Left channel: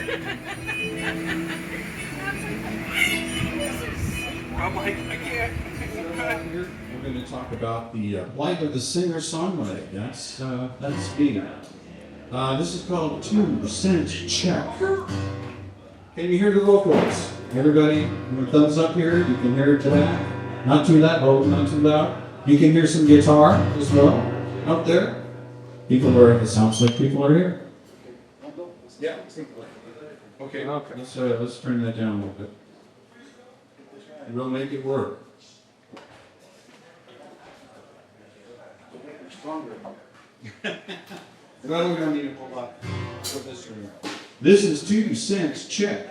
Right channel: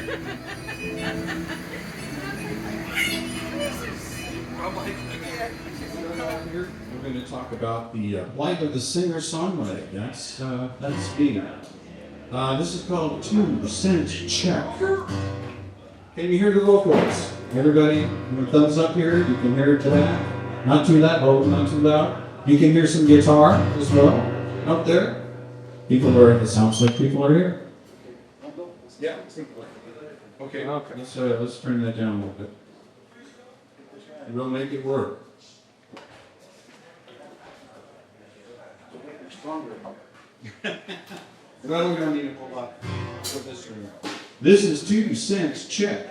Here we're going to talk about the life of the singer-songwriter. That's me. This is called 2 Cent Check. Can you hear the vocals? Everybody, thumbs up here. You can hear it that. Not too loud, not too loud. You can hear some guitar as well up there. It sounds like people are here. Yeah. Okay. Let's turn that down a little bit. And we'll make it work. Stronger. Well, we're going to need a whole lot for this room. This is 2 Cents Check.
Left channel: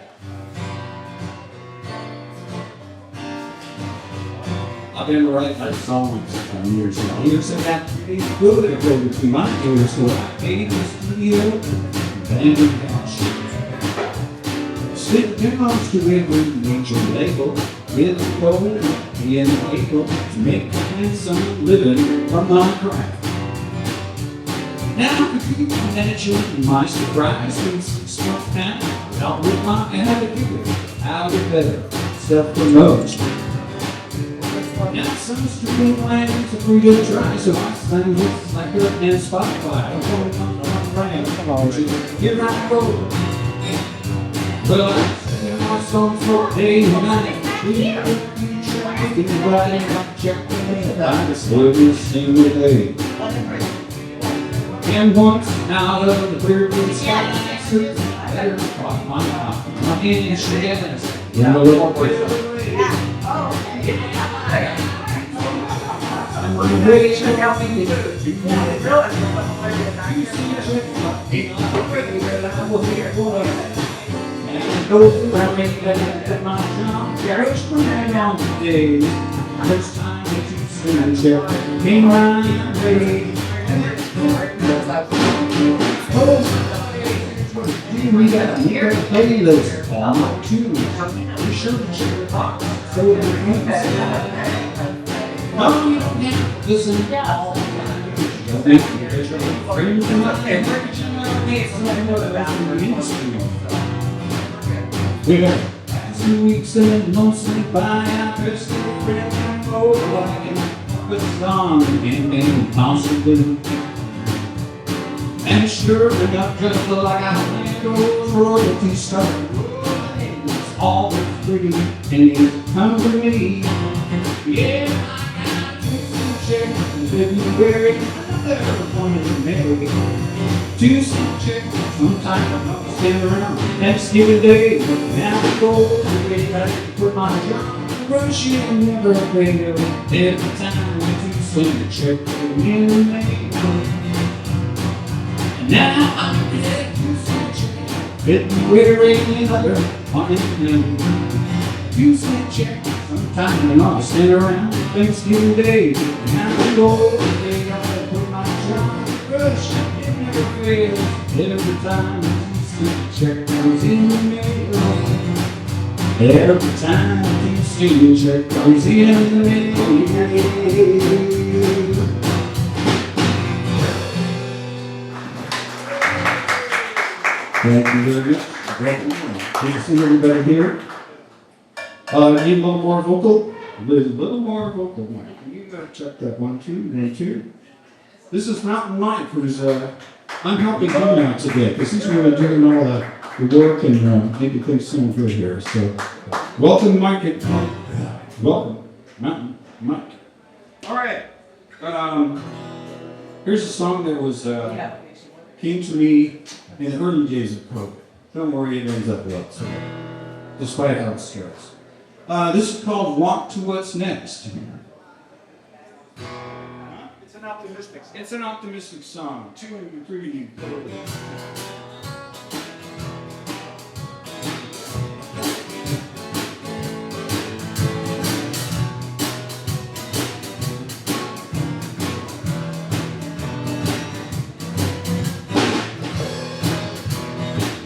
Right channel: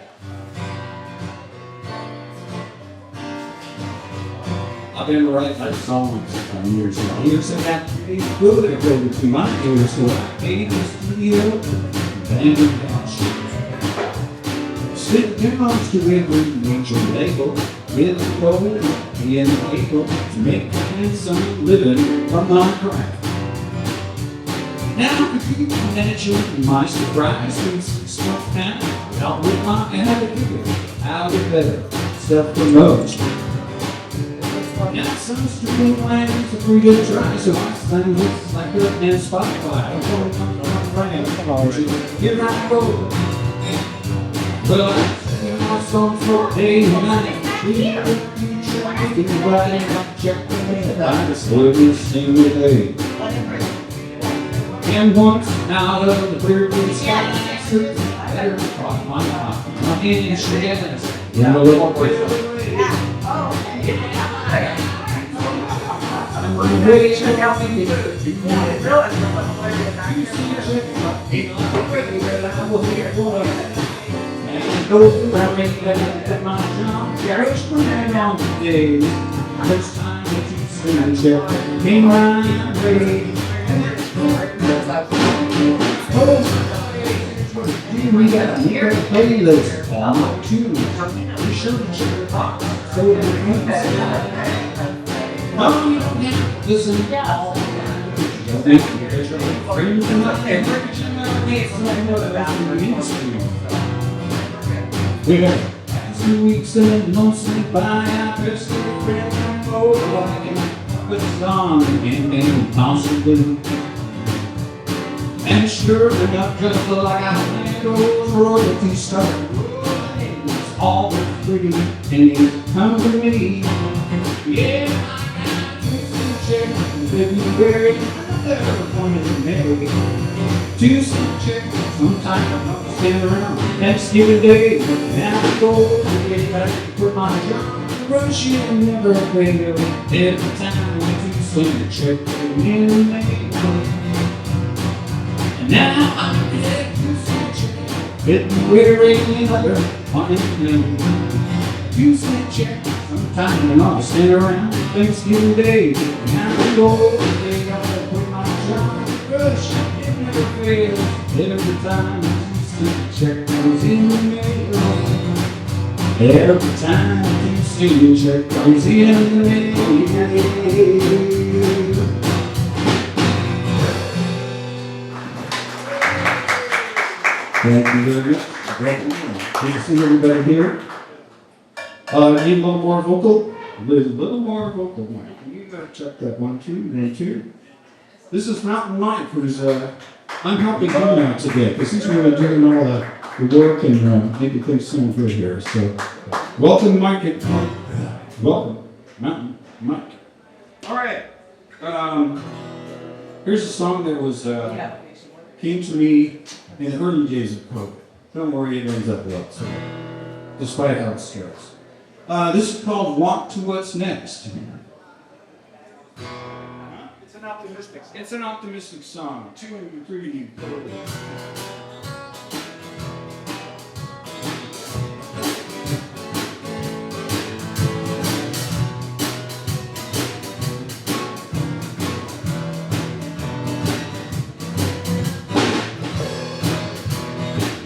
I've been writing that song years ago. Years ago, that good it go between my ears, so I gave this to you, and sit down to every major label, with a goal and able to make a handsome living from my craft. Now, could you imagine my surprise when 6 months now, out with my attitude, how it better self-promote. Now some stupid lines are free to try, so I sang this like a and Spotify. I'm going on here I go. Well, I sing my songs for day and night. Thinking right and check the head. I just love to sing with day. And once out of the clear blue sky, better caught my inches in a little way. I'm ready to help me. You want to know it? You see the trick, I will hear what and go around me at my job. Carriage for me on today. First time that you see me check came around ready. We got a near playlist on my tune. You should check it out. So you no, you don't have to listen to all. We got 2 weeks and mostly by our first friend and go like with a song and possibly. And sure, we got just like our those royalty star. It's all free and it's come to me. Yeah, I got 2 cent check in February, another one in May. 2 cent check, sometimes I'm stand around Thanksgiving Day. Now I go to get back to put my job. Rush and never fail. Every time I 2 cent check in May. Now I'm dead to switch February another one in May. 2 cent check, sometime and I'll stand around Thanksgiving Day. Now I go they gotta put my job. Rush, it never fails. Every time 2 cent check comes in the mail. Every time 2 cent check comes in the mail. Thank you very much. Good to see everybody here. Need a little more vocal? A little more vocal. You gotta check that 1, 2, and 2. This is Mountain Mike, who's I'm helping him out today because he's really doing all the work and making things sound good here. So, welcome, Mike. Welcome, Mountain Mike. All right. Here's a song that was came to me in the early days of COVID. Don't worry, it ends up well, so, despite how it starts. This is called Walk to What's Next. It's an optimistic song. 2 and 3.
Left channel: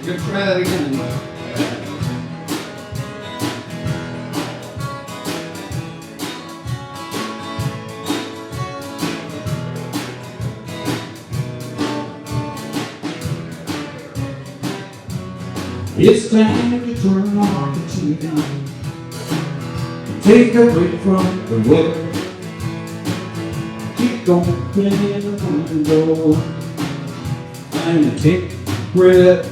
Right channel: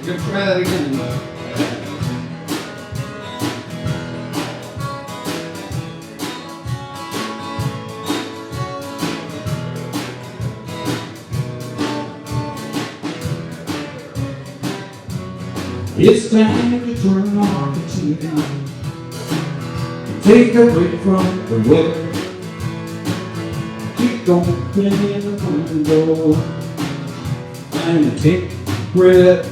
Good, try that again. It's time to turn on the TV, take away from the weather, keep opening the window, and take a breath.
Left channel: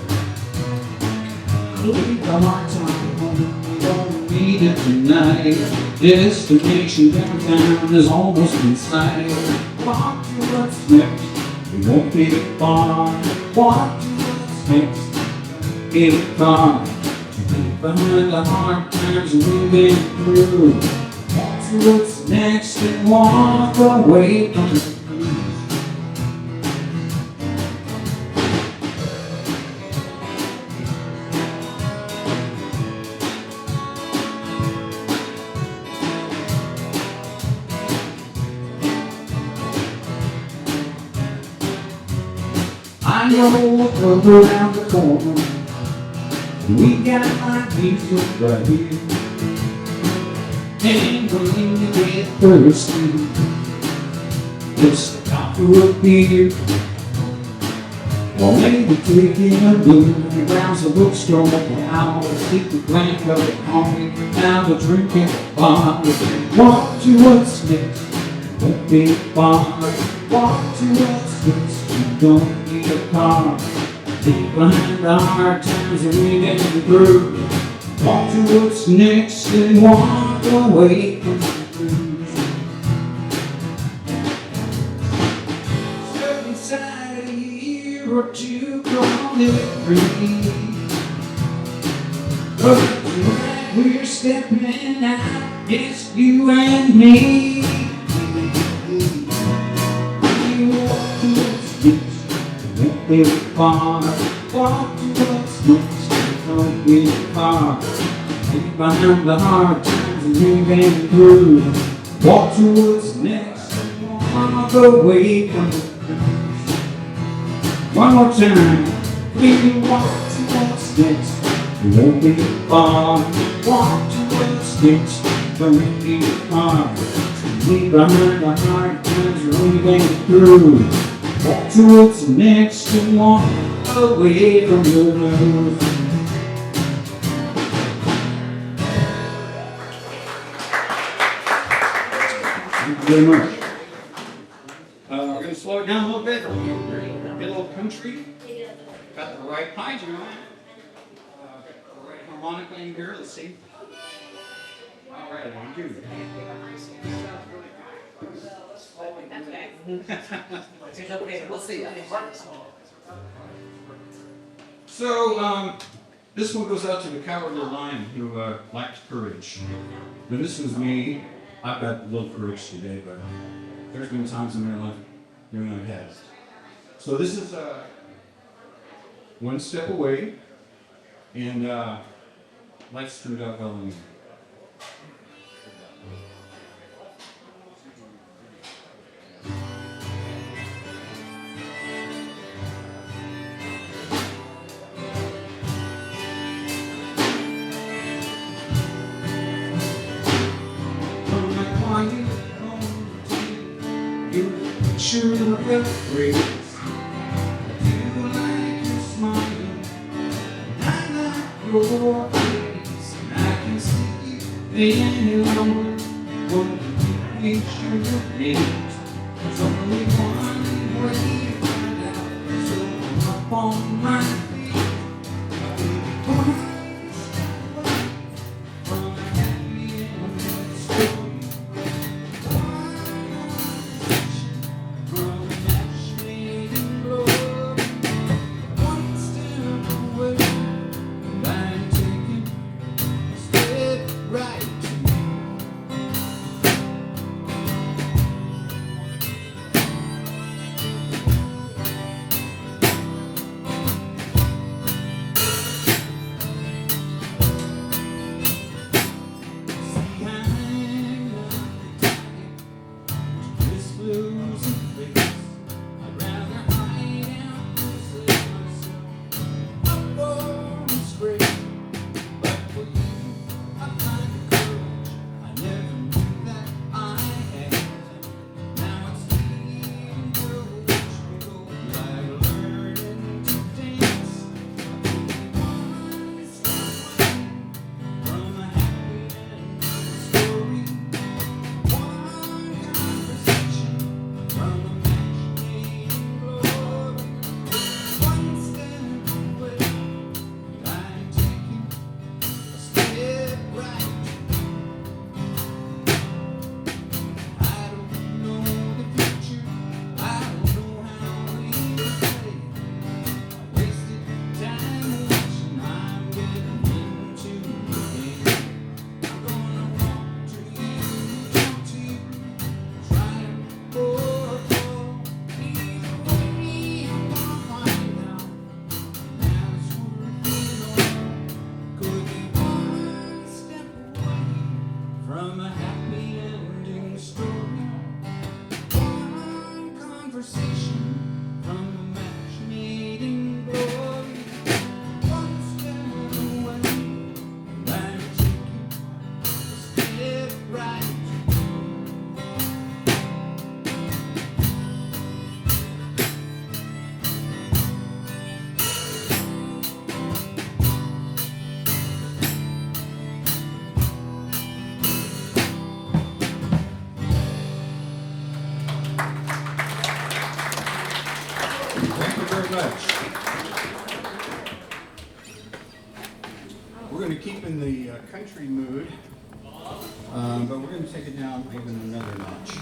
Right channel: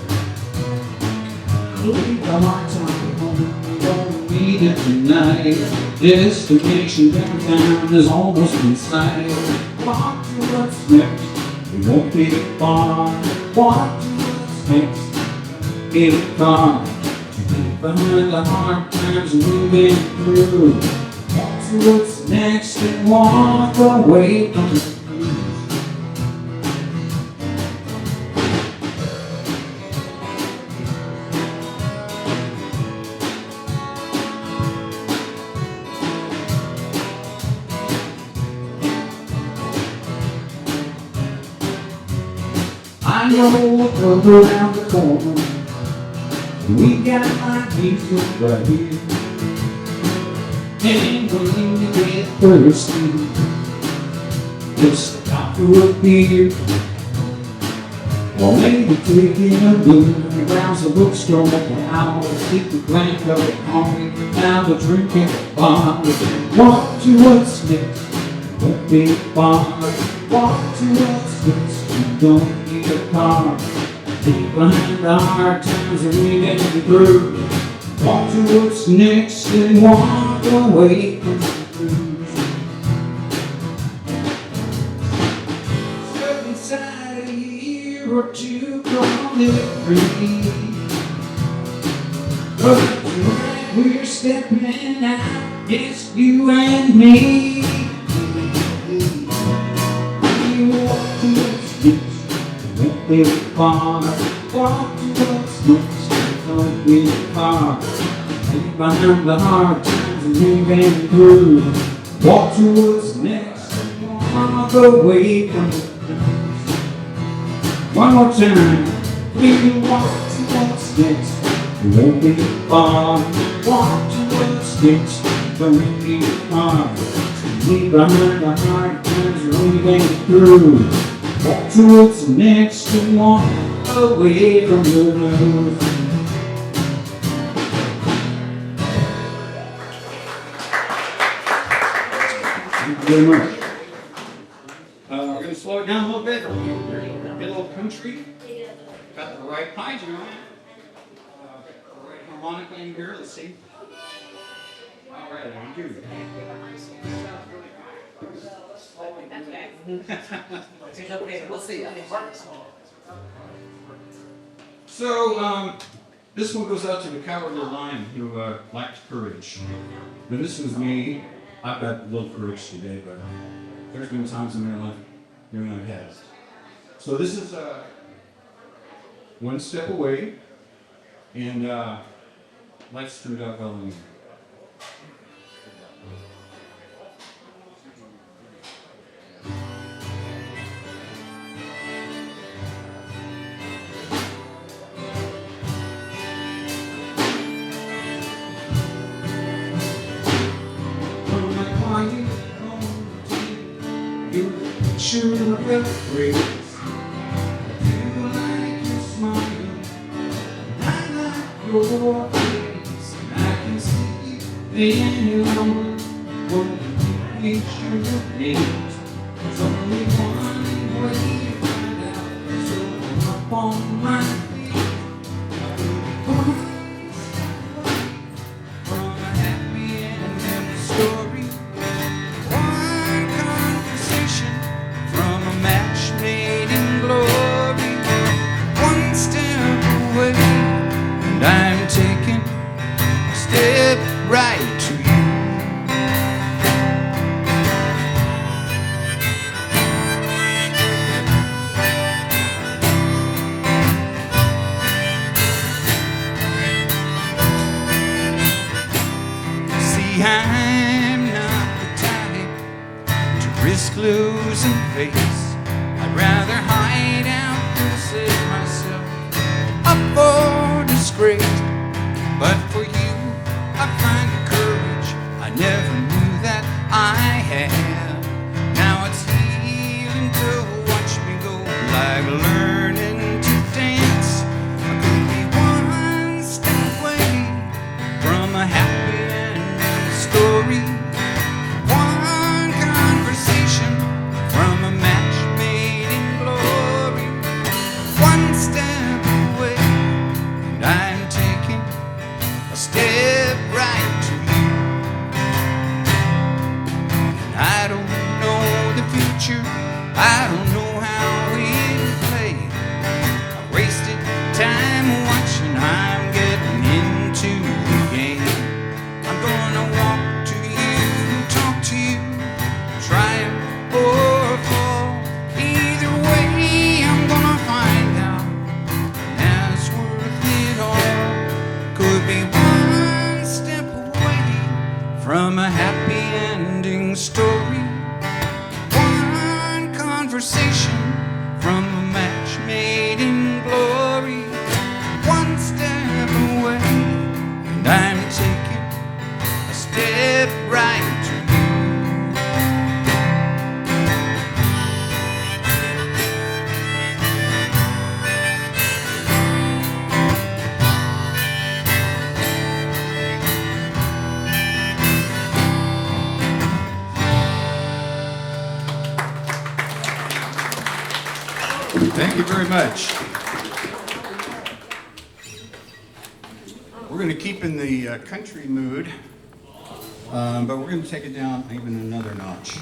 Leave the lights on home, we don't need it tonight. Destination downtown is almost in sight. Walk to what's next, we won't be far. Walk to what's next, in a car. Behind the hard times we've been through. Walk to what's next and walk away from the blues. I know a club around the corner. We got my music right here. And when you get thirsty, just stop for a beer. Or maybe taking a look around the bookstore. I'll stick the blank of it on me. Now the drinking bar. Walk to what's next, won't be far. Walk to what's next, you don't need a car. Leave behind the hard times that we've been through. Walk to what's next and walk away from the blues. Step inside a year or two, gonna live free. But tonight we're stepping out, it's you and me. We walk to what's next, won't be far. Walk to what's next, don't be far. Leave behind the hard times we've been through. Walk to what's next, walk away from the blues. One more time. We walk to what's next, we won't be far. Walk to what's next, don't be far. Leave behind the hard times we've been through. Walk to what's next and walk away from the blues. Thank you very much. We're going to slow it down a little bit. Get a little country. Got the right pies, you know. Got the right harmonica in here. Let's see. All right, I do. We'll see. So, this one goes out to the cowardly lion who lacked courage. Now, this was me. I've got a little courage today, but there's been times in my life when I've had it. So this is One Step Away, and life turned out well anyway. You should have praise. I do like your smile, I like your face, and I can see the anyone won't make sure your names. There's only one way to find out, so I'm up on my feet. I will be born from a happy ending story. Thank you very much. We're going to keep in the country mood, but we're going to take it down even another notch.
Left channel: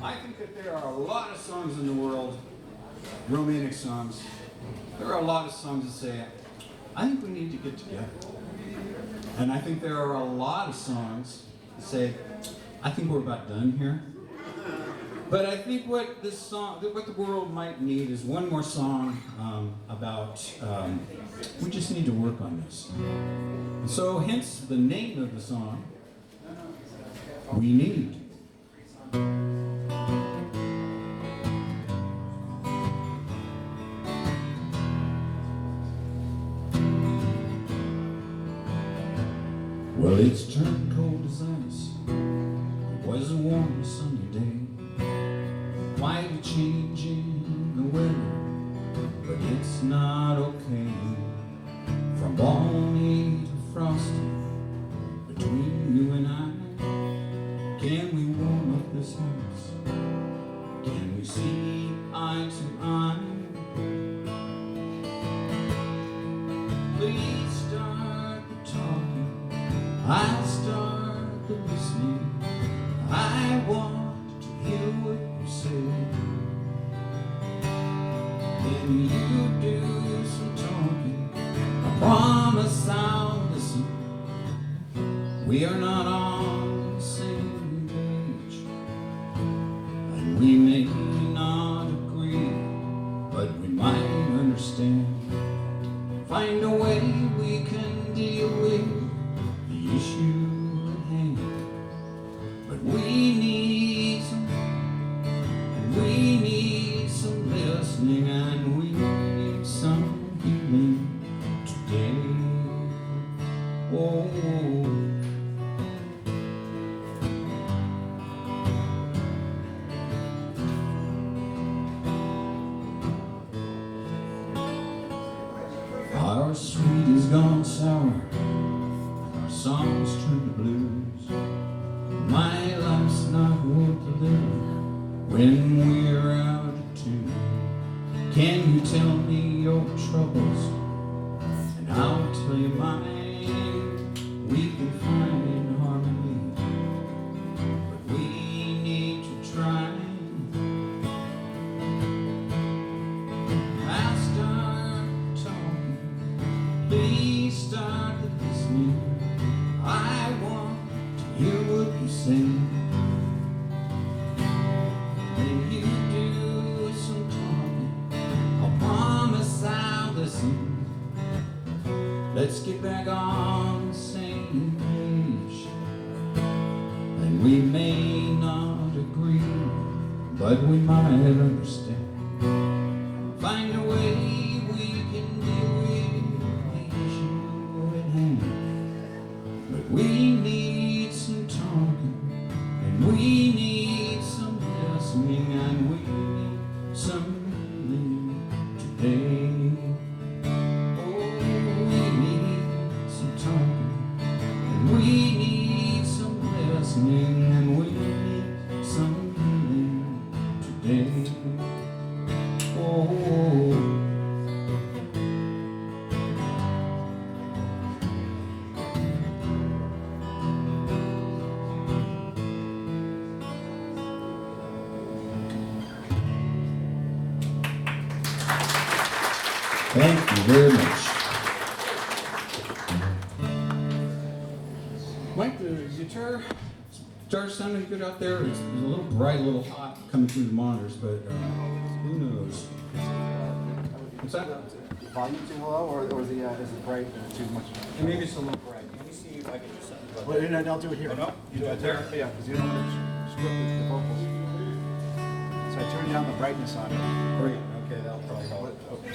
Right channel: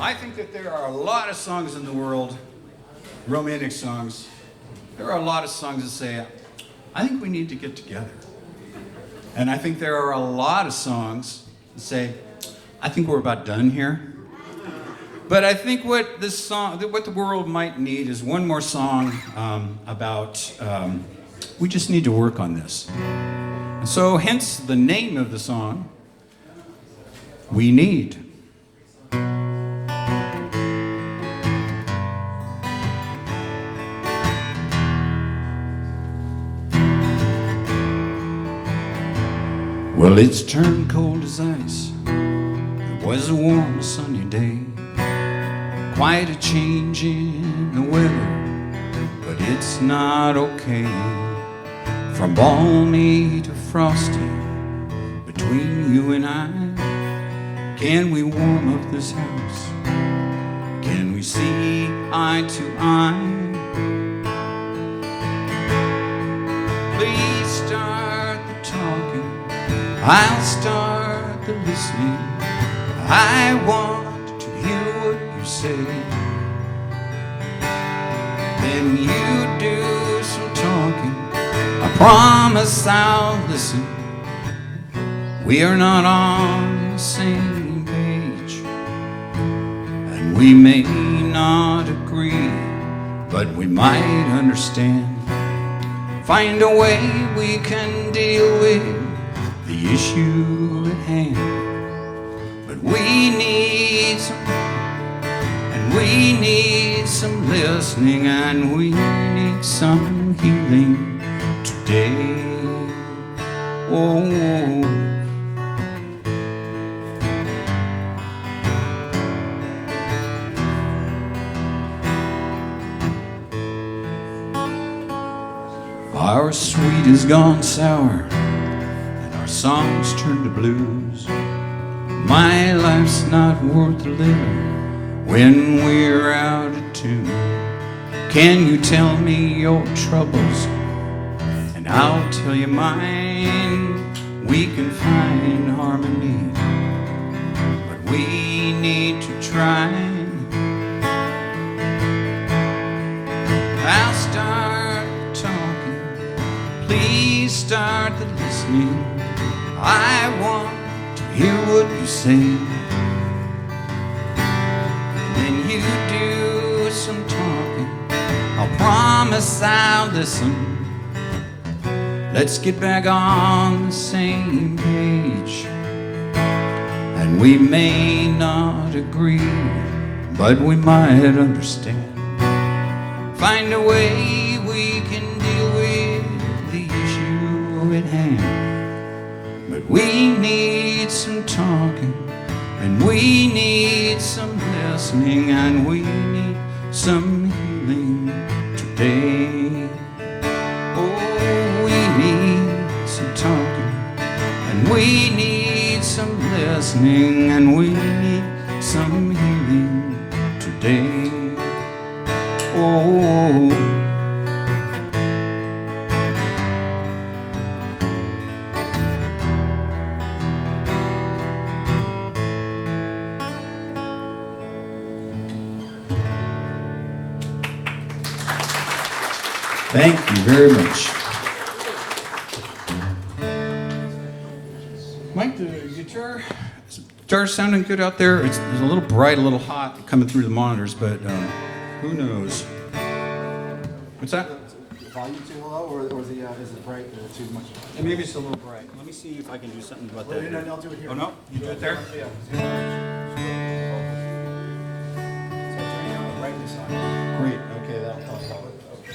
I think that there are a lot of songs in the world, romantic songs. There are a lot of songs that say, I think we need to get together. And I think there are a lot of songs that say, I think we're about done here. But I think what the world might need is one more song about, we just need to work on this. And so hence the name of the song, We Need. Well, it's turned cold as ice. It was a warm, sunny day. Quite a change in the weather, but it's not okay. From balmy to frosty, between you and I, can we warm up this house? Can we see eye to eye? Please start the talking, I'll start the listening. I want to hear what you say. Then you do some talking, I promise I'll listen. We are not on the same page, and we may not agree, but we might understand. Find a way we can deal with the issue at hand. But we need some, and we need some listening, and we need some healing today. Oh. Our sweet has gone sour, and our songs turn to blues. My life's not worth living when we're out of tune. Can you tell me your troubles, and I'll tell you mine? We can find harmony, but we need to try. I'll start talking, please start the listening. I want to hear what you say. Then you do some talking, I'll promise I'll listen. Let's get back on the same page. And we may not agree, but we might understand. Find a way we can deal with the issue at hand. But we need some talking, and we need some listening, and we need some healing today. Oh, we need some talking, and we need some listening, and we need some healing today. Oh. Thank you very much. Mike, the guitar sounding good out there? It's a little bright, a little hot coming through the monitors, but who knows? What's that? Volume too low, or is it bright too much? Maybe it's a little bright. Let me see if I can do something about that. Wait, no, I'll do it here. Oh, no? You do it there? Yeah, because you don't want to screw up the vocals. So I turn down the brightness on it. Great. Okay, that'll help. Okay.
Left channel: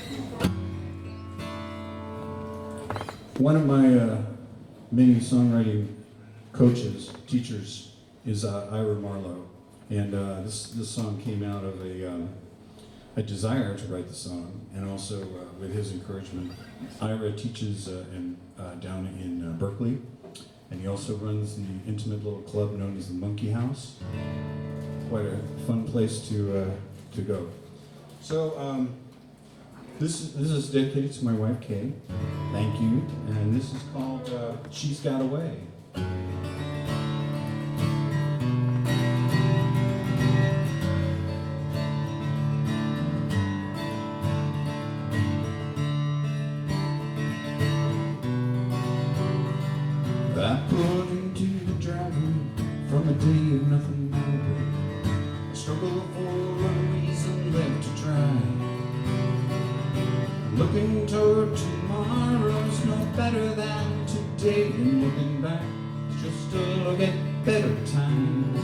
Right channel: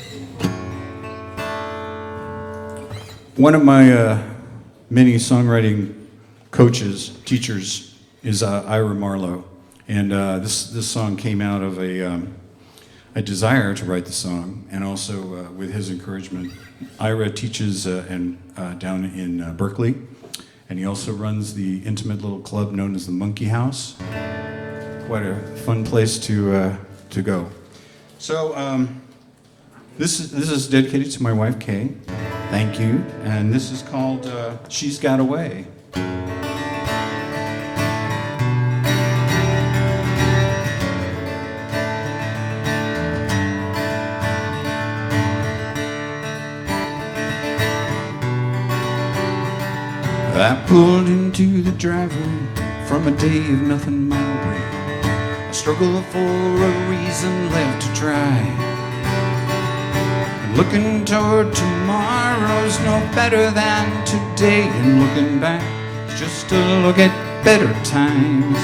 One of my many songwriting coaches, teachers, is Ira Marlowe, and this song came out of a desire to write the song, and also with his encouragement. Ira teaches down in Berkeley, and he also runs the intimate little club known as the Monkey House. Quite a fun place to go. So this is dedicated to my wife Kay. Thank you. And this is called "She's Got Away." I pulled into the driveway from a day of nothing my way. A struggle for a reason left to try. Looking toward tomorrow's no better than today, and looking back is just a look at better times.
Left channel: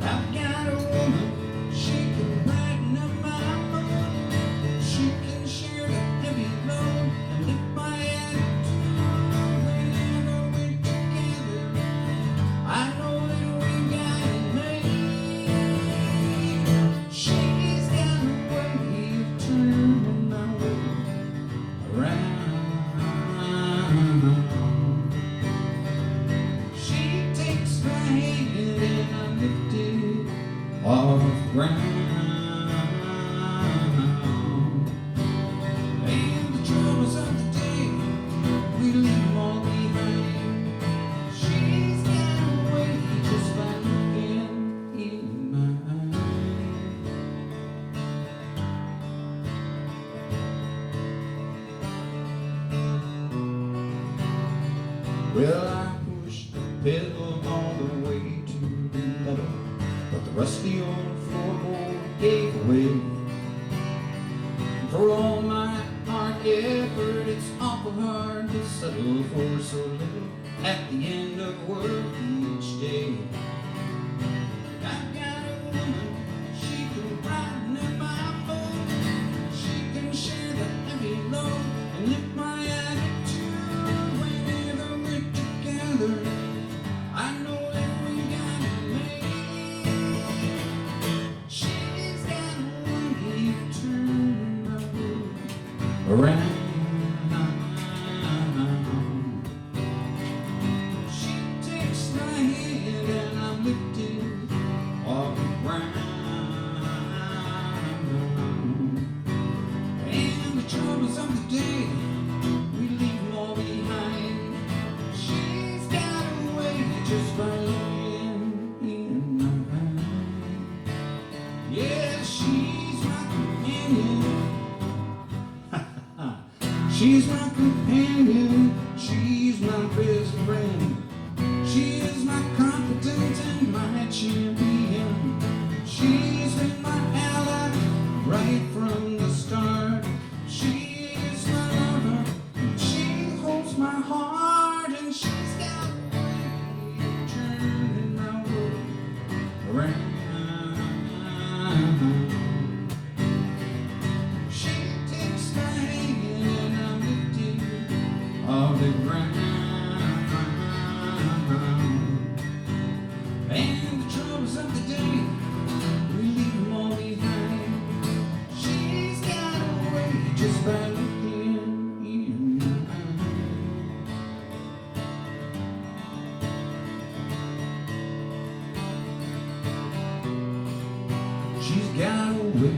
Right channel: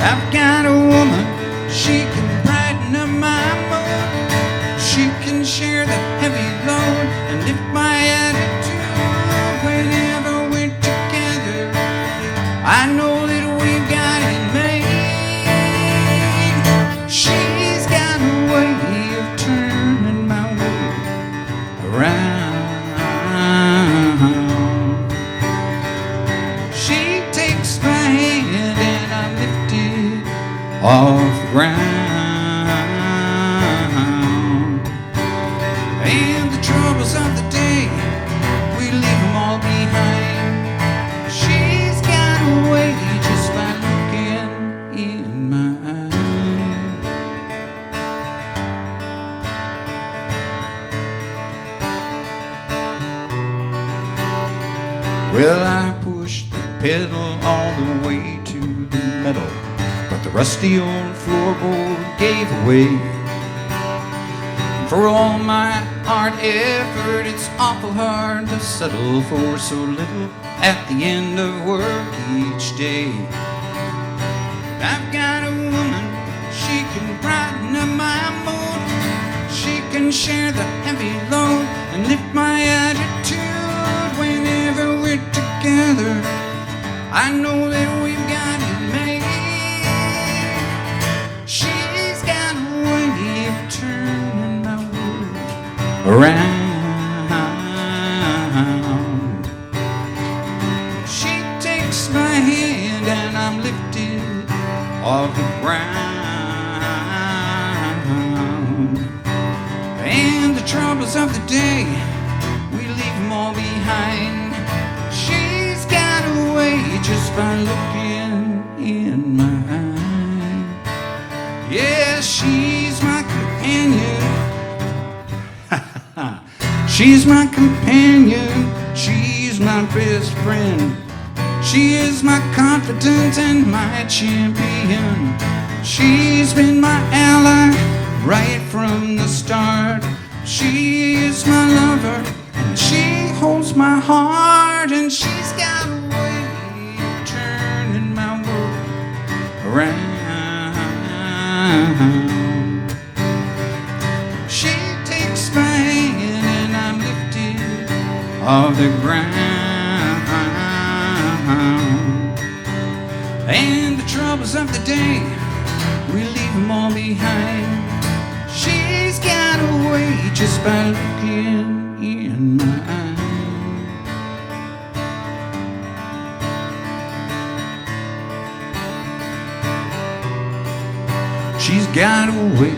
I've got a woman, she can brighten up my mood. She can share the heavy load and lift my attitude. Whenever we're together, I know that we've got it made. She's got a way of turning my world around. She takes my hand and I lift it off the ground. And the troubles of the day, we leave them all behind. She's got a way just by looking in my eyes. Well, I pushed the pedal all the way to the metal, but the rusty old floorboard gave away. For all my hard effort, it's awful hard to settle for so little at the end of work each day. I've got a woman, she can brighten up my mood. She can share the heavy load and lift my attitude. Whenever we're together, I know that we've got it made. She's got a way of turning my world around. She takes my hand and I'm lifted off the ground. And the troubles of the day, we leave them all behind. She's got a way just by looking in my eyes. Yeah, she's my companion. She's my companion, she's my best friend. She is my confidant and my champion. She's been my ally right from the start. She is my lover and she holds my heart. And she's got a way of turning my world around. She takes my hand and I'm lifted off the ground. And the troubles of the day, we leave them all behind. She's got a way just by looking in my eyes. She's got a way.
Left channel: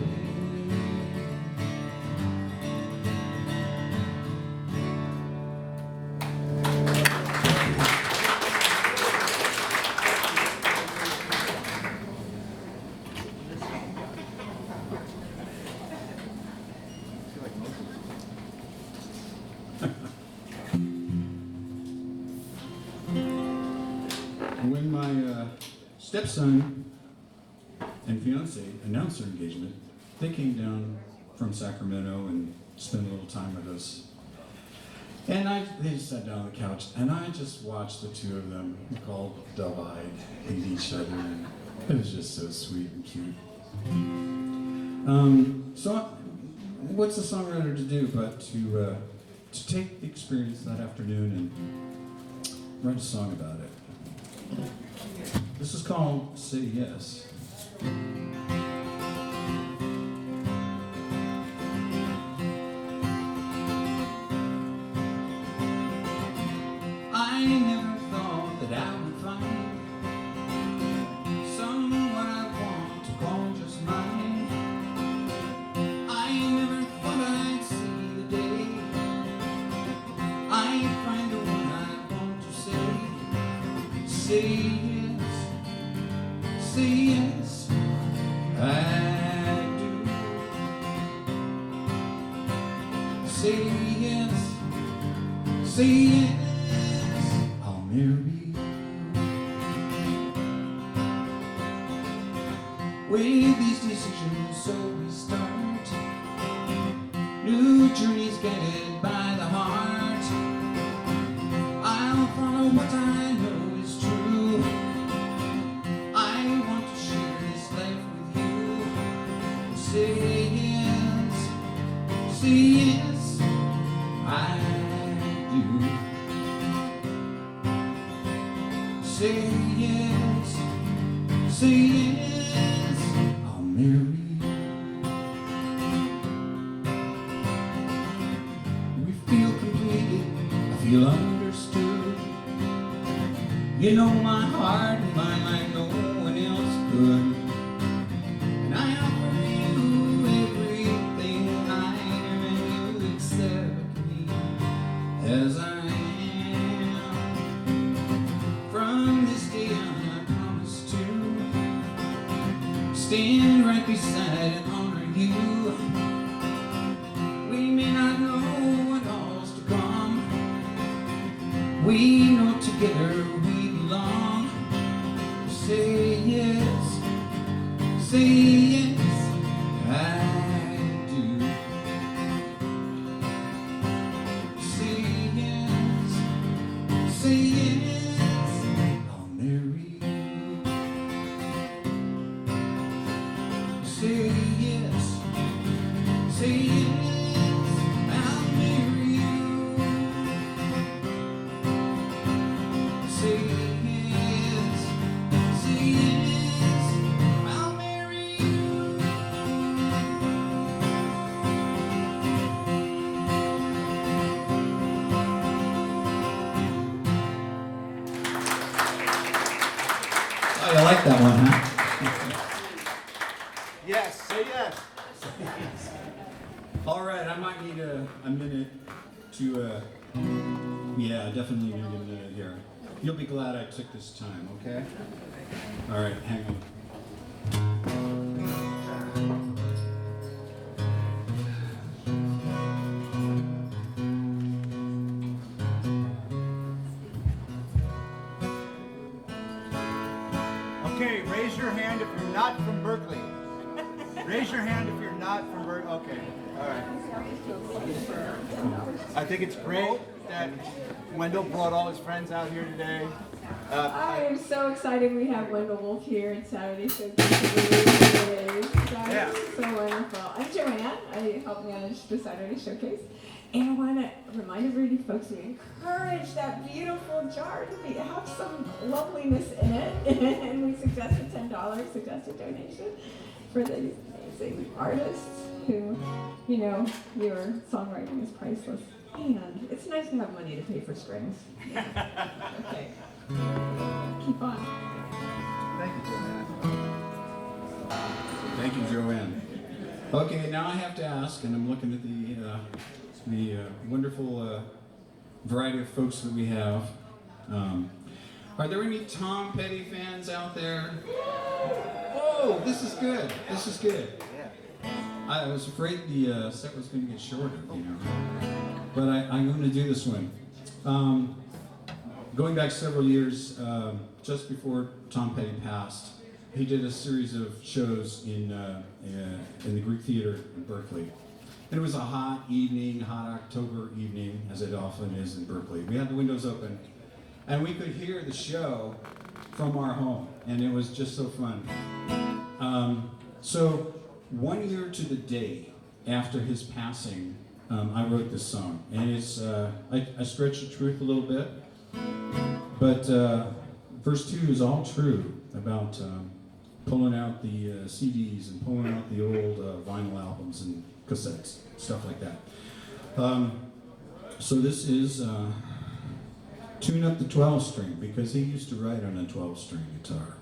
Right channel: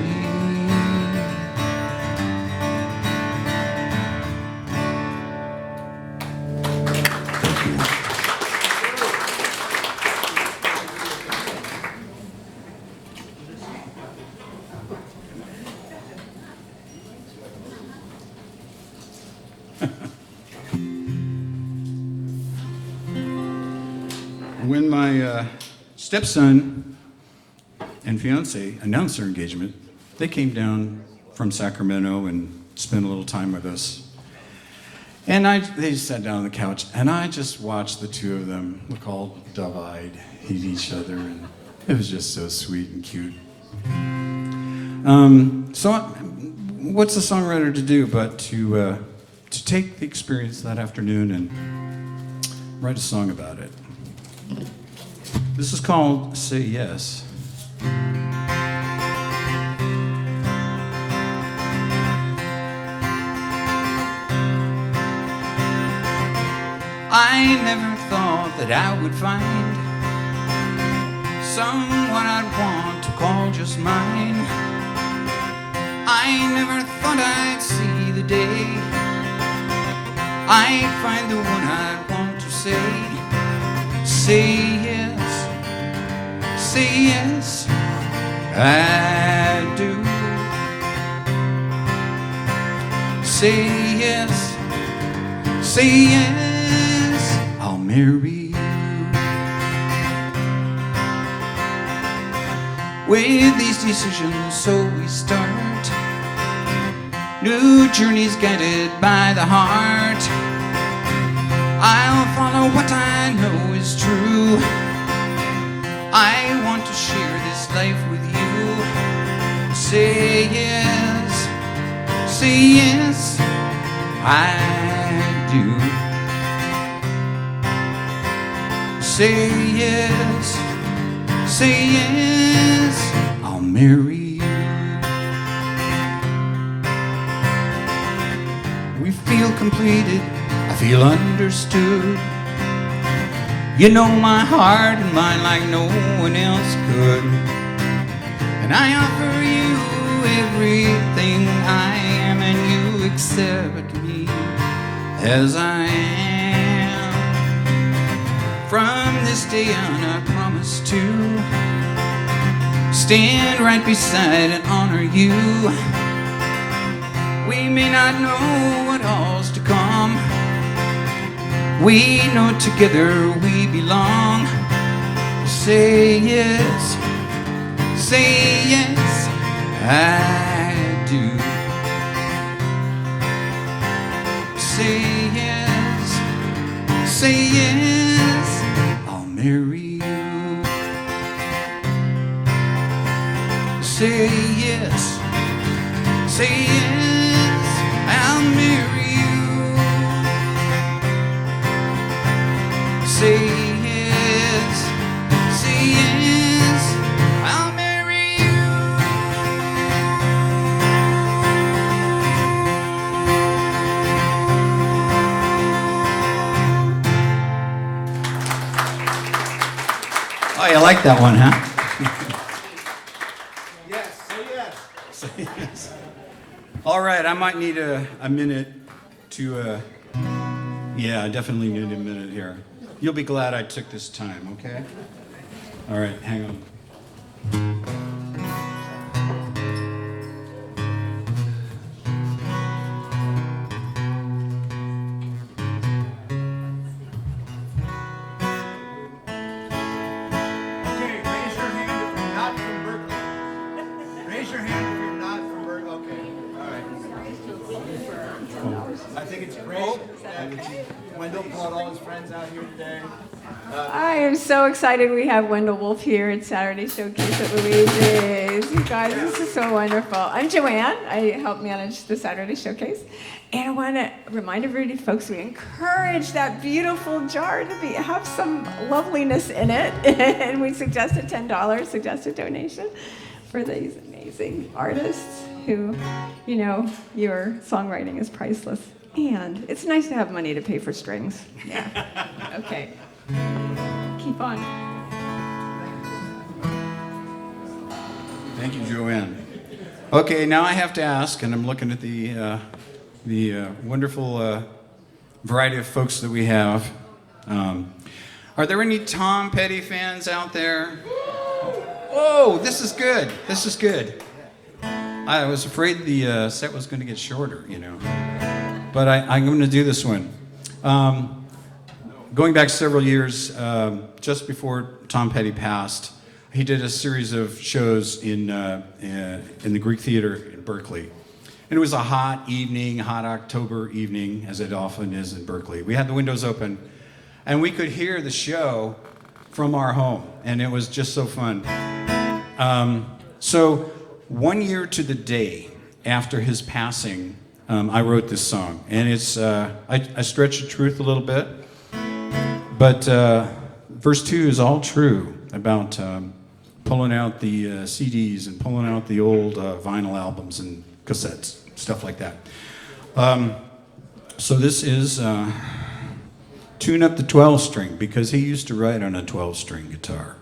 When my stepson and fiance announced their engagement, they came down from Sacramento and spent a little time with us. And they just sat down on the couch, and I just watched the two of them look all dove-eyed at each other, and it was just so sweet and cute. So what's a songwriter to do but to take the experience that afternoon and write a song about it? This is called Say Yes. I never thought that I would find someone I'd want to call just mine. thought I'd see the day I'd find the one I want to say yes, I do. Say yes, I'll marry you. With these decisions, so we start new journeys guided by the heart. I'll follow what I know is true. I want to share this life with you. Say yes, I do. Say yes, I'll marry you. We feel completed, I feel understood. You know my heart and mind like no one else could. And I offer you everything I am, and you accept me as I am. From this day on I promise to stand right beside and honor you. We may not know what all's to come. We know together we belong. Say yes, I do. Say yes, I'll marry you. Say yes, I'll marry you. Say yes, I'll marry you. Oh, you like that one, huh? Yes, say yes. Say yes. All right, I might need a minute to, yeah, I definitely need a minute here. You'll be glad I took this time, okay? All right, hang on. Okay, raise your hand if you're not from Berkeley. Raise your hand if you're not from Berkeley. Okay, all right. I think it's great that Wendell brought all his friends out here today. I am so excited we have Wendell Wolff here at Saturday Showcase at Luigi's. You guys, this is so wonderful. I'm Joanne. I help manage the Saturday Showcase. And I want to remind everybody, folks, we encourage that beautiful jar to have some loveliness in it. And we suggest a $10 suggested donation for these amazing artists who, you know, your songwriting is priceless. And it's nice to have money to pay for strings. Yeah. Okay. Keep on. Thank you, Joanne. Okay, now I have to ask, and I'm looking at the wonderful variety of folks that we have. Are there any Tom Petty fans out there? Oh, this is good. This is good. I was afraid the set was going to get shorter, you know. But I'm going to do this one. Going back several years, just before Tom Petty passed, he did a series of shows in the Greek Theater in Berkeley. And it was a hot evening, hot October evening, as it often is in Berkeley. We had the windows open, and we could hear the show from our home, and it was just so fun. So 1 year to the day after his passing, I wrote this song, and it's I stretch the truth a little bit, but verse 2 is all true about pulling out the CDs and pulling out the old vinyl albums and cassettes, stuff like that. So this is Tune Up the 12-String, because he used to write on a 12-string guitar.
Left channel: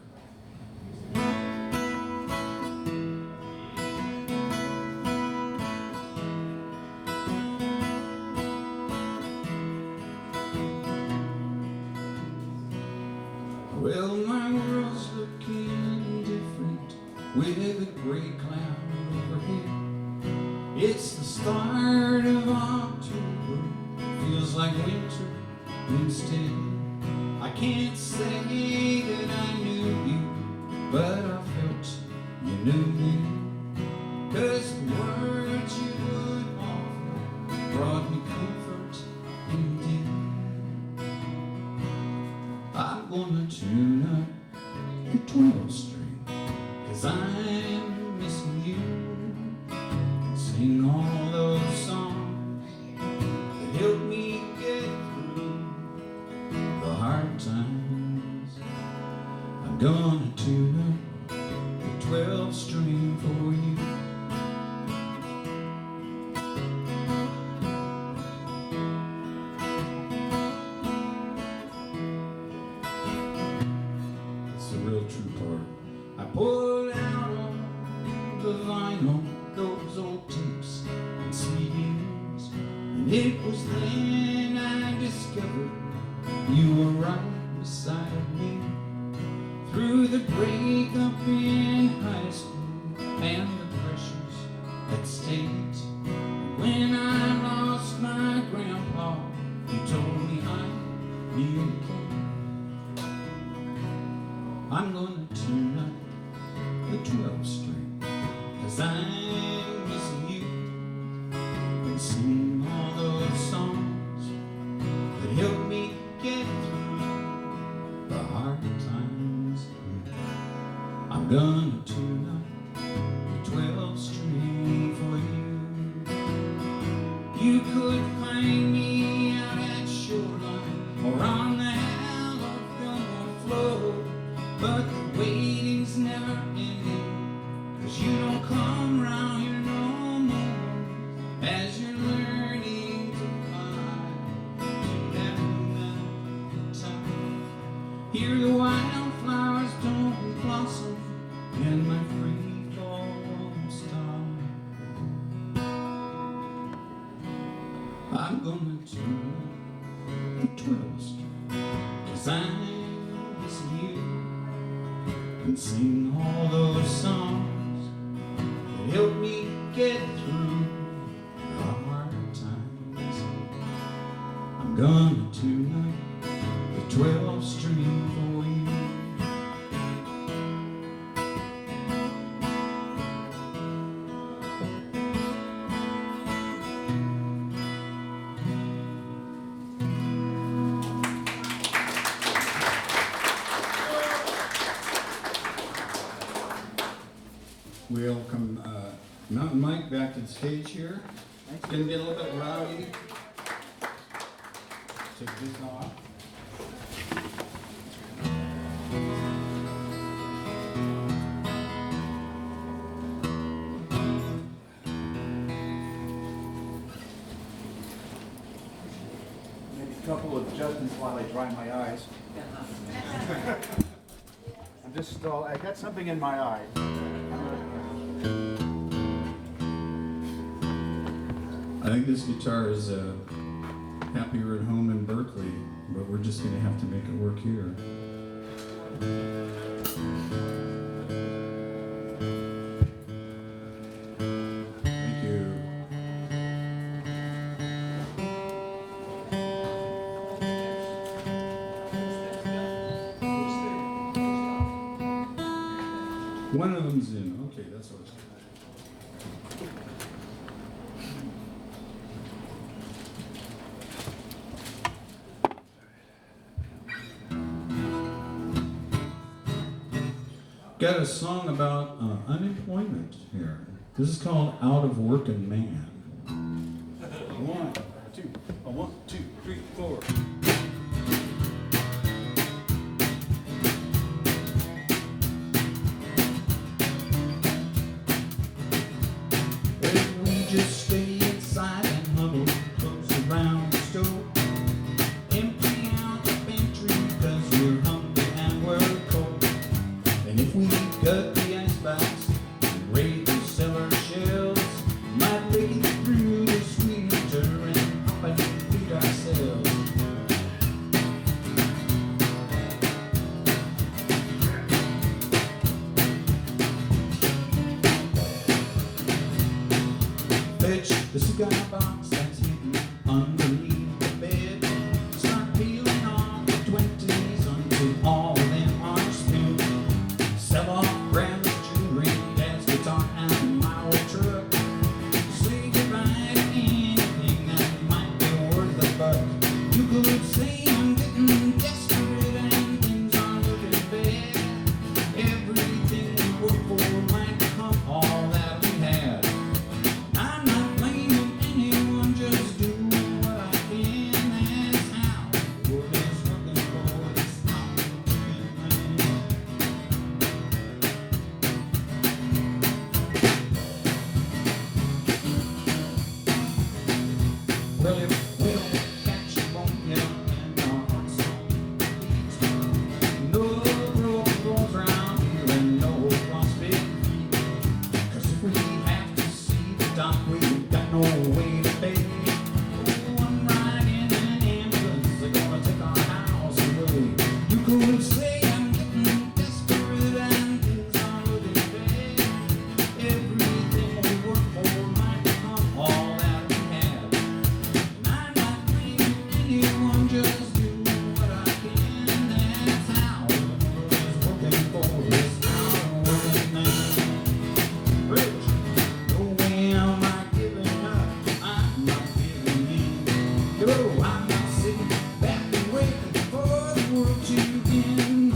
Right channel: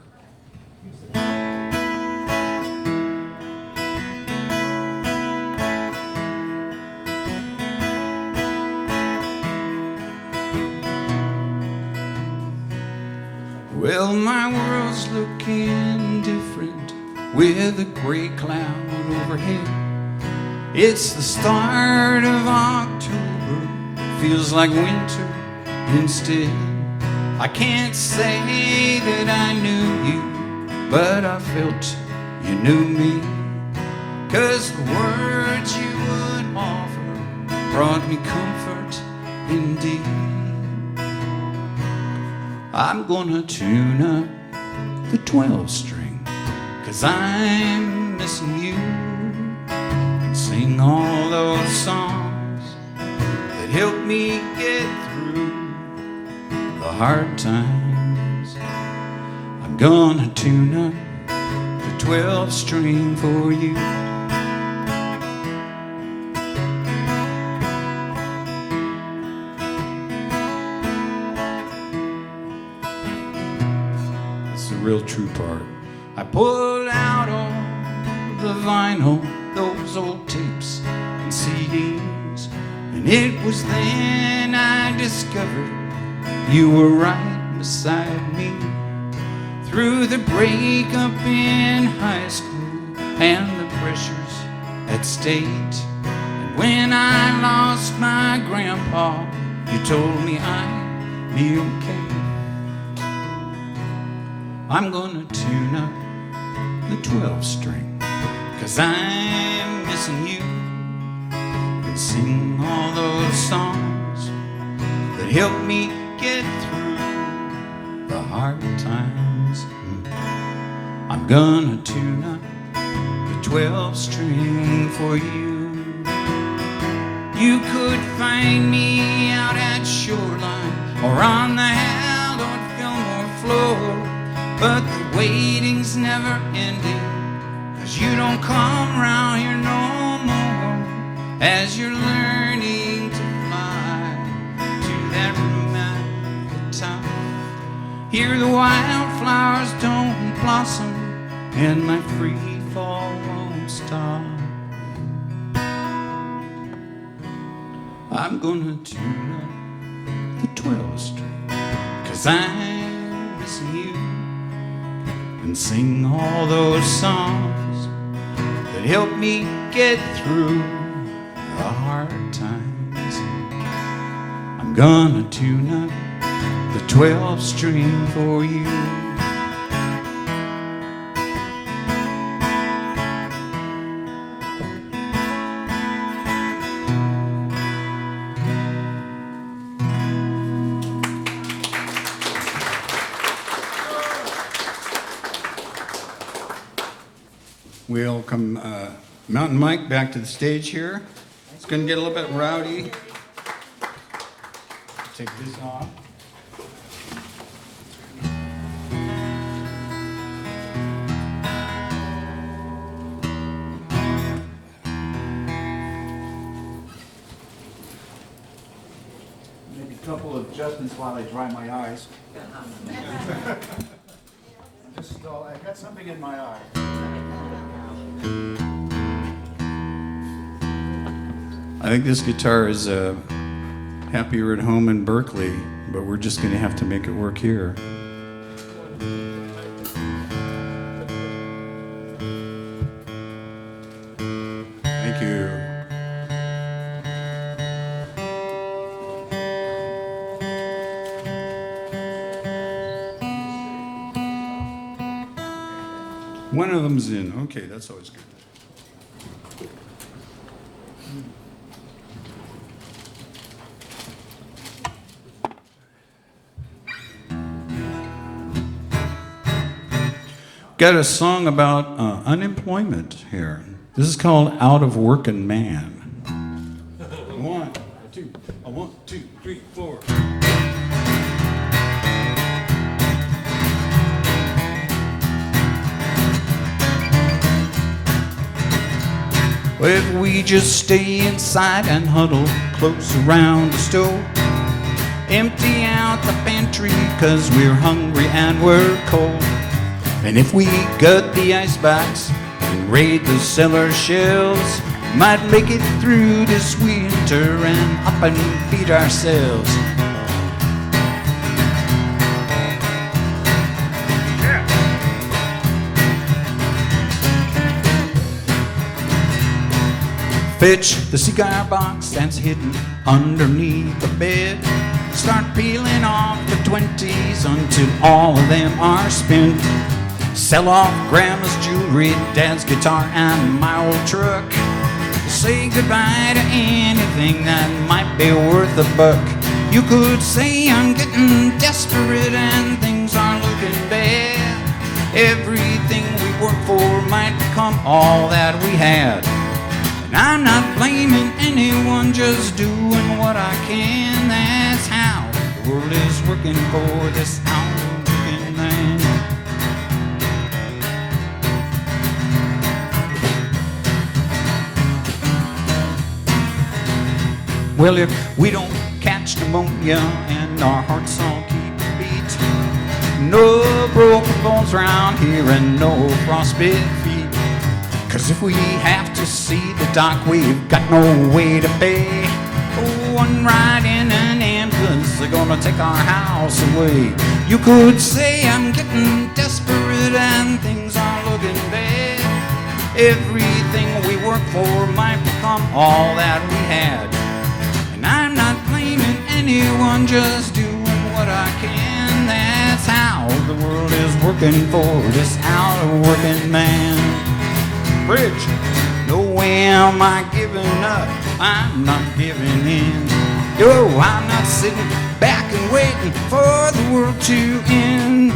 Well, my world's looking different with a gray cloud overhead. It's the start of October, feels like winter instead. I can't say that I knew you, but I felt you knew me. 'Cause the words you would offer brought me comfort indeed. I'm gonna tune up the 12 string, 'cause I'm missing you, and sing all those songs that help me get through the hard times. I'm gonna tune up the 12 string for you. Real true part. I pulled out all the vinyl, those old tapes and CDs, and it was then I discovered you were right beside me. Through the breakup in high school and the pressures at state, and when I lost my grandpa, you told me I'd be okay. I'm gonna tune up the 12 string, 'cause I'm missing you, and sing all those songs that help me get through the hard times. I'm gonna tune up the 12 string for you. You could find me out at Shoreline or on the Hallowed Fillmore floor, but the waiting's never ending, 'cause you don't come round here no more. As you're learning to fly to that room at the top, here the wildflowers don't blossom and my free fall won't stop. I'm gonna tune up the 12 string, 'cause I'm missing you, and sing all those songs that help me get through the hard times. I'm gonna tune up the 12 string for you. Welcome Mountain Mike back to the stage here. It's going to get a little bit rowdy. Take this off. Maybe a couple of adjustments while I dry my eyes. I got something in my eye. I think this guitar is happier at home in Berkeley, but we're just going to have to make it work here. Thank you. One of them's in. Okay, that's always good. Got a song about unemployment here. This is called Out of Workin' Man. 1, 2, 1, 2, 3, 4. Well, if we just stay inside and huddle close around the stove, empty out the pantry 'cause we're hungry and we're cold. And if we gut the icebox and raid the cellar shelves, might make it through this winter and up and feed ourselves. Fetch the cigar box that's hidden underneath the bed. Start peeling off the 20s until all of them are spent. Sell off grandma's jewelry, dad's guitar, and my old truck. Say goodbye to anything that might be worth a buck. You could say I'm getting desperate and things are looking bad. Everything we worked for might become all that we had. And I'm not blaming anyone, just doing what I can. That's how the world is working for this hard-working man. Well, if we don't catch pneumonia and our hearts all keep a beat, no broken bones around here and no frostbite feet. 'Cause if we have to see the doc, we've got no way to pay. One ride in an ambulance, they're gonna take our house away. You could say I'm getting desperate and things are looking bad. Everything we worked for might become all that we had. Anyone, just doing what I can. That's how the world is working for this out-of-working man. Bridge, no way am I giving up, I'm not giving in. Yo, I'm not sitting back and waiting for the world to end.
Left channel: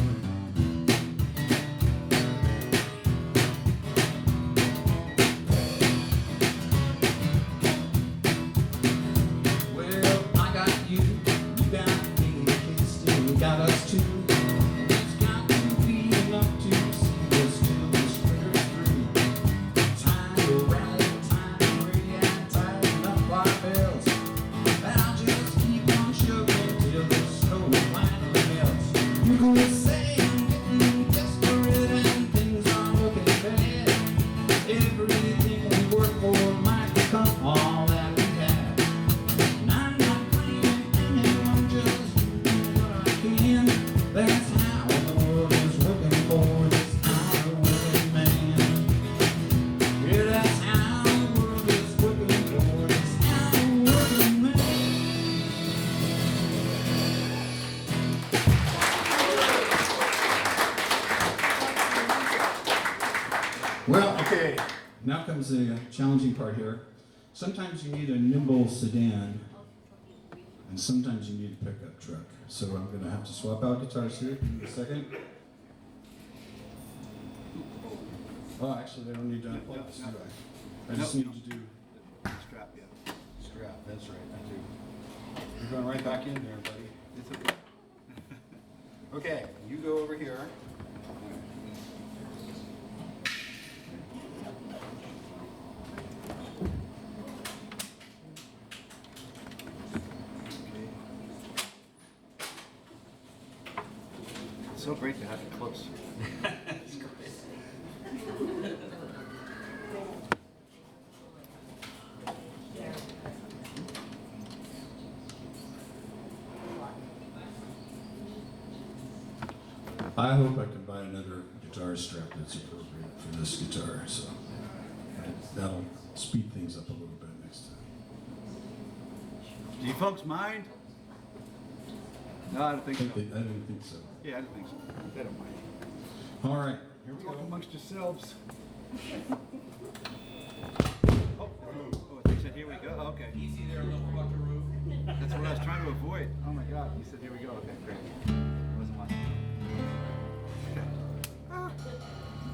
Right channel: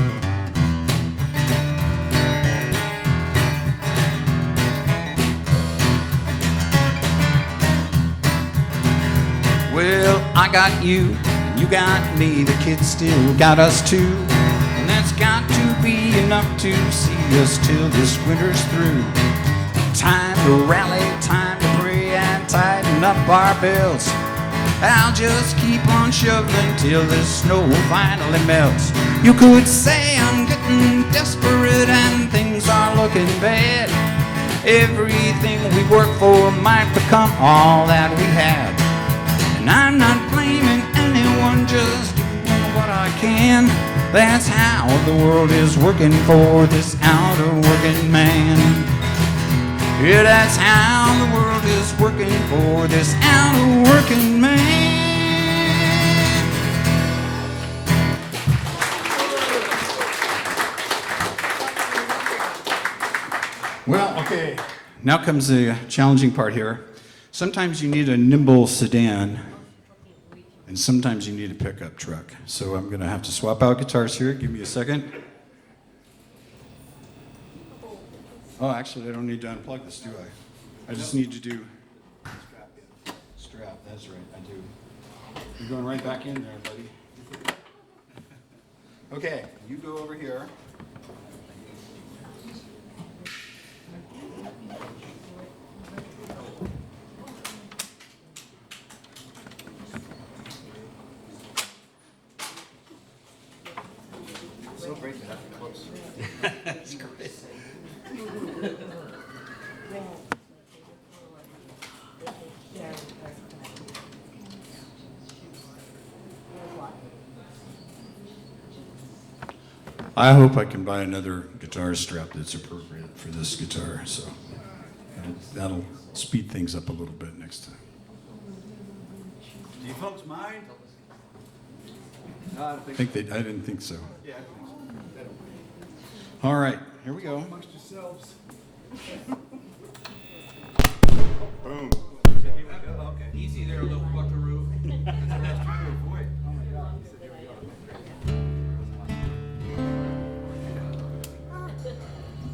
Well, I got you, you got me, the kids still got us too. And that's got to be enough to see us till this winter's through. Time to rally, time to pray and tighten up our belts. I'll just keep on shoveling till the snow finally melts. You could say I'm getting desperate and things are looking bad. Everything we worked for might become all that we had. And I'm not blaming anyone, just doing what I can. That's how the world is working for this outer-working man. Yeah, that's how the world is working for this outer-working man. Well, okay, now comes the challenging part here. Sometimes you need a nimble sedan, and sometimes you need a pickup truck. So I'm going to have to swap out guitars here. Give me a second. Oh, actually, I don't need to unplug this, do I? I just need to do strap. Yeah. Strap. That's right. I do. You're going right back in there, buddy. Okay, you go over here. So great to have you close. That's great. I hope I can buy another guitar strap that's appropriate for this guitar, so that'll speed things up a little bit next time. Do you folks mind? No, I don't think so. I didn't think so. Yeah, I don't think so. They don't mind. All right, here we go. Amongst yourselves. Boom. He said, here we go. Okay. Easy there, little buckaroo. That's what I was trying to avoid. Oh my God. He said, here we go. Okay, great.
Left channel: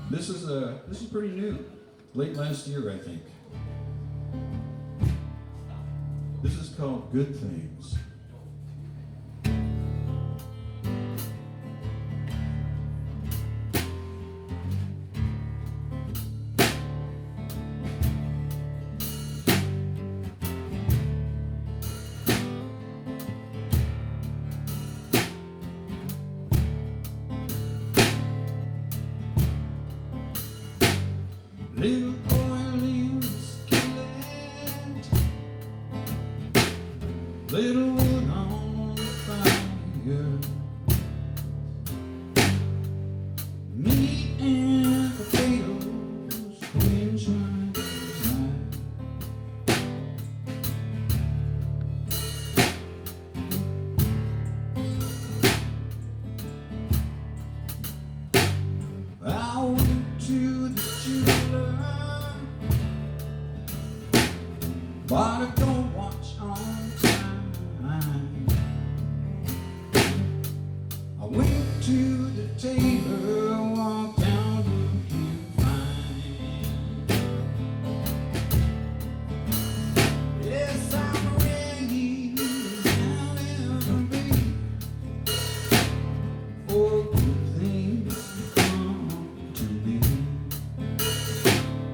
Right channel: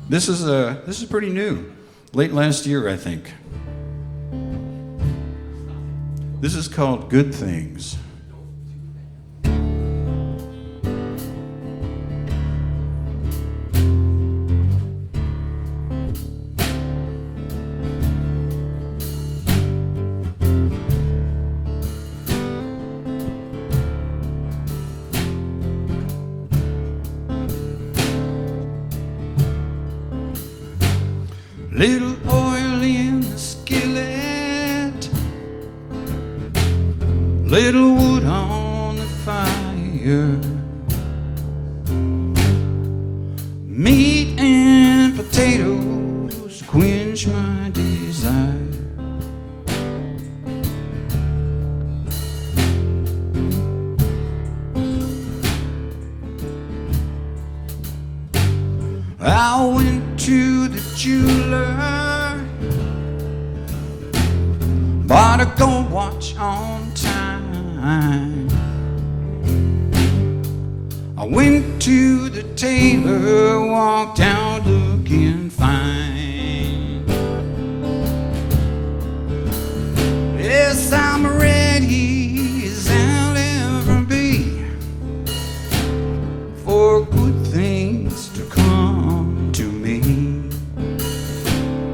This is pretty new. Late last year, I think. This is called Good Things. Little oil in the skillet, little wood on the fire, meat and potatoes quench my desire. bought a gold watch on time. I went to the tailor, walked out looking fine. Yes, I'm ready as I'll ever be for good things to come to me.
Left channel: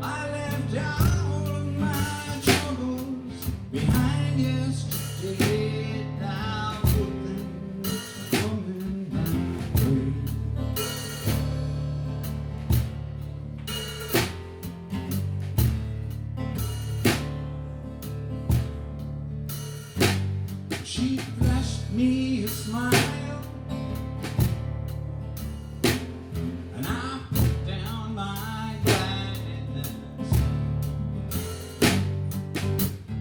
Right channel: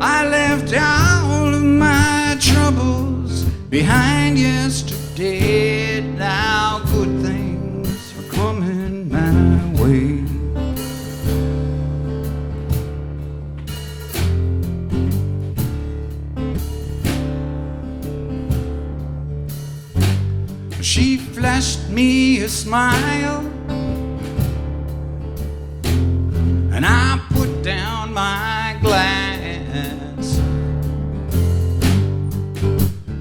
I left all of my troubles behind yesterday. Now good things are coming my way. She flashed me a smile, and I put down my glass,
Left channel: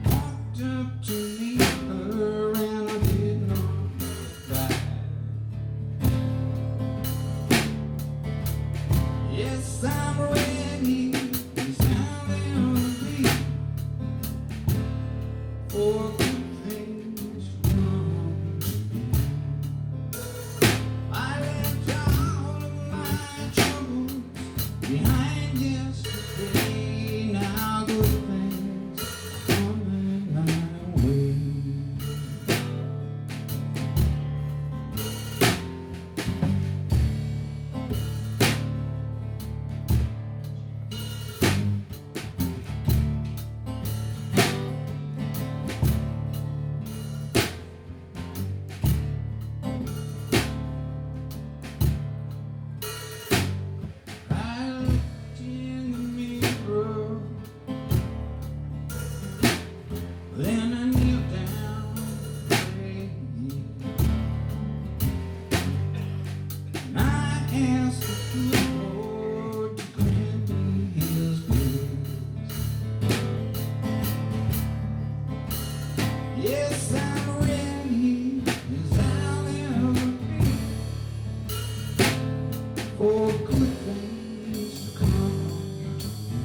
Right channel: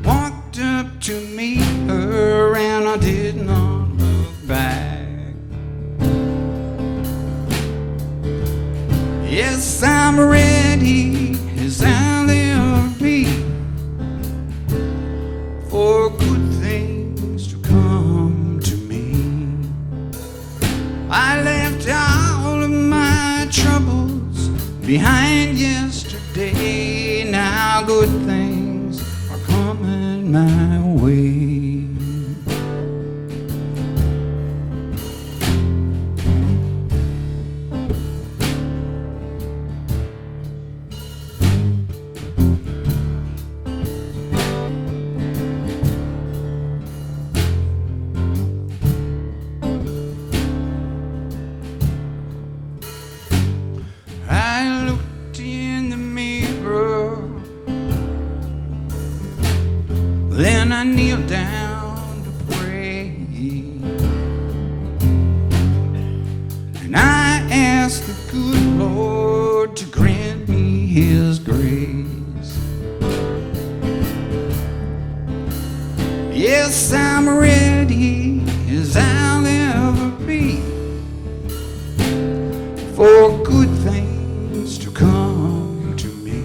walked up to meet her, and I did not look back. Yes, I'm ready as I'll ever be for good things to come to me. I left all of my troubles behind yesterday. Now good things are coming my way. I looked in the mirror, then I kneeled down to pray, and I asked the good Lord to grant me His grace. Yes, I'm ready as I'll ever be for good things to come to me.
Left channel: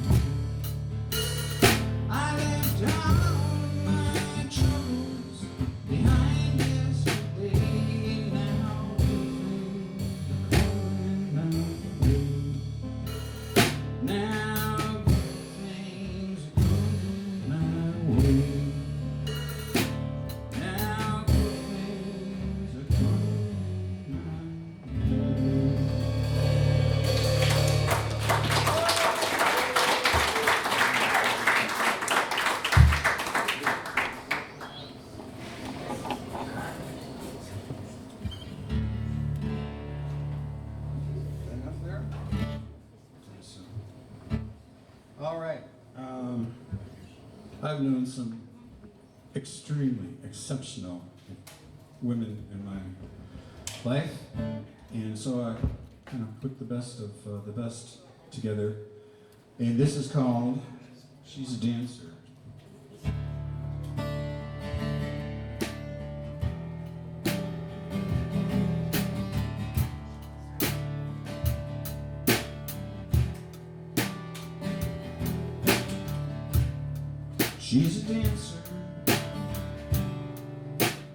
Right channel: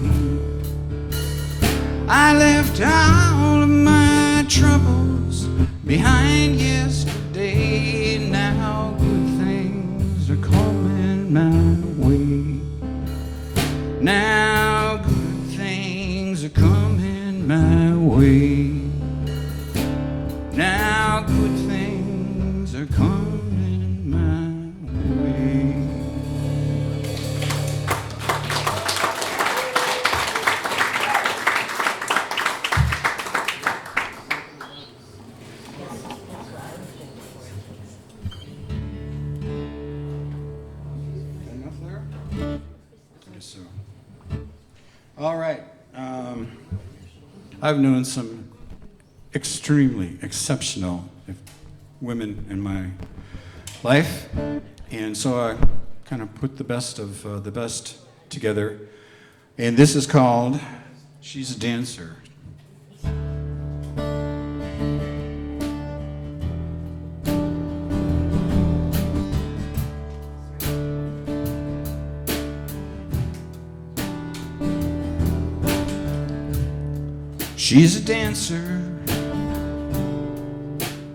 I left all of my troubles behind yesterday. Now good things are coming my way. Now good things are coming my way. Now good things are coming my way. Enough there? So, all right. I've known some extremely exceptional women in my life, and so I kind of put the best of the best together. And this is called She's a Dancer. She's a dancer,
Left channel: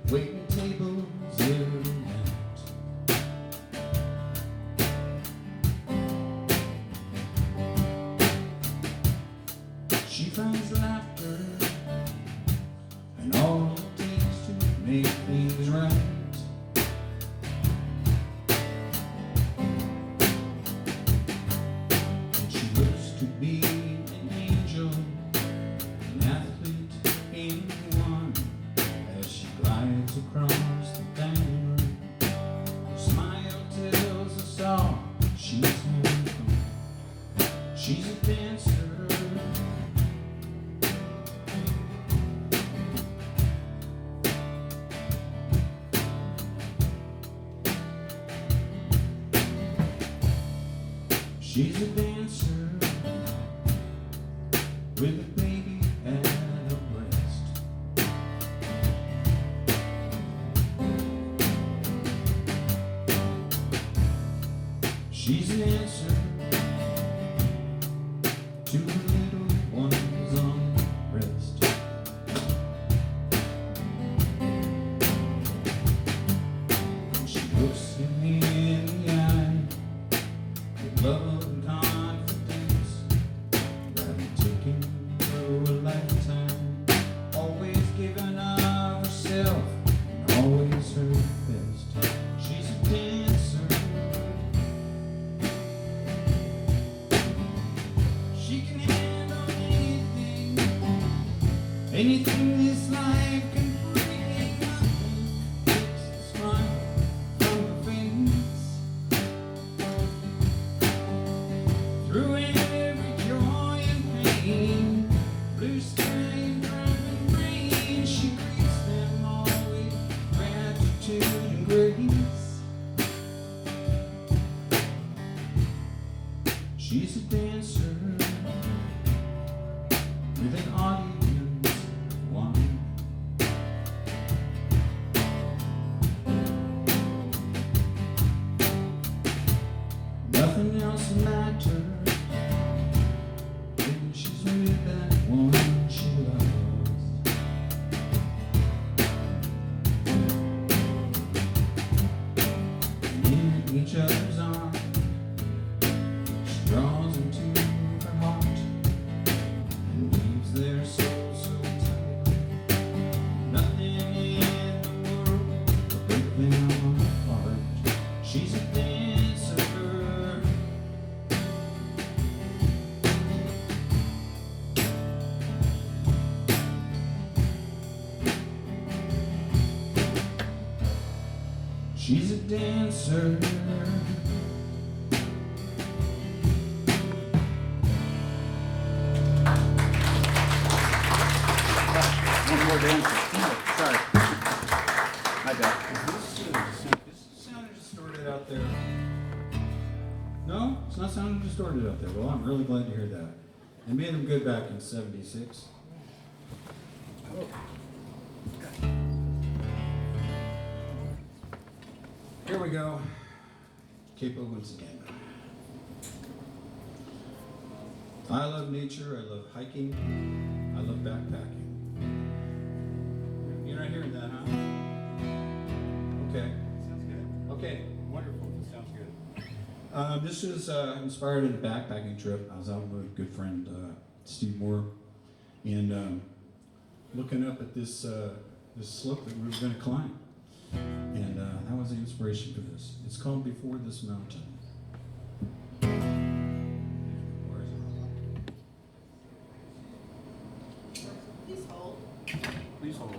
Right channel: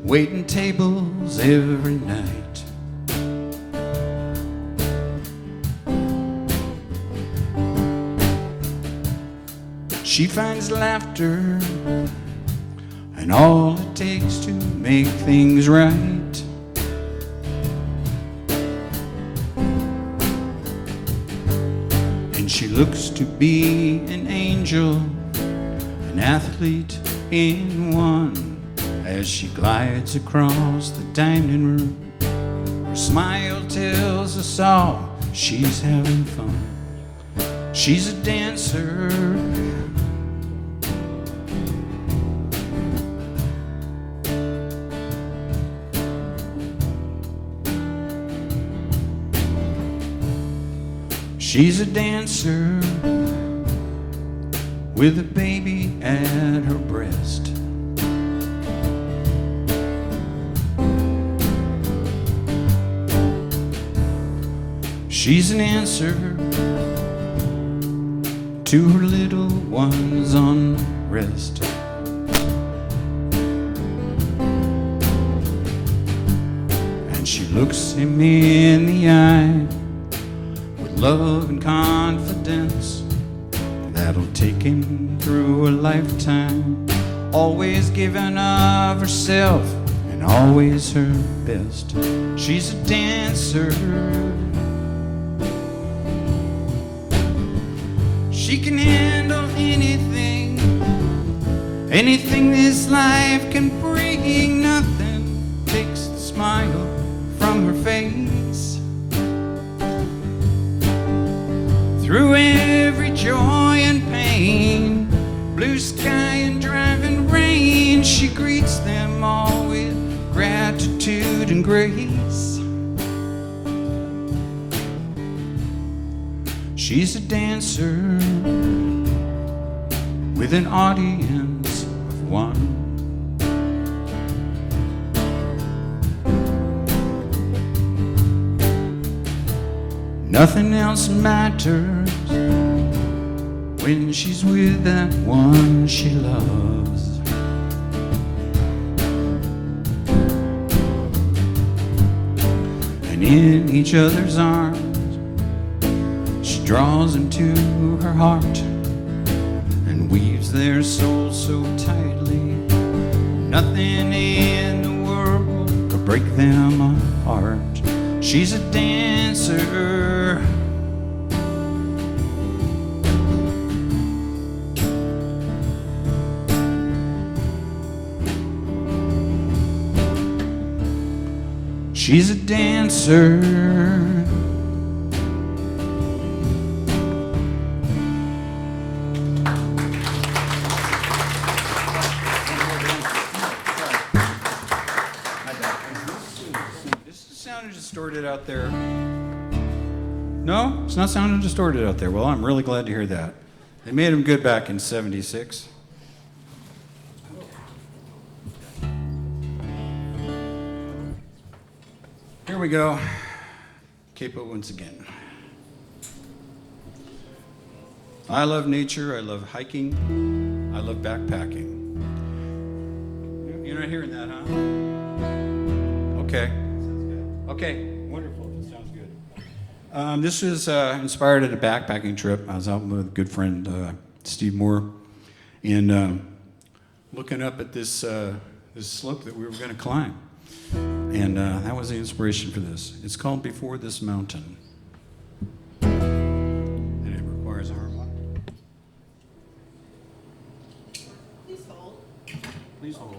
waiting tables every night. She finds laughter and all it takes to make things right. And she looks to be an angel, an athlete in one, as she glides across the dining room. Her smile tells us all she's having fun. She's a dancer, she's a dancer with a baby at her breast. She's an answer to her little one's unrest. she looks him in the eye with love and confidence that'll take him through a lifetime, always giving of herself and always her best. She's a dancer. She can handle anything, anything this life can bring. Nothing takes the smile from her face. Through every joy and pain, blue sky and driving rain, she greets them all with gratitude and grace. She's a dancer with an audience of one. Nothing else matters when she's with that one she loves. And in each other's arms, she draws into her heart and weaves their souls so tightly. Nothing in the world will break them apart. She's a dancer. She's a dancer. One more dancer. Sorry. My bad. Is this sounding distorted out there? No? It's not sounding distorted out there. Well, I'm really glad to hear that. They made them good back in '76. Here we go. Capo once again. I love nature. I love hiking. I love backpacking. You're not hearing that, huh? Okay. Sounds good. Okay. Wonderful. That sounds good. This is inspired at a backpacking trip. I was out with a good friend, Steve Moore, and looking up at this slope that we were going to climb. And that was the inspiration for this. It's called Before This Mountain. And it requires a harmonic. Please hold. Please hold.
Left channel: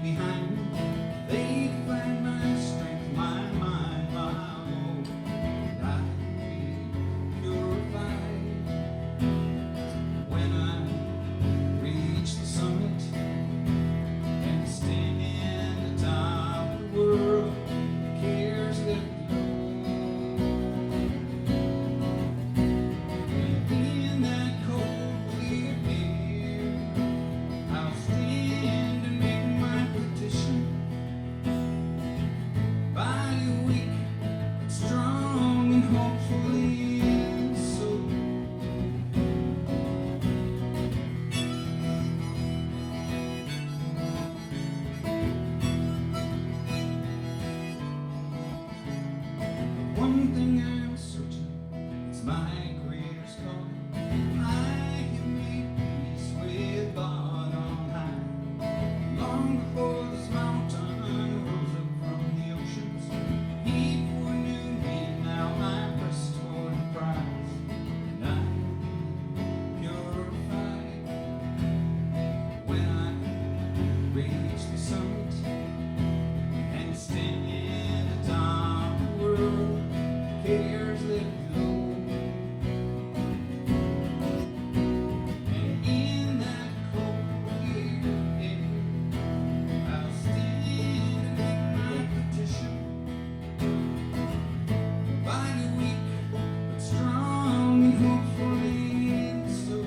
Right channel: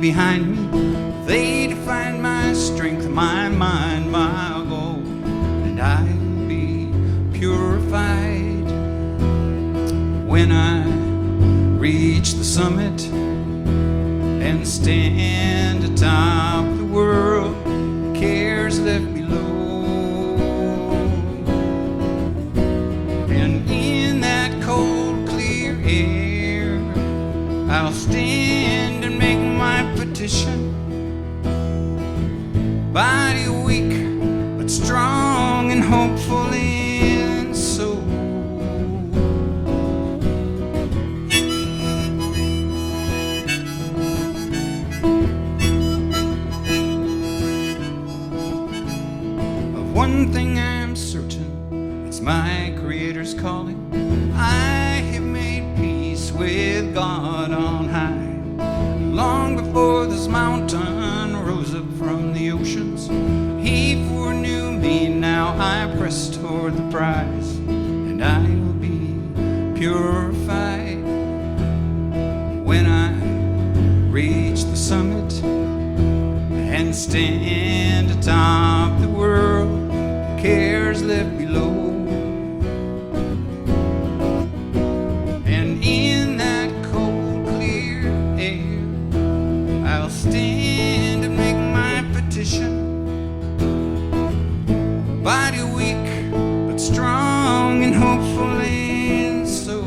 Behind me, they define my strength, my mind, my goal, and I'll be purified when I reach the summit and stand atop the world. Cares left below, and in that cold, clear air, I'll stand and make my petition. Body weak, but strong and hopeful in soul. Of one thing I'm certain, it's my Creator's calling. I have made with God on high. Long before this mountain rose up from the oceans, he foreknew me. Now I press toward the prize, and I will be purified when I reach the summit and stand atop the world, cares left below. And in that cold, clear air, I'll stand and make my petition. Body weak, but strong and hopeful and so.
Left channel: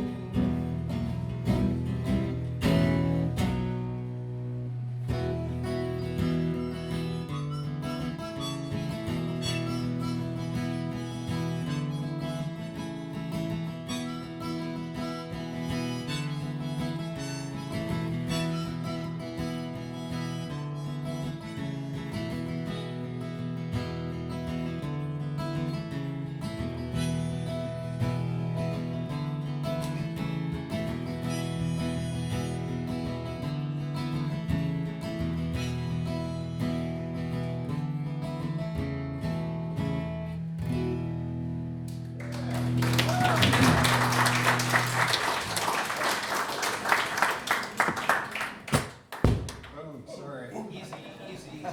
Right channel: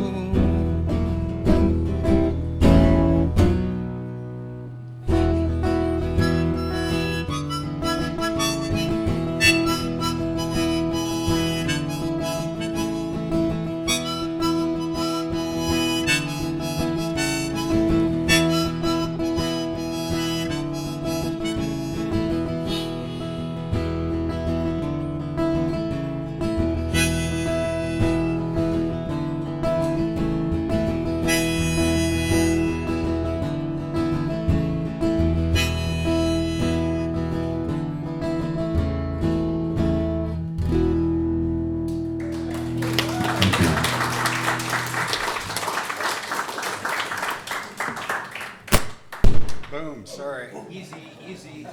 Boom, sorry. Easy, easy.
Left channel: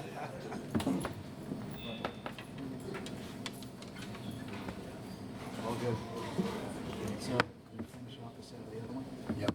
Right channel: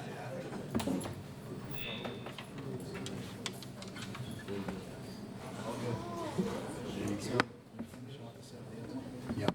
All good. So, you finish off the set of the other one? Yep.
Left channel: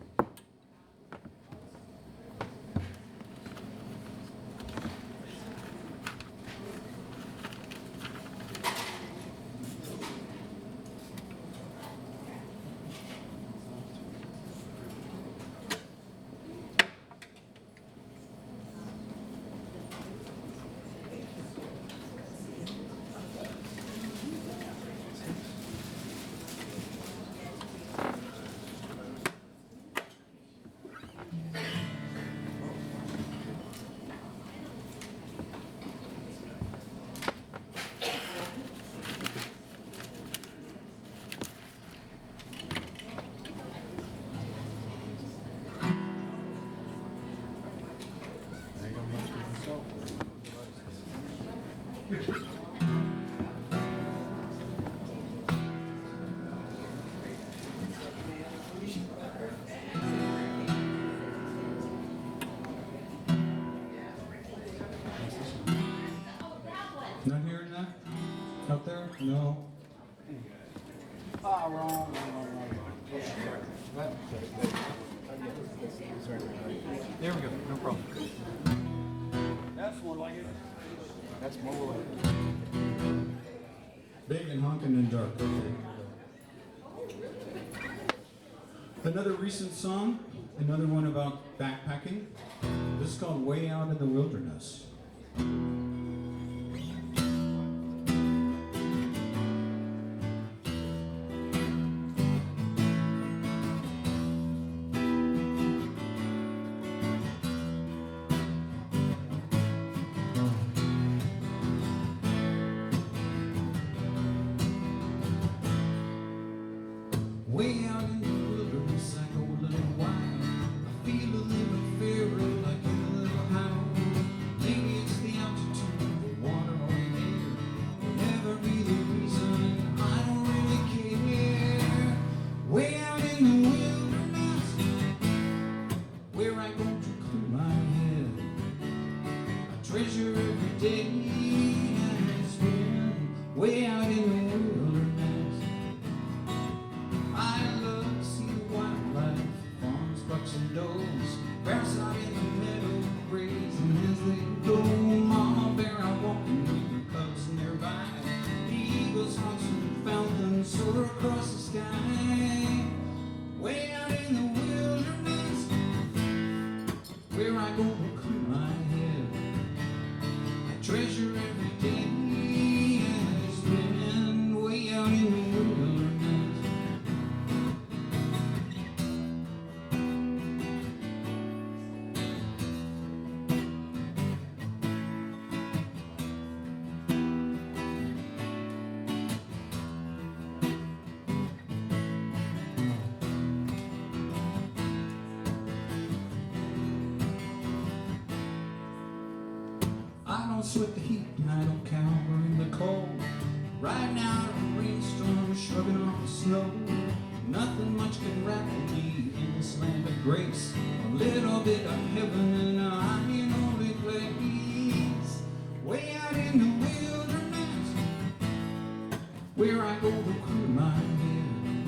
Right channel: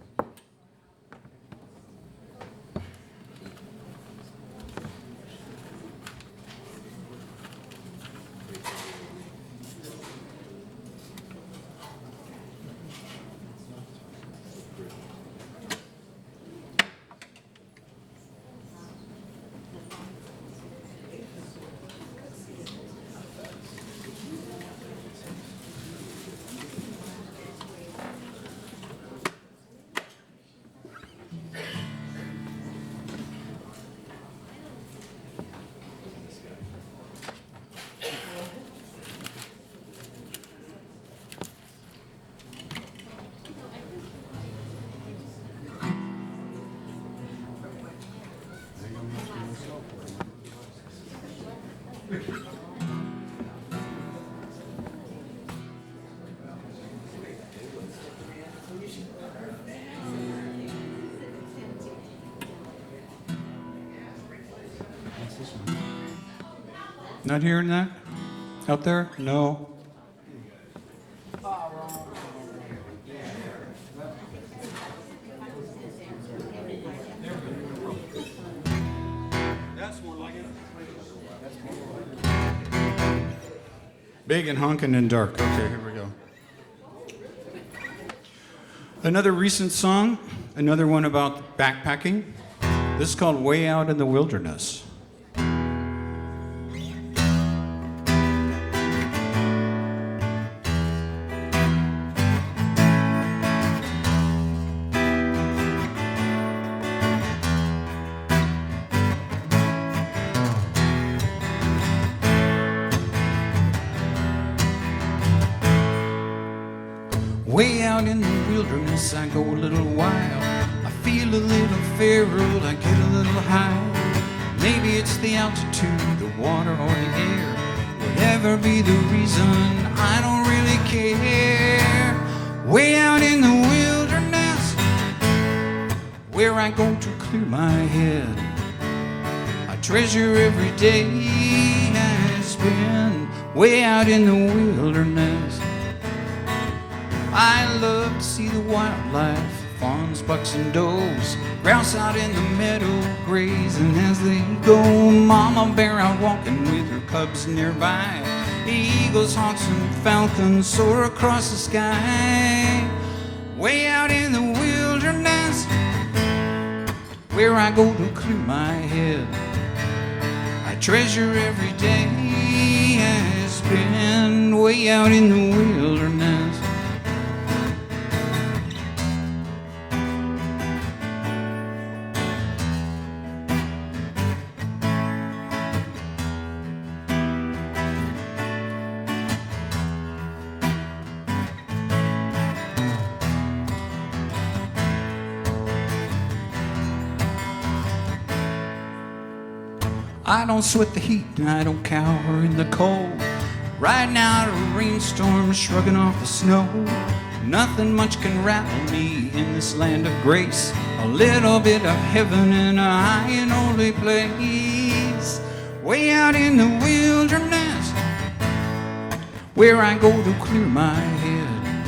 Not hearing that? Out there? No. Wrong. There we go, no problem. That's more like it. That's more like it. Big and honking and dark. Okay, here we go. Another recent song, another one about backpacking. This is called Way Out in the Wilderness. Way out in the wilderness, I go a little wild. I feel a little feral, I get a little high. Maybe it's the altitude, the water, or the air. Whatever be the reason, I don't really care. Way out in the wilderness, where I go to clear my head. I treasure every day I spend way out in the wilderness. I love to see the wildlife, fawns, bucks, and does, grouse out in the meadow grazing as they go. Mama bear out walking with her cubs nearby. The eagles, hawks, and falcons soar across the sky. Way out in the wilderness, where I go to clear my head. I treasure every day I spend way out in the wilderness. I don't sweat the heat and I don't cower in the cold. Riding out a rainstorm, shrugging off the snow. Nothing much can rattle me in this land of grace. A little bit of heaven in a high and holy place. Way out in the wilderness, where I go to clear my head.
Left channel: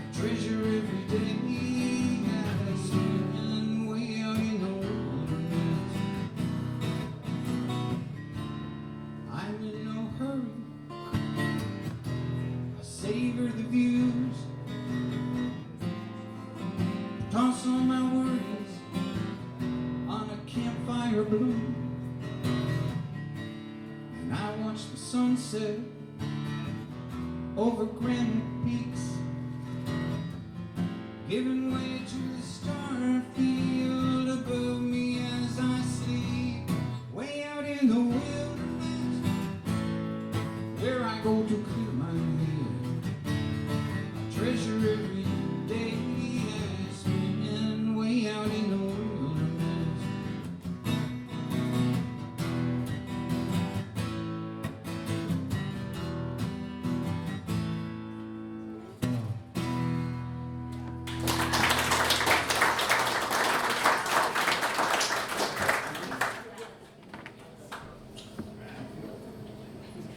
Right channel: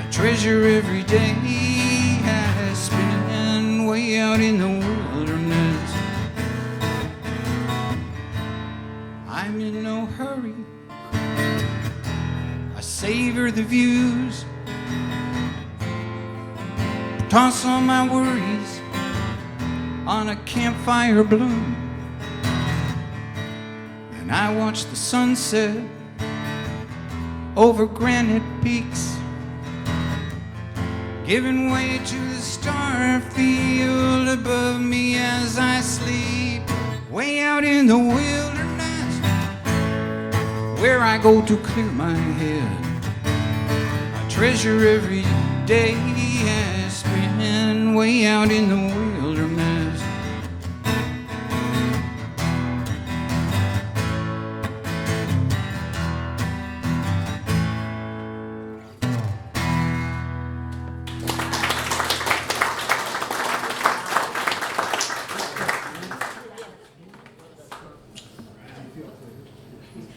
I treasure every day I spend way out in the wilderness. I'm in no hurry, I savor the views, toss all my worries on a campfire bloom, and I watch the sunset over granite peaks, giving way to the star field above me as I sleep. Way out in the wilderness, where I go to clear my head. I treasure every day I spend way out in the wilderness.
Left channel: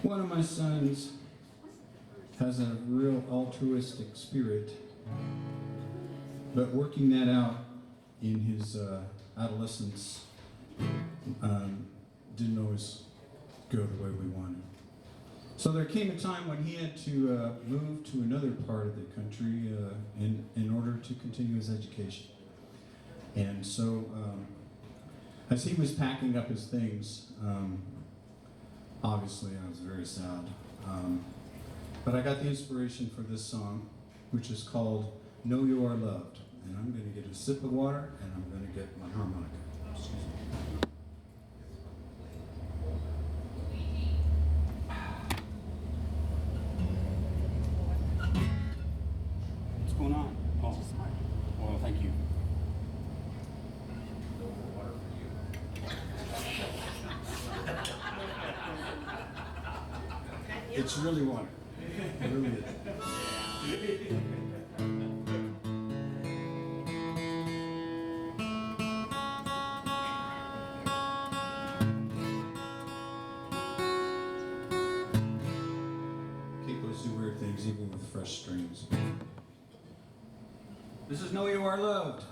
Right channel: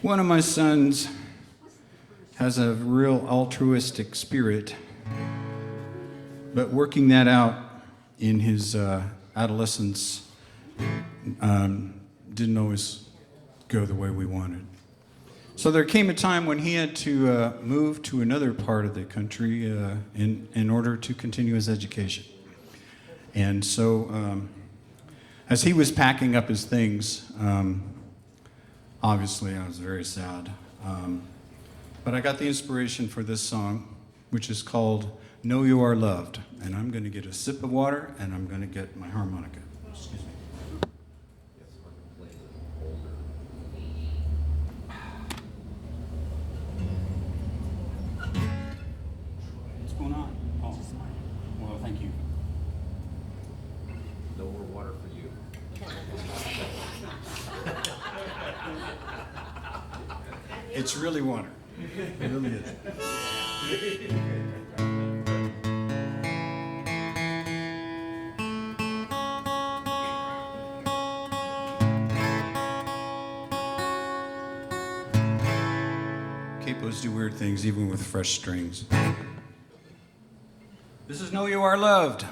One of my sons has a real altruistic spirit, but working that out in his adolescence didn't always go the way we wanted. So there came a time when he had to move to another part of the country in order to continue his education. And so as he was packing up his things, obviously, I was very sad. But I got the inspiration for this song, which is called Know You Are Loved. And I'm going to get a sip of water, and I'm going to get my harmonica. What's going on? Oh, well, thank you. No more water for you. It's really water. It really is. Capos do weird things even with fresh strings. This is Know You Are Loved.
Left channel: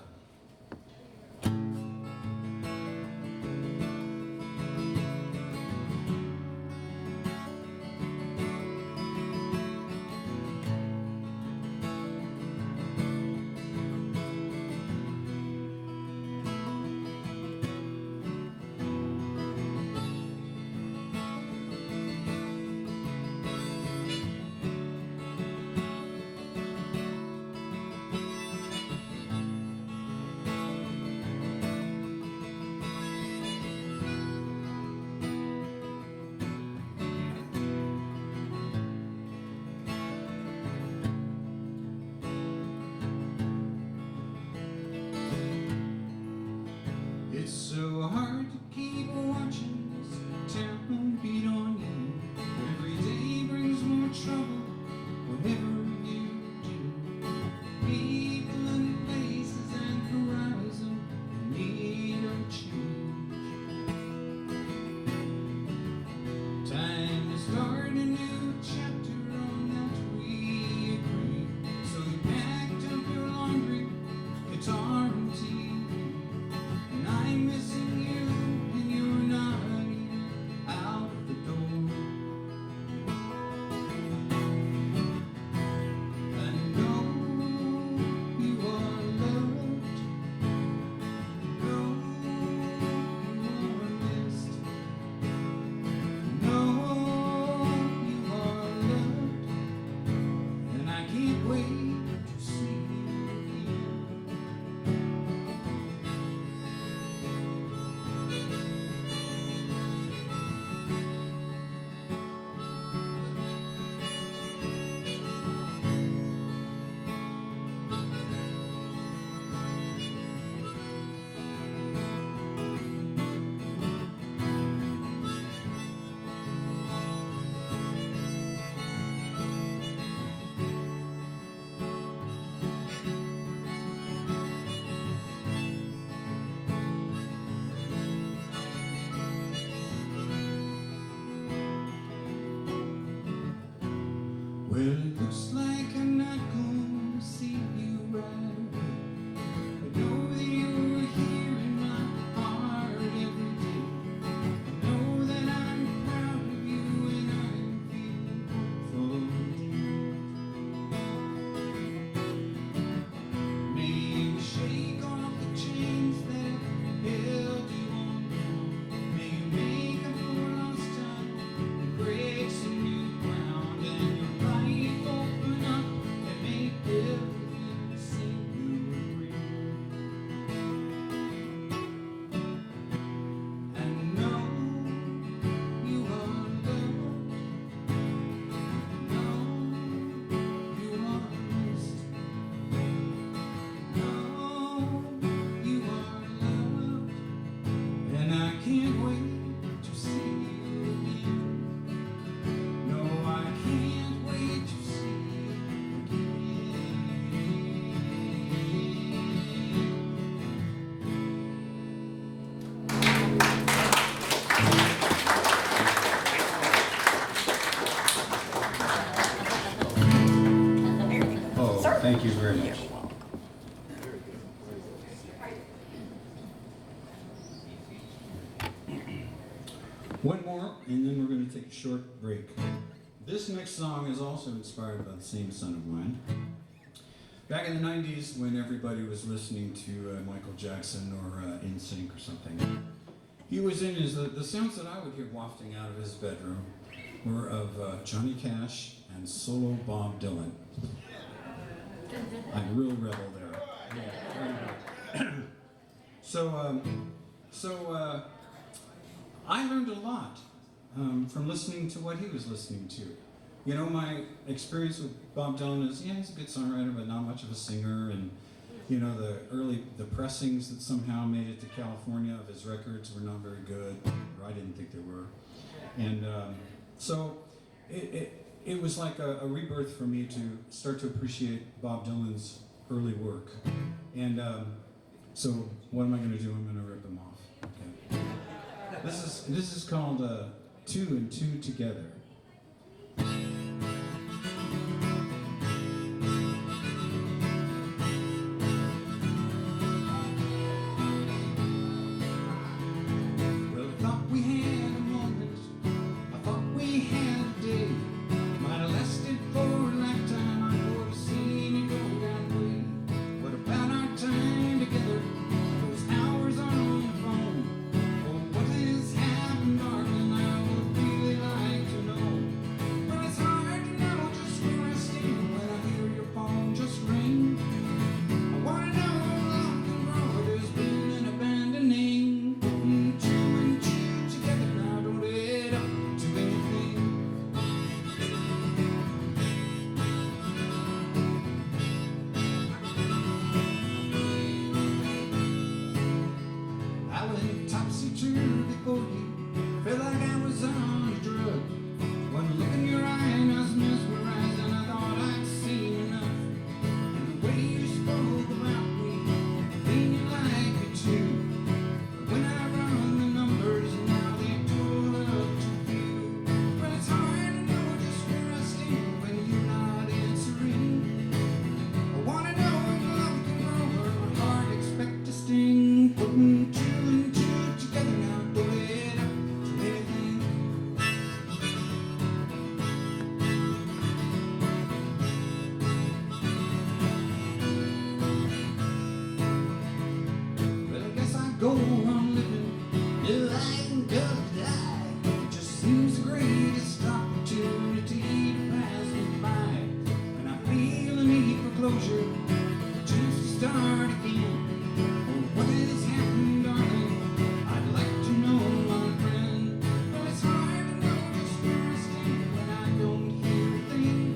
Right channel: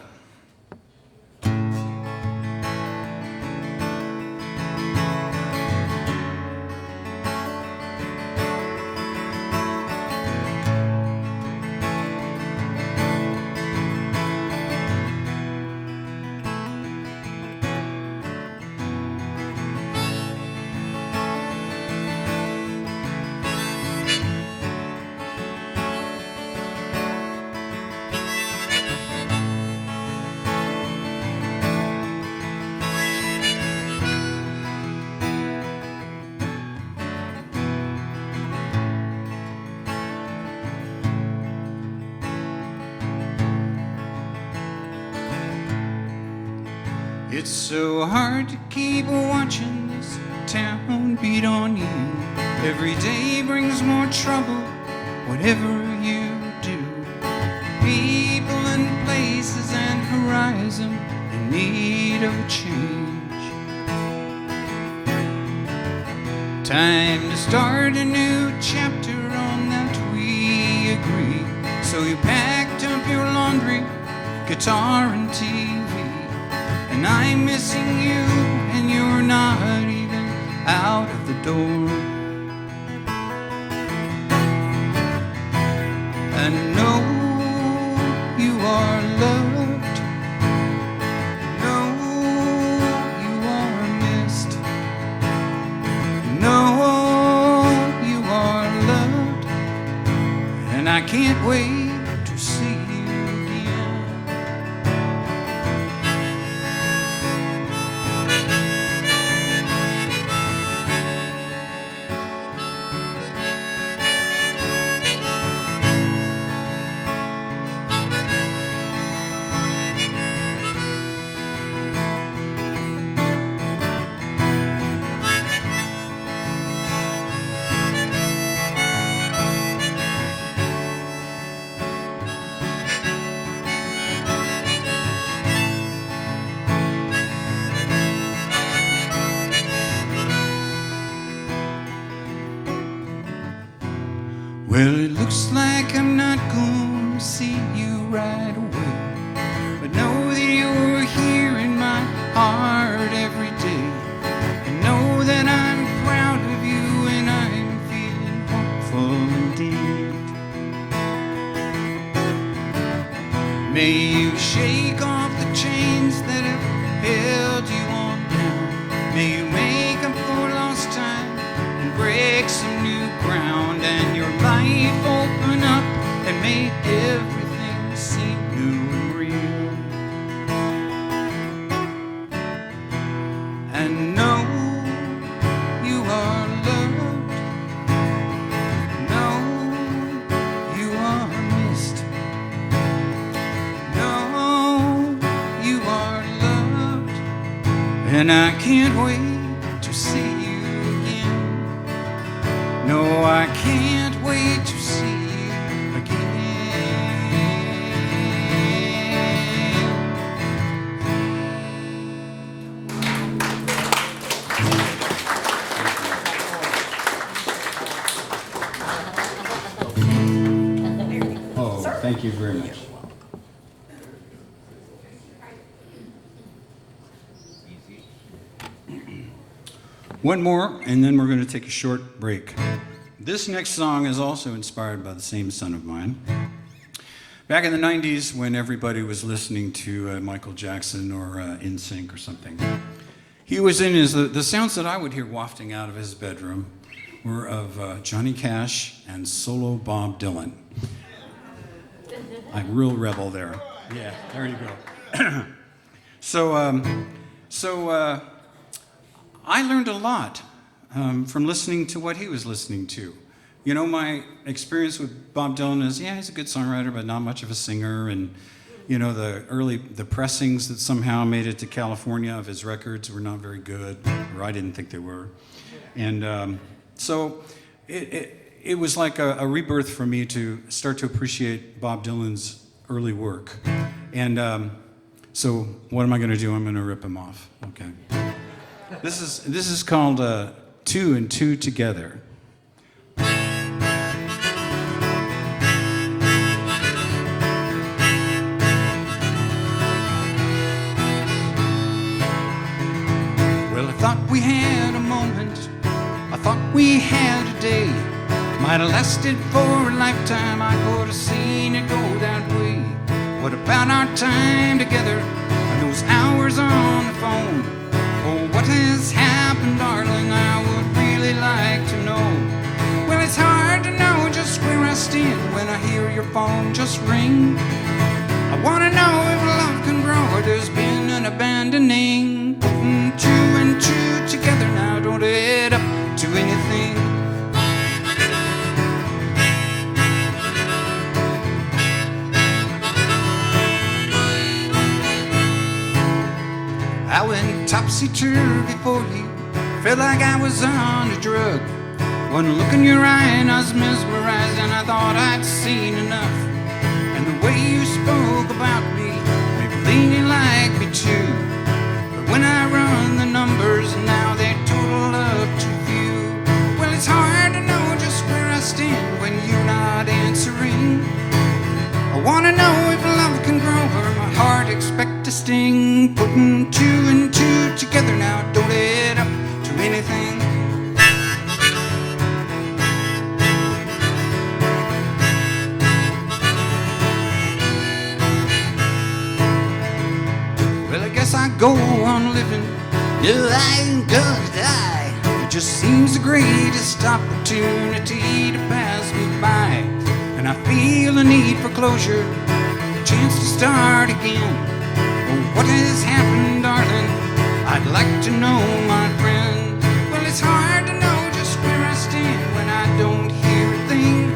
It's so hard to keep watching this town beat on you. Every day brings more trouble, whatever you do. People and places and horizon in need of a change. Time to start a new chapter, on that we agree. So you packed up your laundry, guitar and TV. And I'm missing you, and you're not even out of the door. And know you are loved, know you are missed, know you are loved, and I can't wait to see you again. Well, it looks like I'm not going to see you right away, but know that you're here in my heart every day. And know that I'm proud of you and I'm feeling hopeful indeed. May you shake off the chains that have held you on down. May you make up for lost time and break some new ground, and your life open up and make everything seem new and real. And know you are loved. Know you are missed. Know you are loved. And I can't wait to see you again. No, I can't wait to see you again. Oh, thank you very much. One more, and then we're going to take a short break. This next song is also inspired by the same son of mine. Back in the 90s, when everybody was listening to Michael Jackson or NSYNC or something, he was in the sounds that I would hear wafting out of his bedroom were of Johnny Cash and solo Bob Dylan. I'm real rebel there. Yeah, there you go. So I learned a lot from listening to what he was listening to. You know, my experience with Bob Dylan is, yeah, he's a good songwriter, but not much of a singer. And, you know, the pressings that somehow made it to California of his records were not very good, or I didn't think they were. And so it was like a rebirth for me to start to appreciate Bob Dylan's early work. And so what am I going to do? I'm going to rip him off. Okay. This is called Two and Two Together. Well, I thought we had a moment. I thought we had a day. Might have lasted for a lifetime. I could have seen it go that way. What about our time together and those hours on the phone? What has happened, darling? I would really like to know. Well, it's hard to know just where I stand when I hear your phone just ring. I want to know if love can grow or there's been an abandoning. Putting two and two together now don't add up to anything. I went topsy-turvy for you, felt like I was on a drug. One look in your eye and I was mesmerized, and I thought I'd seen enough. And the way you spoke about me made me lean you like me too. But when I run the numbers now they total up too few. Well, it's hard to know just where I stand when you're not answering. I wanna know if love can grow or my heart expect to sting. Putting two and two together now don't add up to anything. Well, I guess I go on living. No, I ain't gonna die. It just seems the greatest opportunity to pass me by. And I feel a need for closure, a chance to start again. Well, what has happened, darling? I'd like to know, my friend. Well, it's hard to know just where I stand when I don't hear a thing.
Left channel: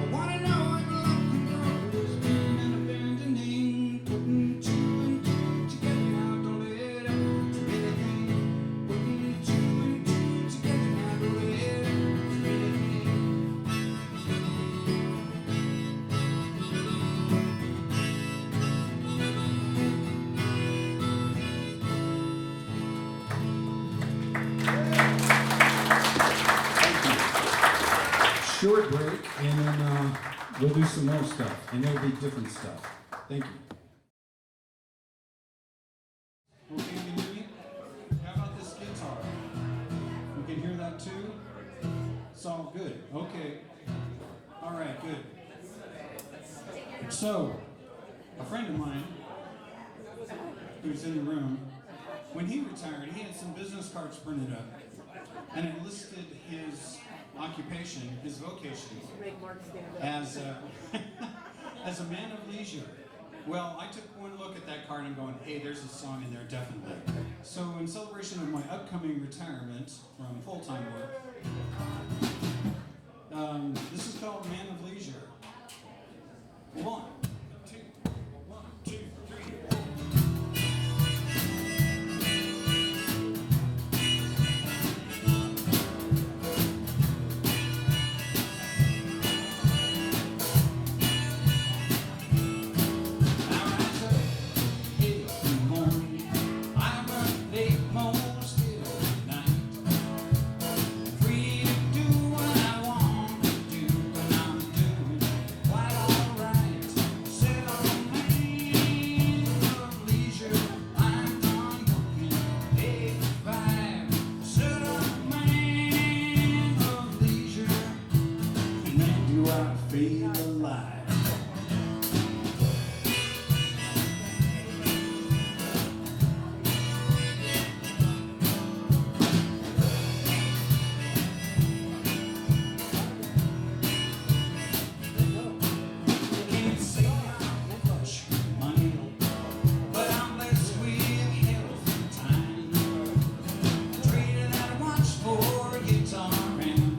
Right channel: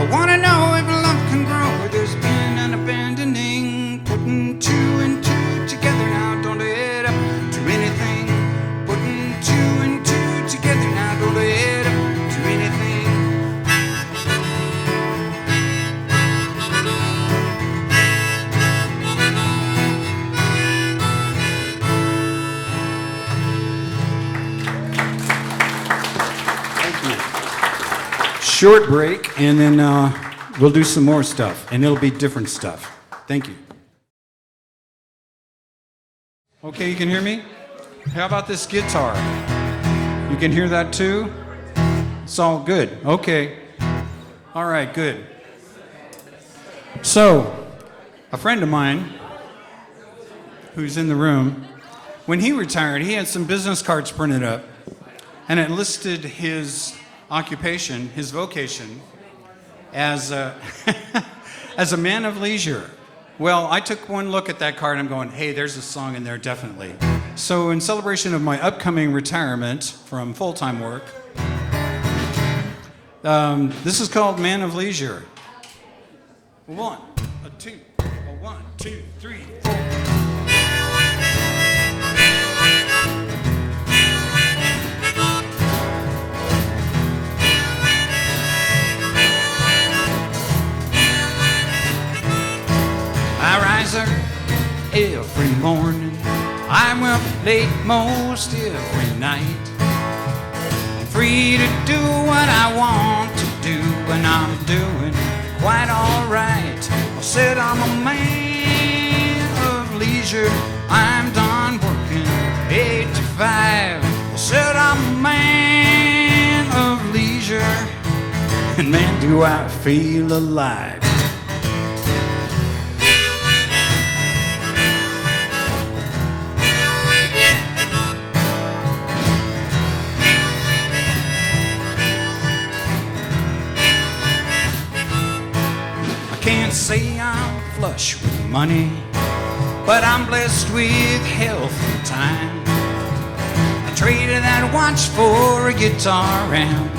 I want to know if love can grow or there's been an abandoning. Putting two and two together now don't add up to anything. Putting two and two together now don't add up to anything. short break, and then we'll do some more stuff, and it'll be different stuff. Thank you. Okay, you can hear me? How about this guitar? You can hear that too? It's all good. Okay. All right, good. So, a friend of mine who's in the room, when he retired, he had some business cards printed up, and it listed his occupation, his vocation, as a, as a man of leisure. Well, I took one look at that card and I'm going, hey, there's a song in there, definitely. So in celebration of my upcoming retirement from full-time work, this is called Man of Leisure. 1, 2, 1, 2, 3, 4. I rise every morning. I'm up late most every night. Free to do what I want to do, and I'm doing quite all right. I said I'm a man of leisure. I'm done working 8 to 5. I said I'm a man of leisure, and man, do I feel alive. Say I'm flush with money, but I'm blessed with health and time. I traded that watch for a guitar amp,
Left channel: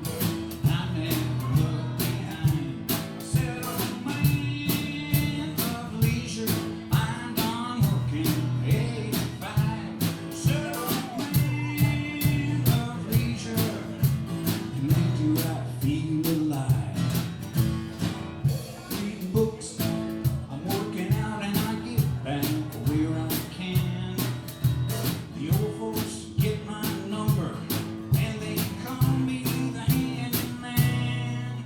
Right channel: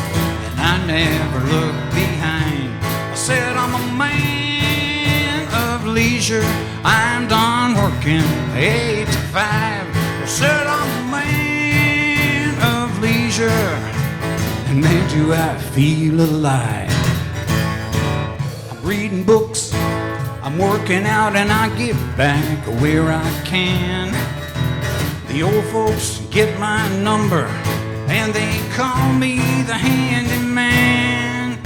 and I never look behind. I said I'm a man of leisure. I'm done working 8 to 5. I said I'm a man of leisure, and man, do I feel alive. Reading books, I'm working out, and I give back where I can. The old folks get my number, and they call me the handyman.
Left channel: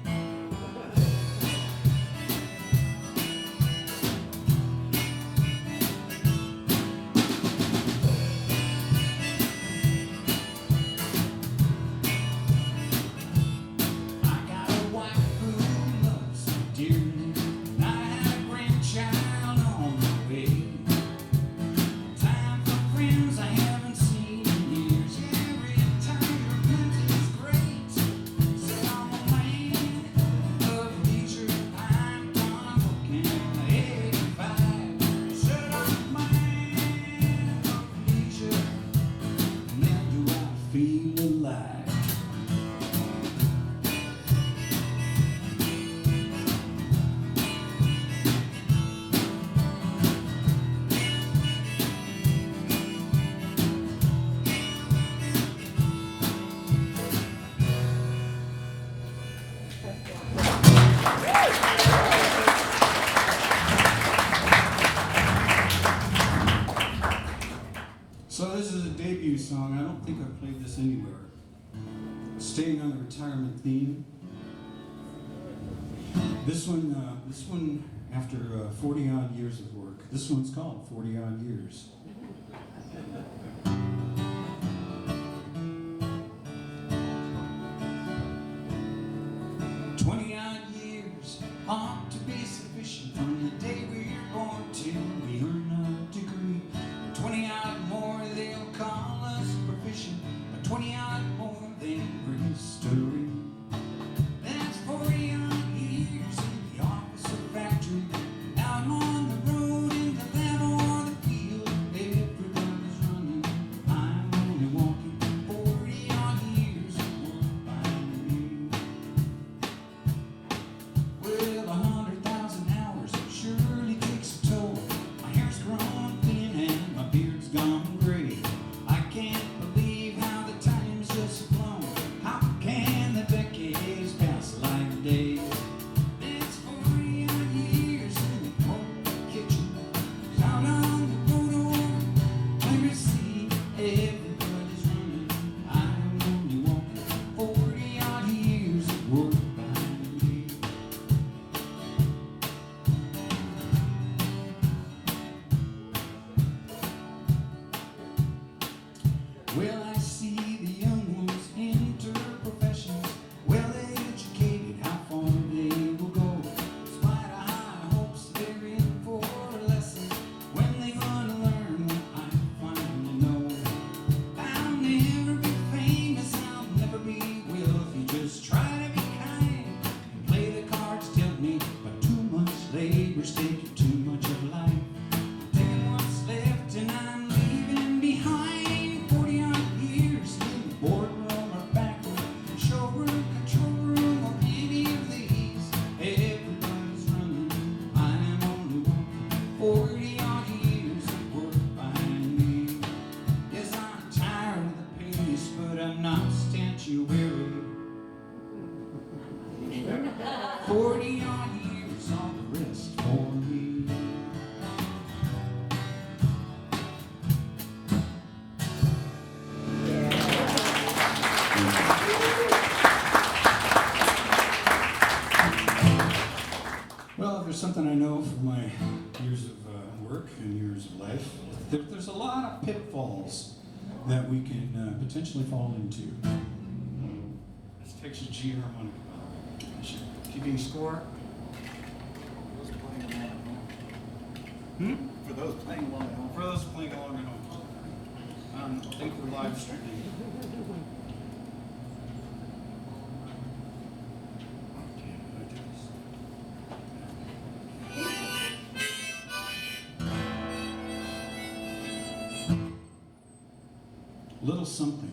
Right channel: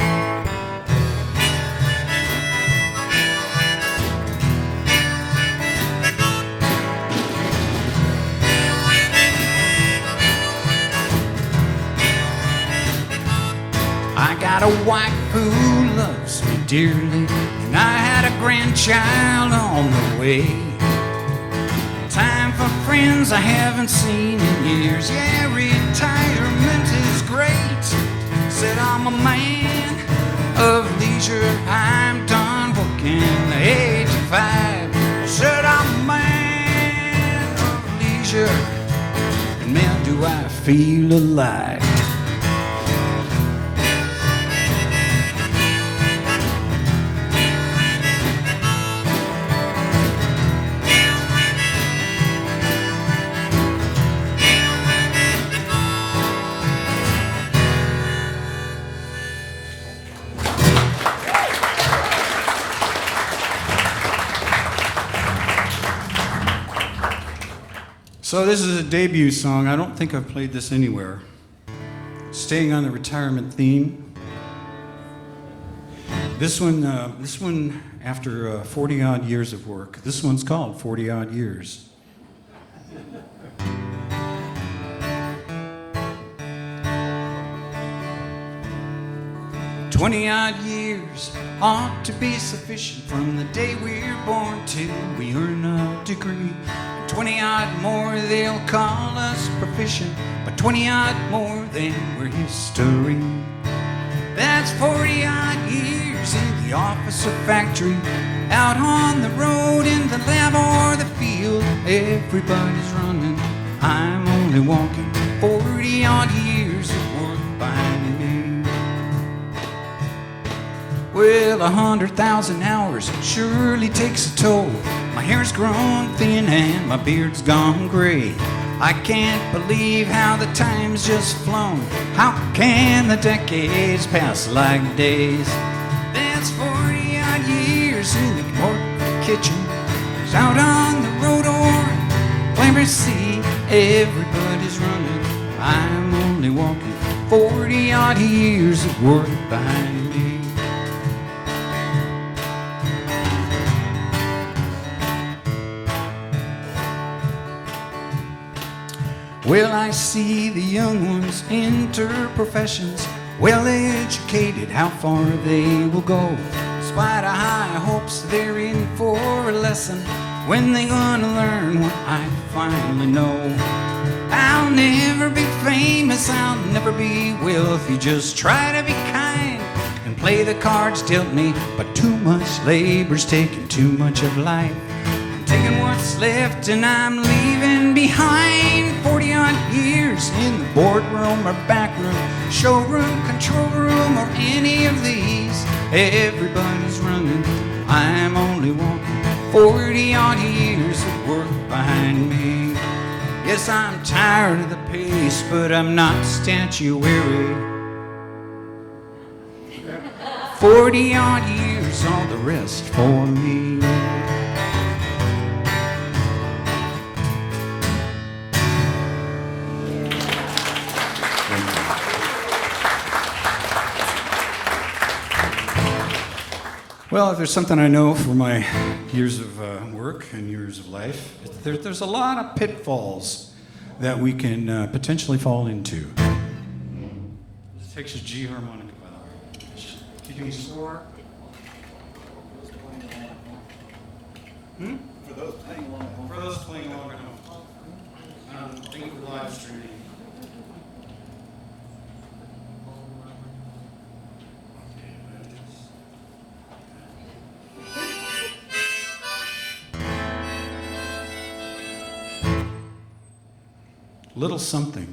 I got a wife who loves me dearly, and I had a grandchild on the way. Time for friends I haven't seen in years. Yeah, retirement is great. Said I'm a man of leisure. I'm done working 8 to 5. Said I'm a man of leisure, and man, do I feel alive. So this is a debut song. I don't think I've played this anywhere. Staying on the retirement theme. This one after 40 odd years of work. This one's called 40 odd years. 20 odd years ought to be sufficient from the day we're born till we earn a degree. 20 odd more, they'll call us proficient, but 20 odd more, then we're history. That's 40 odd years in the office or factory, out on the road, in the lab or the field. Everybody's running, I'm only walking. 40 odd years of work by me. Well, 100,000 hours surely takes a toll. My hair's grown thin and my beard's gone gray. I can't believe how the time's just flown. How can the decades pass like days? That's 40 odd years in the corporate kitchen, out on the road or Clamber Sea. Everybody's running, I'm only walking. 40 odd years of work behind me. Well, I see the young ones enter professions, well educated, how far they will go. Despite of high hopes, they're in for a lesson when they gonna learn what I finally know. I'll never be famous, I'll never be wealthy, just try to be kind and play the cards dealt me. But too much labor's taking too much of life. I'm taking what's left and I'm leaving behind 40 odd years in the boardroom or back room, showroom, control room, or any of these. Everybody's running, I'm only walking. 40 odd years of work behind me. Yes, I'm tired of the pace, but I'm not statuary. 40 odd years, all the rest for me. Well, if there's something I know from my years of work and years of life, there's a lot of pitfalls that we can potentially fall into. Texas G harmonic. Keeping score? For those playing along at home. For those playing along at home. I think we're live streaming. Little something.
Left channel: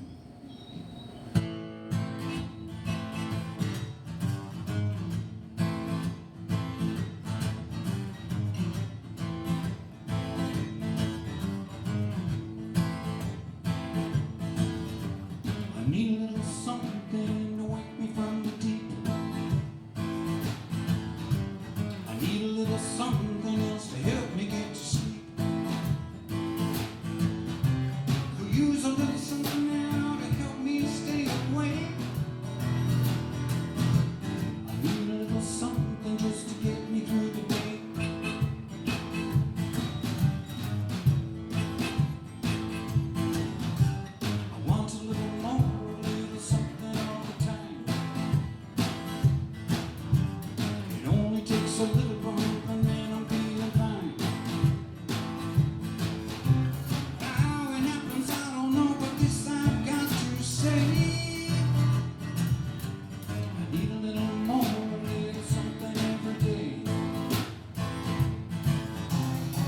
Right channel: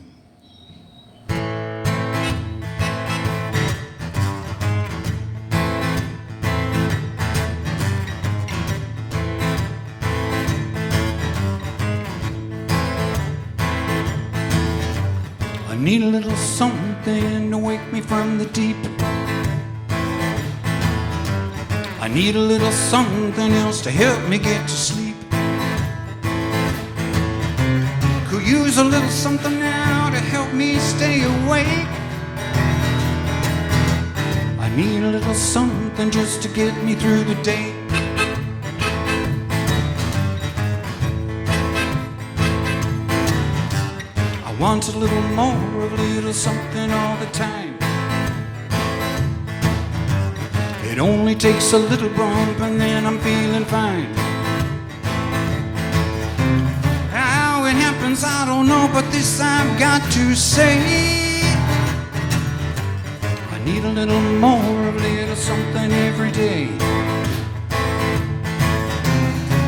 I need a little something to wake me from the deep. I need a little something else to help me get to sleep. Use a little something now to help me stay awake. I need a little something just to get me through the day. I want a little more of a little something all the time. It only takes a little bump and then I'm feeling fine. I don't know, but this I've got to say. I need a little more, a little something every day.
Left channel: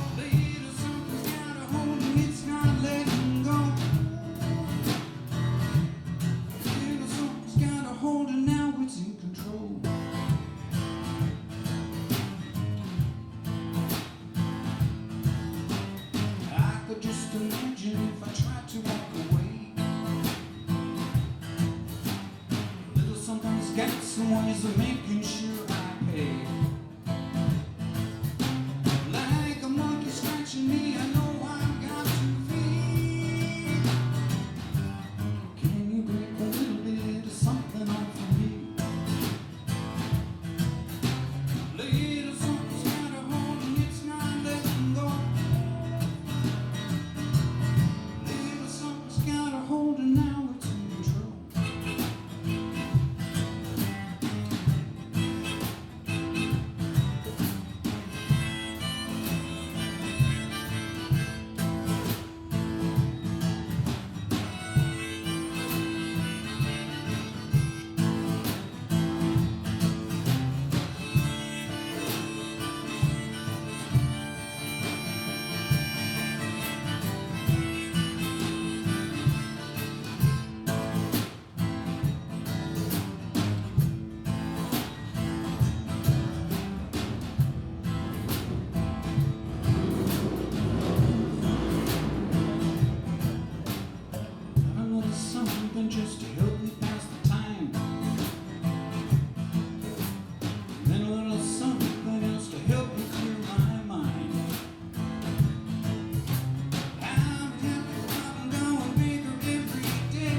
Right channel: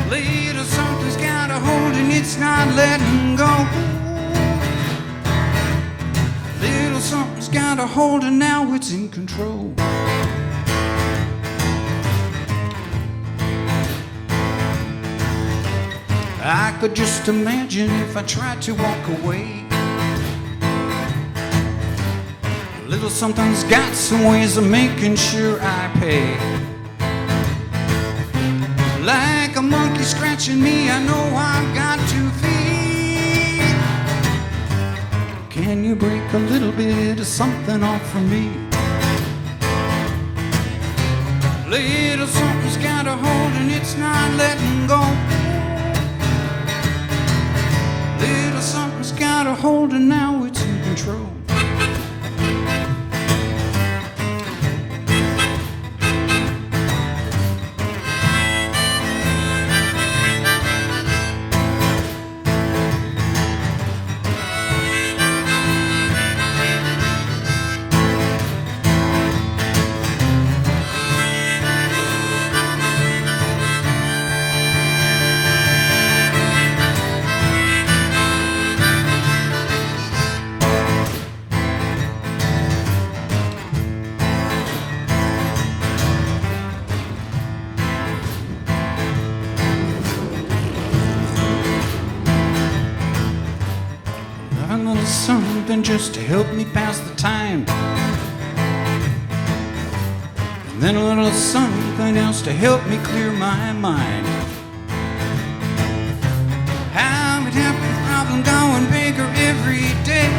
Little something's got a hold and it's not letting go. Little something's got a hold and now it's in control. I could just imagine if I tried to walk away. A little something's got some ways of making sure I pay. Like a monkey scratching me, I know I've got to feed. Can you break a little bit of something off from me? Little something's got a hold and it's not letting go. Little something's got a hold and now it's in control. Something just to help me pass the time. And then a little something else to help me clear my mind. How it happened, problem going bigger every day.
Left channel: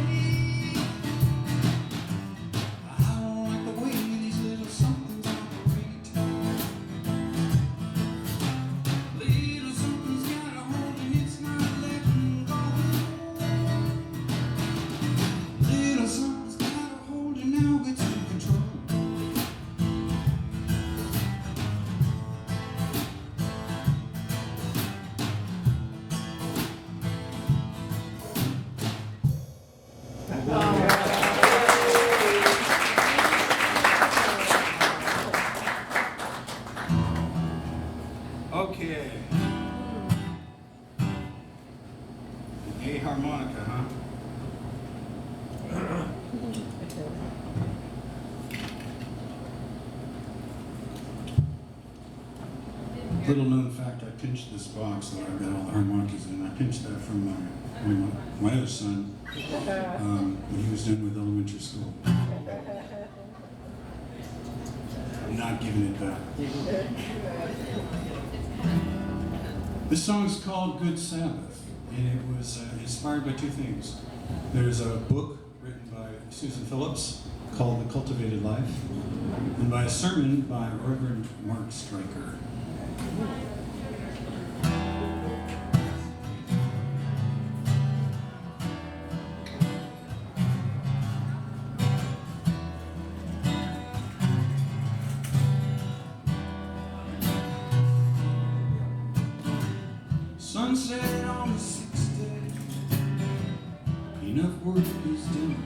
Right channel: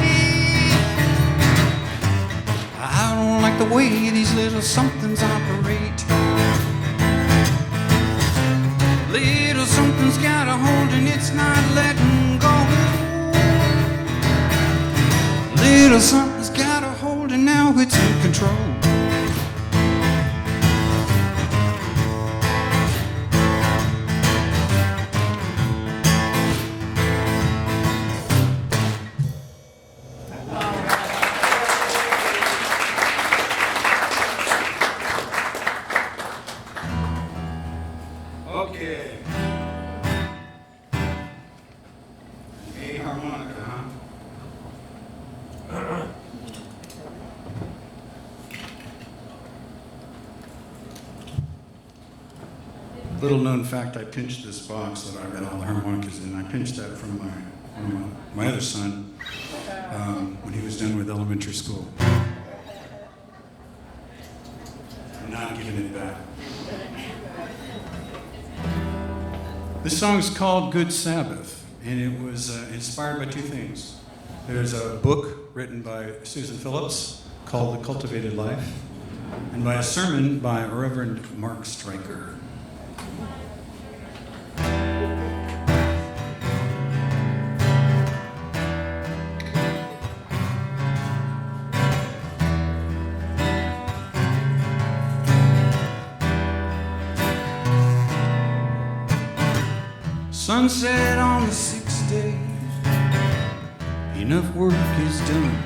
the way these little somethings operate. Little something's got a hold and it's not letting go. Little something's got a hold and now it's in control. Okay. A harmonica, huh? Little known fact, I pinched this box that I had all the harmonicas in. I pinched that from my other son when he was done with elementary school. I'm not giving it back. This song is called Good Sabbath, and it was inspired by two things. There's a book written by Susan Phillips called The Cultivated Life, and by a sermon by Reverend Mark Stryker. Sunset on the sixth day, enough work is done,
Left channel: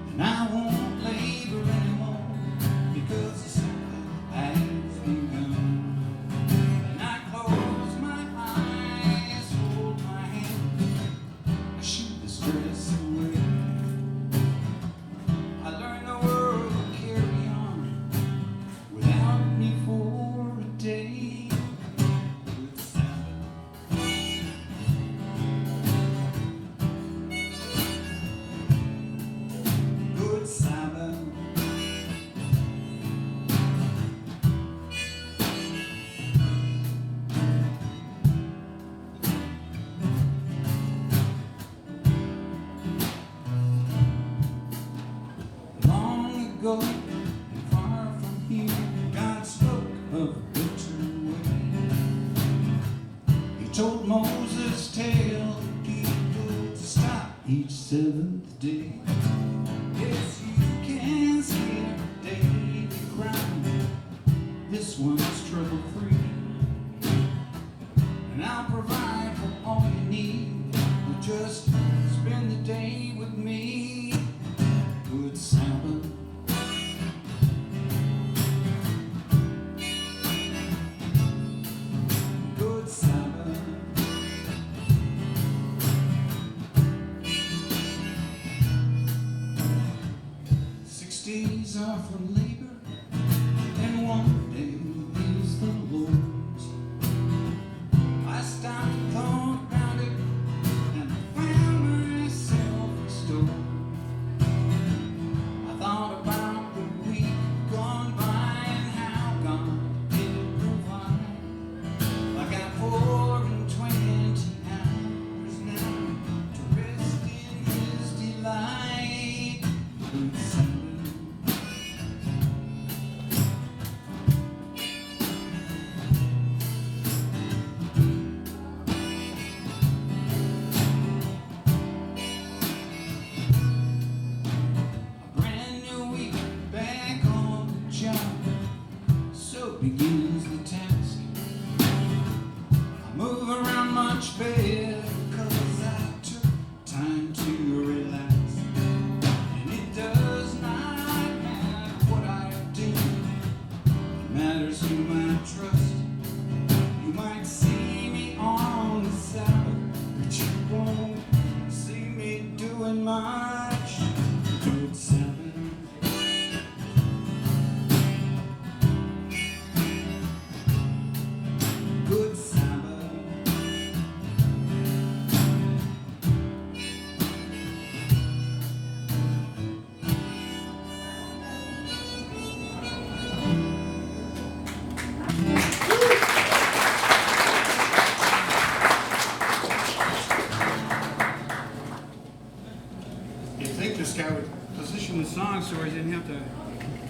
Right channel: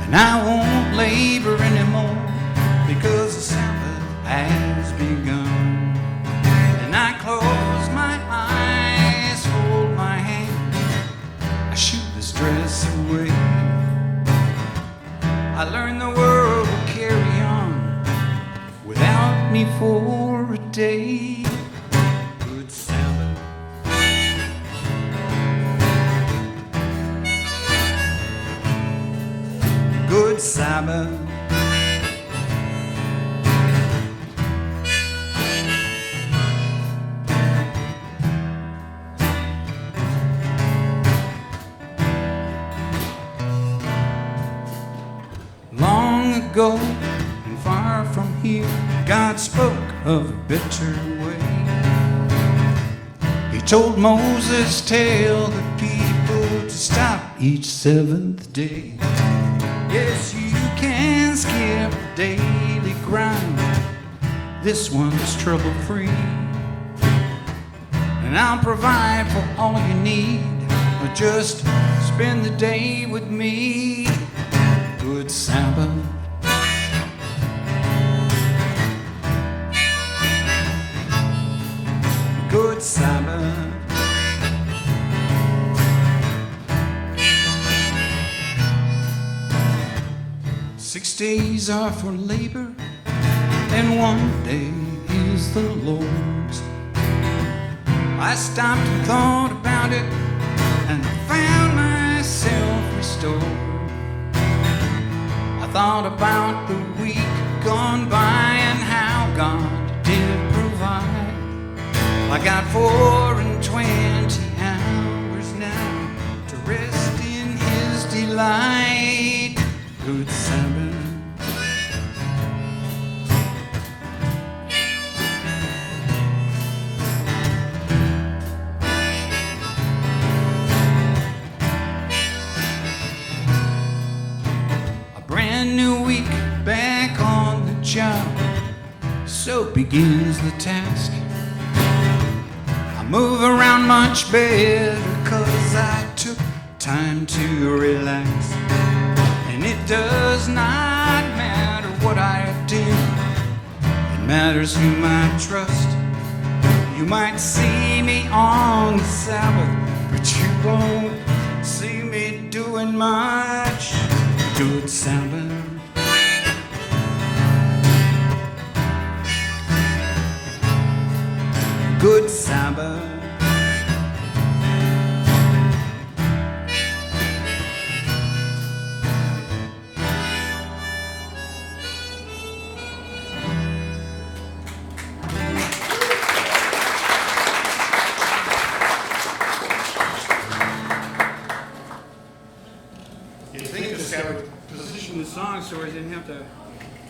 and I won't labor anymore because the Sabbath has begun. And I close my eyes, hold my hand, I shoot the stress away. I learn the world will carry on without me for a day. Sabbath. Long ago and far from here, God spoke of a better way. He told Moses, tell the people to stop each seventh day. Yes, you can skip daily grind. This one's trouble-free. And I'll provide for all you need. But just spend the day with me. Good Sabbath. Good Sabbath. 6 days are for labor, and 1 day is the Lord's. I stopped and thought about it, and I found myself restored. I thought about the week gone by and how God did provide. I got 4 and 20 hours now to rest in His delight. Good Sabbath. So begins the task. I move around much better 'cause I took time to relax. And it does not matter what I do, it matters whom I trust. You might see me on the Sabbath, but you won't see me doing much. Good Sabbath. Good Sabbath. You think this guy would position this song so we didn't have to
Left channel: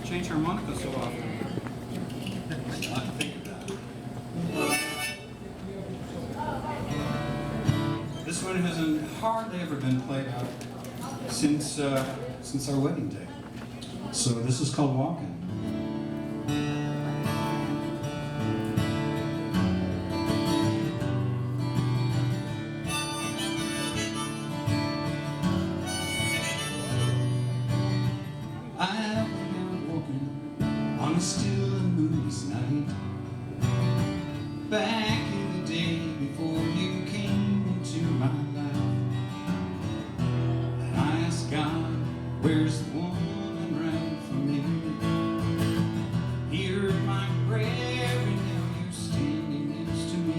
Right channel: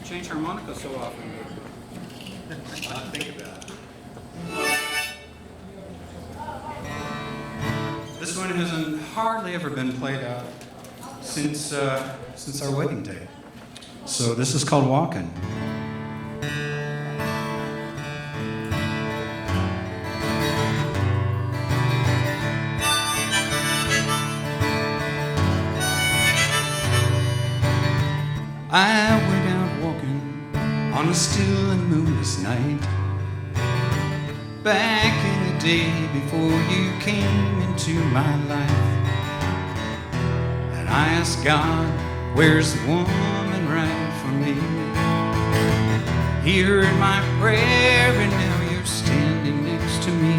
change harmonica so often. This one has hardly ever been played out since our wedding day. So this is called Walkin'. I went out walking on a still and moonless night, back in the day before you came into my life. And I asked God, where's the woman right for me? He heard my prayer and now you're standing next to me.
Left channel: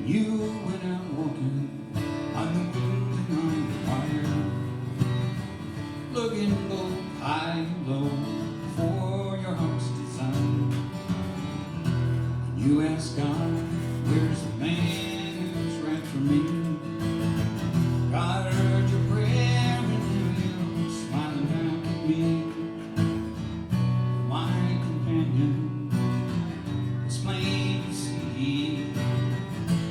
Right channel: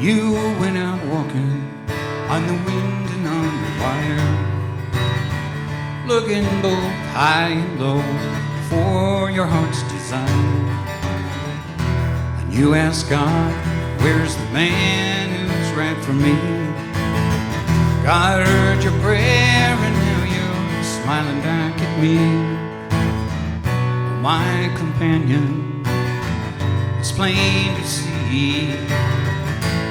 You went out walking on the wind and on the wire, looking both high and low for your heart's desire. And you asked God, where's the man who's right for me? God heard your prayer and now you're smiling back at me. My companion, it's plain to see,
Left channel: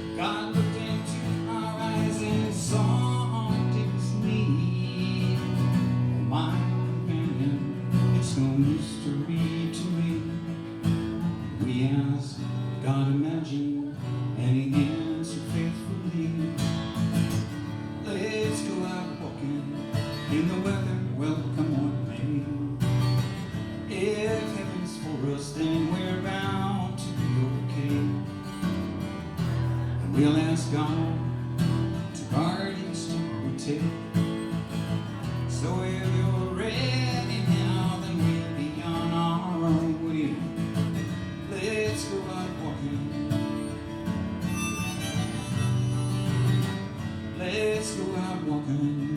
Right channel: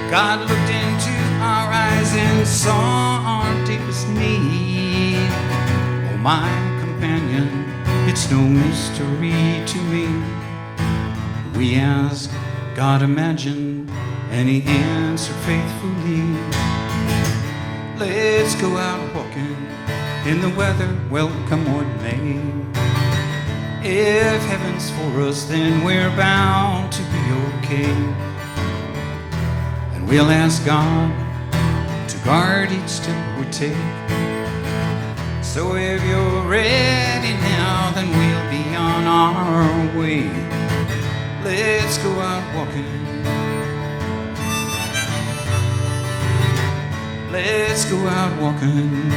God looked into our eyes and saw our deepest need. Oh, my companion, it's no mystery to me. We ask, God imagine, and He answered faithfully. Let's go out walking in the weather, welcome what may. If heaven's for us, then we're bound to be okay. We'll ask God to guard each step we take. So if you're ready now, then we'll be on our way. Let's go out walking. Let's go out walking.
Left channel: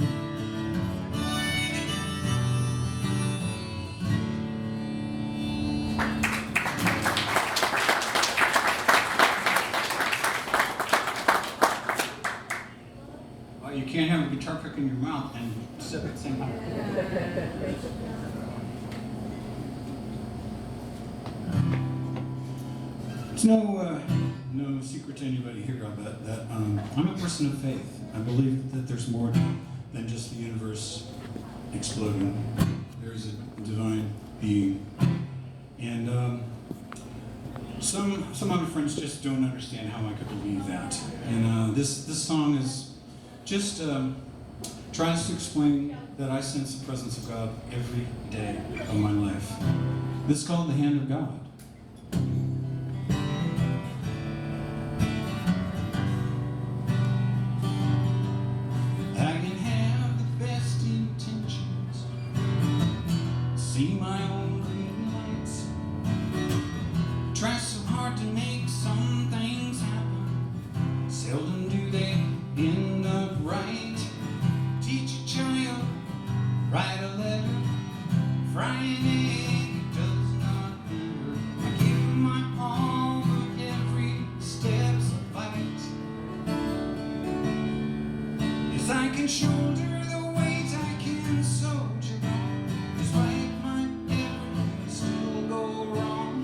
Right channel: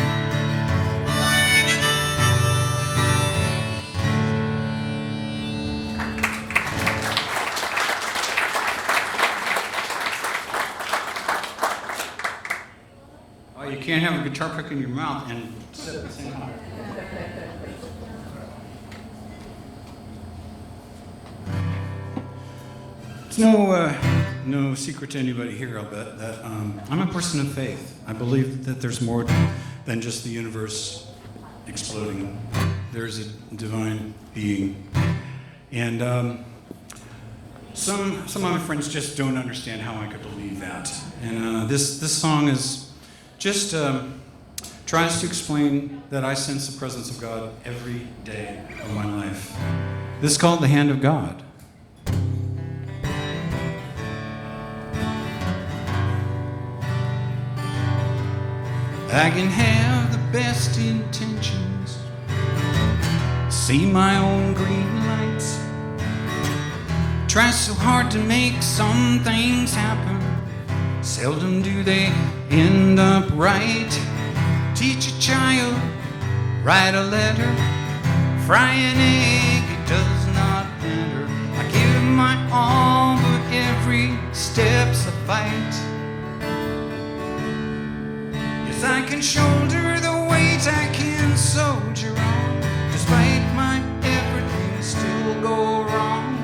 You can't have a guitar pick in your mouth and sing higher. It's no secret to anybody here, I'll bet, that I'm a person of faith. I believe that there's more than just the universe exploding. There's a divine being. And some of my friends just don't understand how I could believe that. And this song is just tries to explain that I sense the presence of God every day of my life. This is called The Hand of God. I can have the best intentions, see my own green lights, try so hard to make some things happen, seldom do they end up right. Teach a child, write a letter, fry an egg, it does not matter. I give my all, but every step's a fight. Yes, I can shoulder the weight, I can soldier on, despite my everything still go wrong.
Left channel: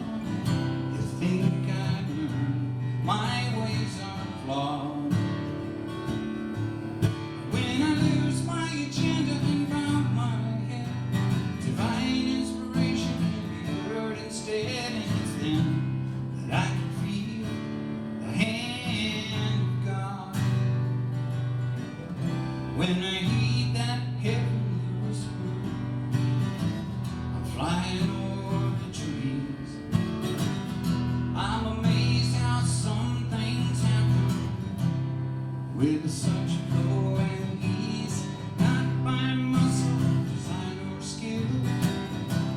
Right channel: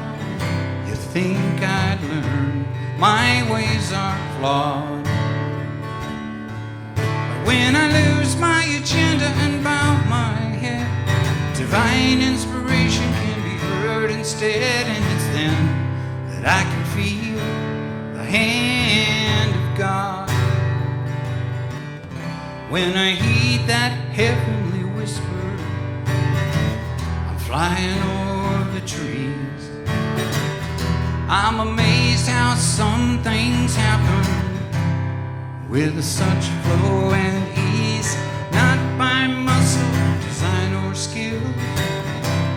You think I'd learn, my ways are flawed. When I lose my agenda and bow my head, divine inspiration can be heard instead. And it's then that I can feel the hand of God. When I heed that heavenly whisper, I'm flying over the trees. I'm amazed how some things happen with such flow and ease, not by muscle, design, or skill.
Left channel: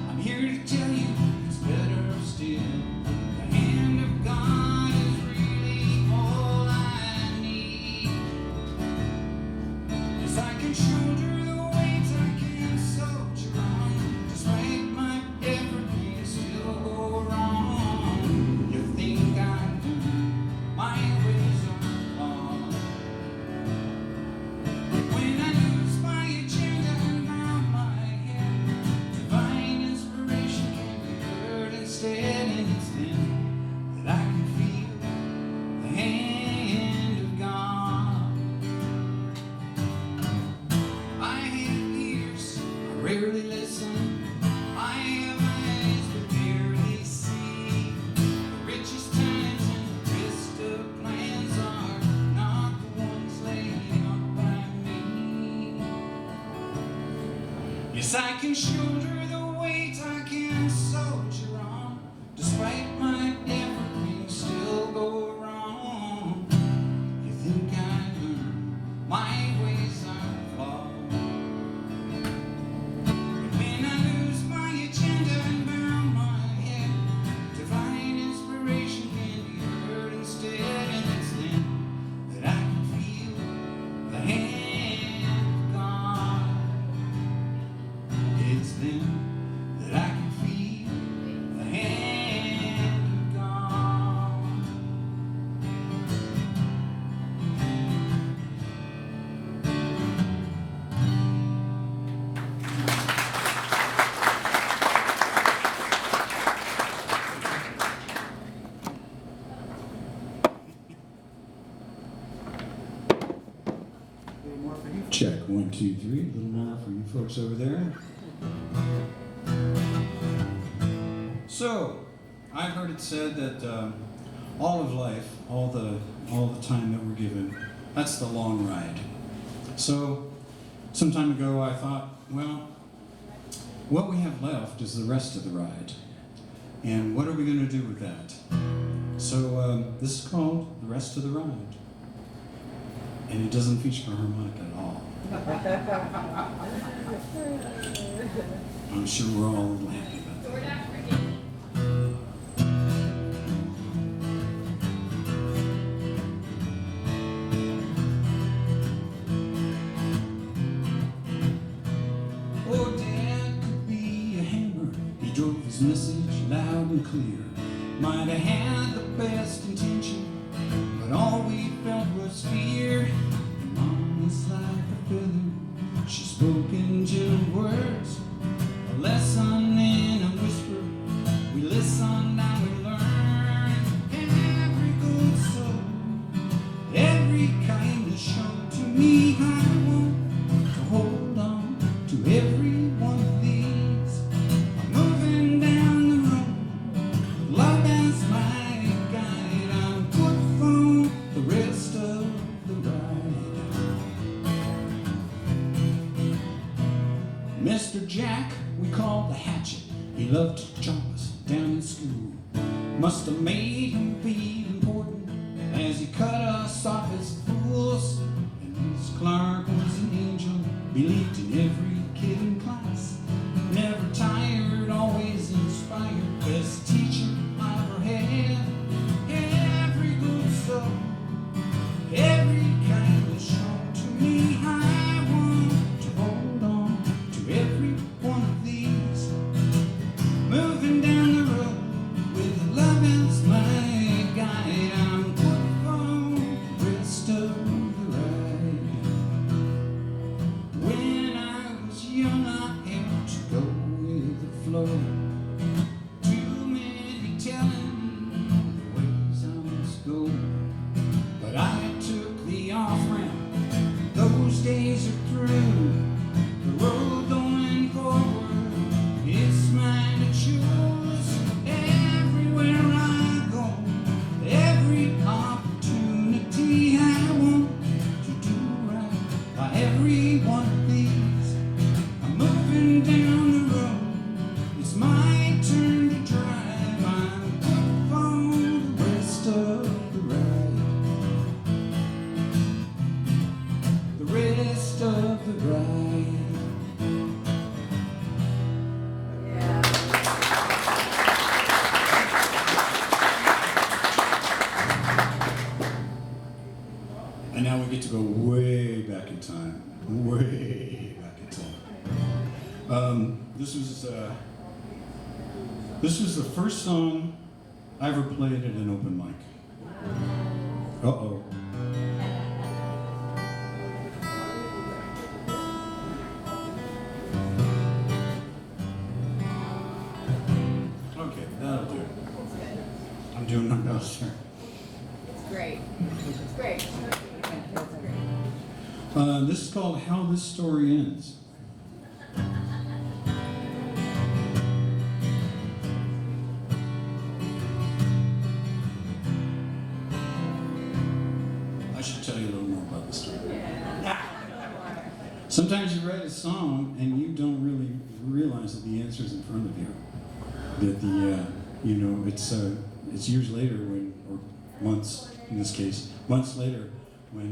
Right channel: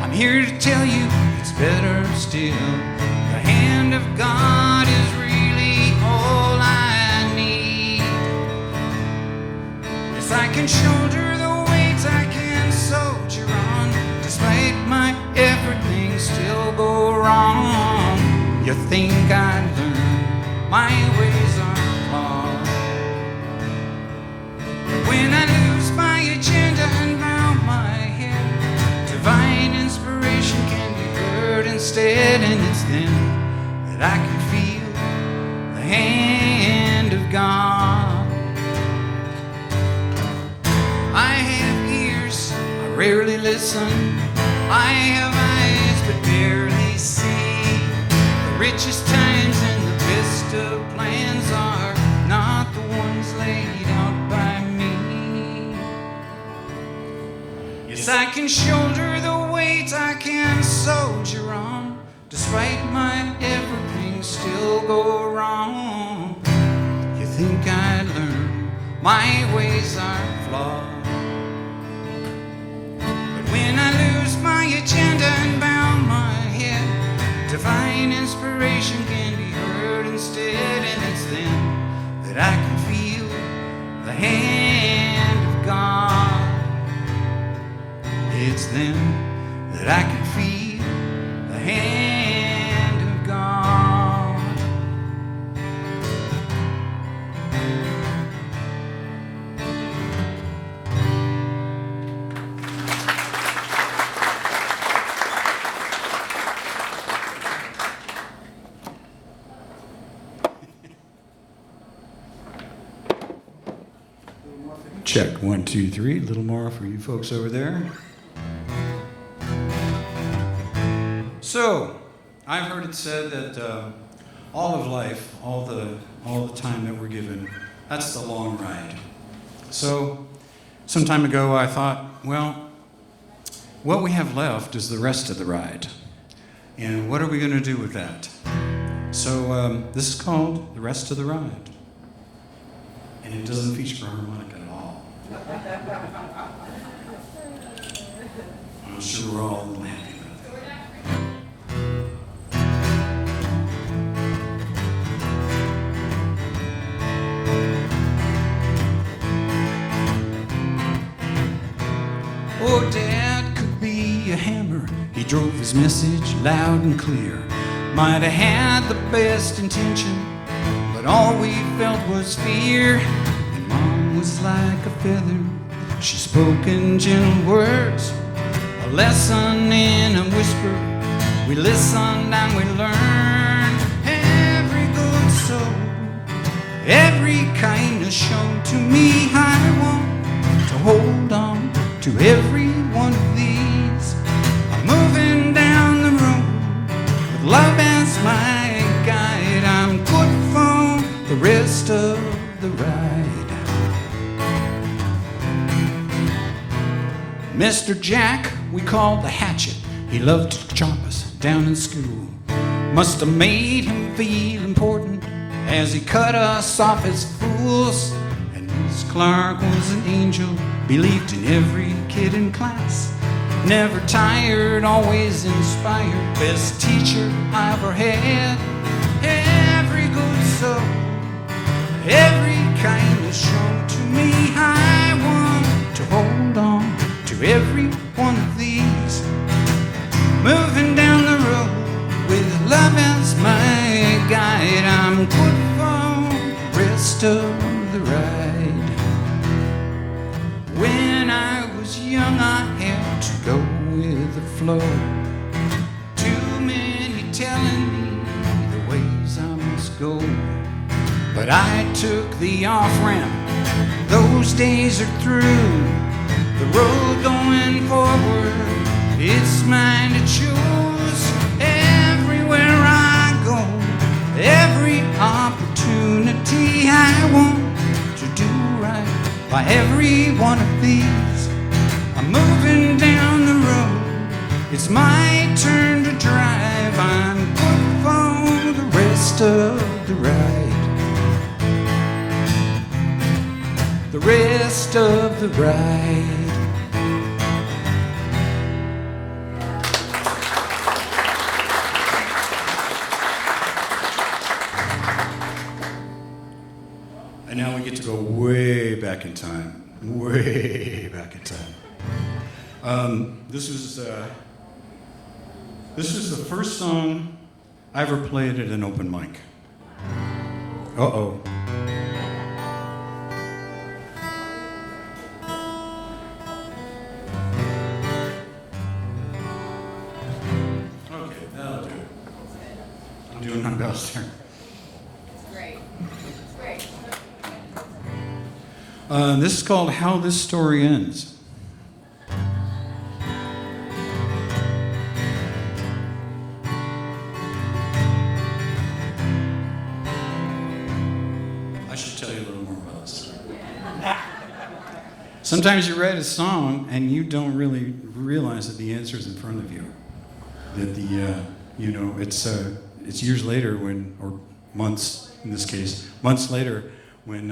I'm here to tell you it's better still. The hand of God is really all I need. Yes, I can shoulder the weight, I can soldier on, despite my everything still go wrong. You think I'd learn, my ways are can shoulder the weight, I can soldier on. Despite my everything still go wrong. You think I'd learn my ways are flawed. But when I lose my agenda and bow my head, divine inspiration can be heard instead. And it's then that I can feel the hand of God. It's then that I can feel the hand of God. Check 1, 2, 3. A little more for you folks over there. So, I've heard it said that all of life, all the time that we're given, that's the long ride. So, some time ago I thought, well, what we have left is the rest of the ride. And what are we going to do with that? So, this is called The Rest of the Ride. And it doesn't feature harmonica at all. I'm sure we're all happy about that. Oh, Dad could be a hammer. He drove his message loud and clear. Might have had the best intention, but all we felt was fear. And Mom was like a feather. She spoke in gentle words, a lesson in a whisper. We listened and we learned. Every good soul, every kindness shown to me, I want to hold on to every one of these. I'm moving down the road with love as my guide. I'm good for the rest of the ride. Mr. Jack, we called the hatchet. He loved to chop us down in school. Must have made him feel important as he cut us off as fools. And Miss Clark was an angel, believed in every kid in class. Never tired, always inspired, best teacher I ever had. Every good soul, every kindness shown to me, I want to hold on to every one of these. Moving down the road with love as my guide. I'm good for the rest of the ride. When I was young, I had to go with the flow. Too many telling me the ways I must go. But I took the off-ramp, those days are through. The road going forward, it's mine to choose. Everywhere I go, every opportunity, I want to do right by every one of these. I'm moving down the road, it's my turn to drive. I'm good for the rest of the ride. The rest of the ride. And now we get to go way back in time. Way back in time. This is the first song I ever played at an open mic. Uh-oh. Okay, that'll do. I'm doing my best here. It's great. It's great. This is called How This Story Ends. Sometimes you write a song and you don't really realize that the answer is in front of you. That it's years later or months in this case, months later when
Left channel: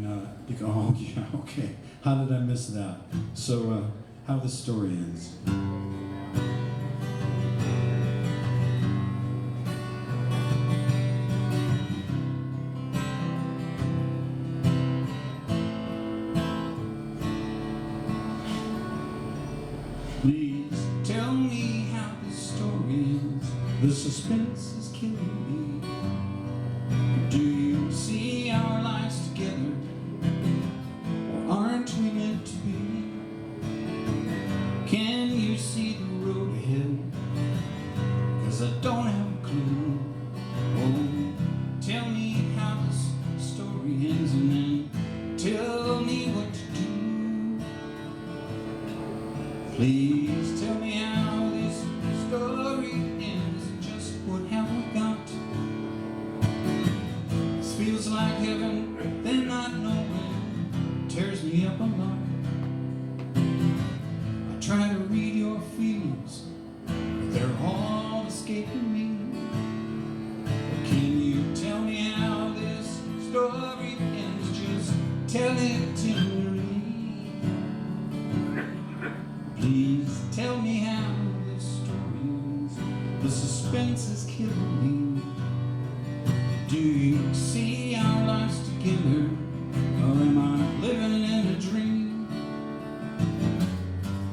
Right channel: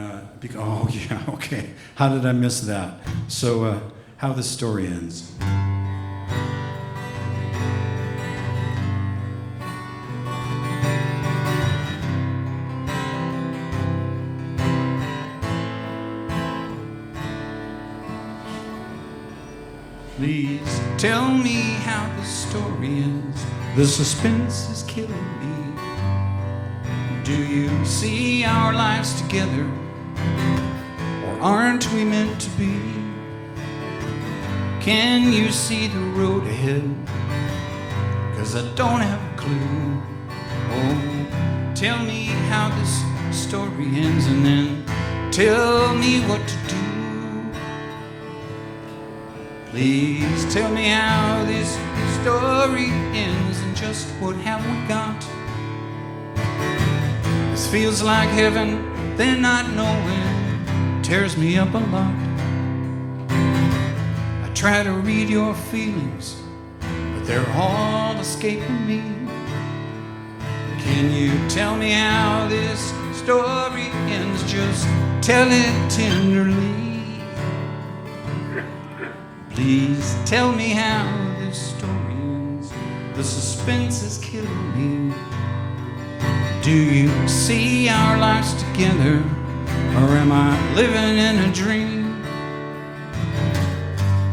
oh yeah, okay, how did I miss that? So how the story ends. Please tell me how the story ends. The suspense is killing me. Do you see our lives together? Or aren't we meant to be? Can you see the road ahead? 'Cause I don't have a clue. Oh, tell me how this story ends and then tell me what to do. Please tell me how this story ends and just what have we got. This feels like heaven, then not knowing tears me up a lot. I try to read your feelings, but they're all escaping me. Can you tell me how this story ends? Just tell it tenderly. Please tell me how this story ends. The suspense is killing me. Do you see our lives together, or am I living in a dream?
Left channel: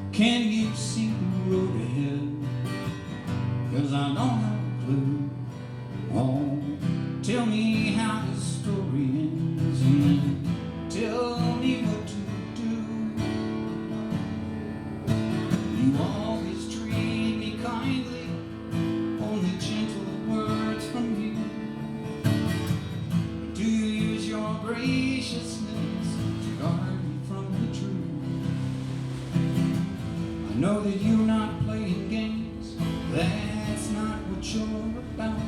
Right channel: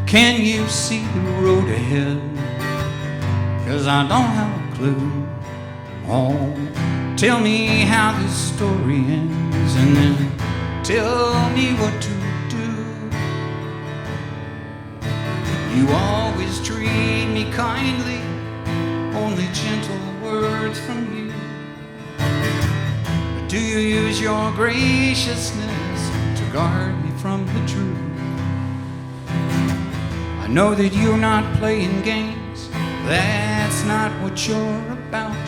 Can you see the road ahead? 'Cause I don't have a clue. Oh, tell me how this story ends, and then tell me what to. You always treat me kindly, only gentle words from you. But do you use your graciousness to guard me from the truth? I know that you're not playing games, that's not what you're about.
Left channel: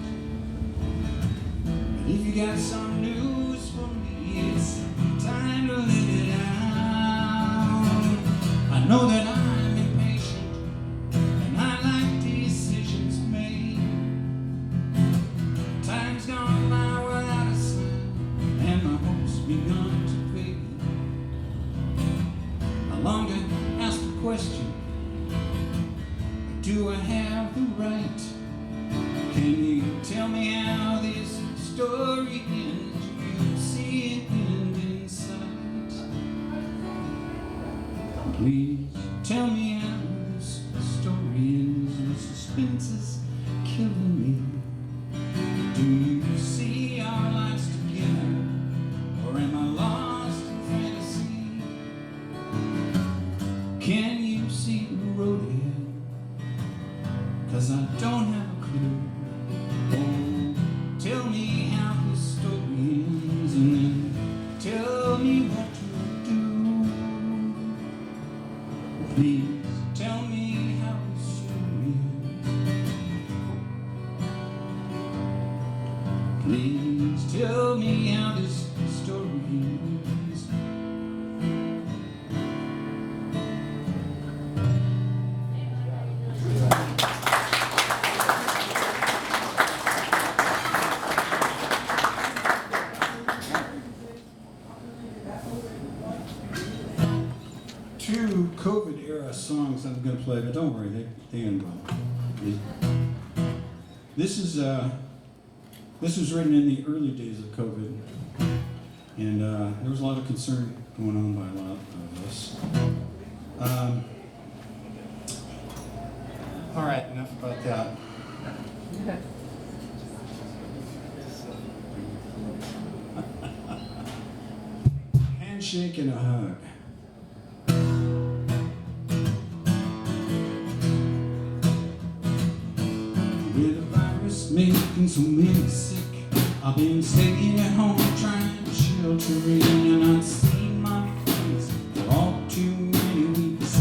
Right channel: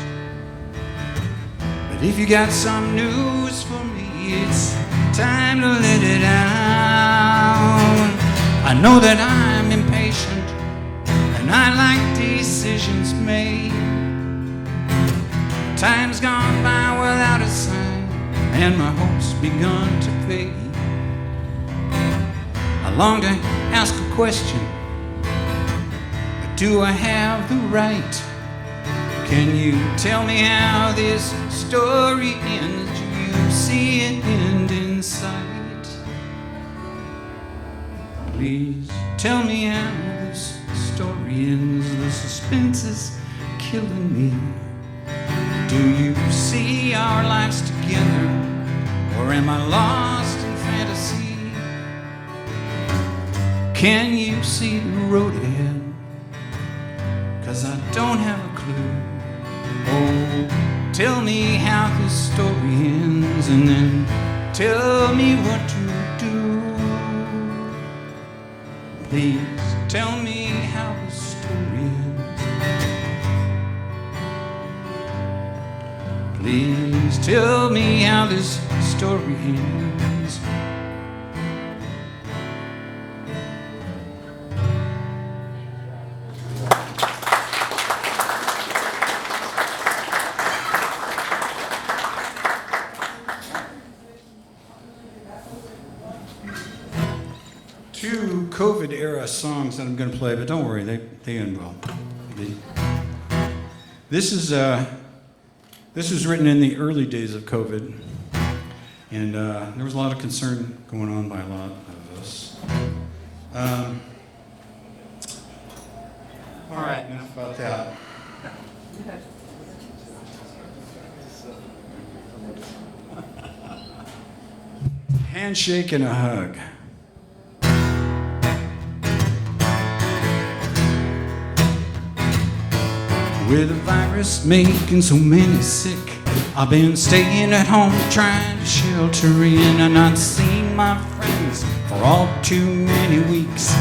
But if you got some news for me, it's time to let it out. I know that I'm impatient, and I like decisions made. Time's gone by without a sign, and my hope's begun to fade. I long to ask a question, but do I have the right? Can you tell me how this story ends? Do you see it end in sight? Please tell me how this story ends. The suspense is killing me. Do you see our lives together, or am I lost in fantasy? Can you see the road ahead? 'Cause I don't have a clue. Oh, tell me how this story ends, and then tell me what to do. Please tell me how the story ends. Please tell me how this story ends. Two COVID-era songs that I'm going to play, but don't worry, they end well. This was written in the early days of COVID, and there was a lot of concern going on by a lot of us. All right, enough about that. Handshake and a hug. With the virus making so many sick, I've been staying at home trying to shelter in, and not seeing my friends for all too many weeks.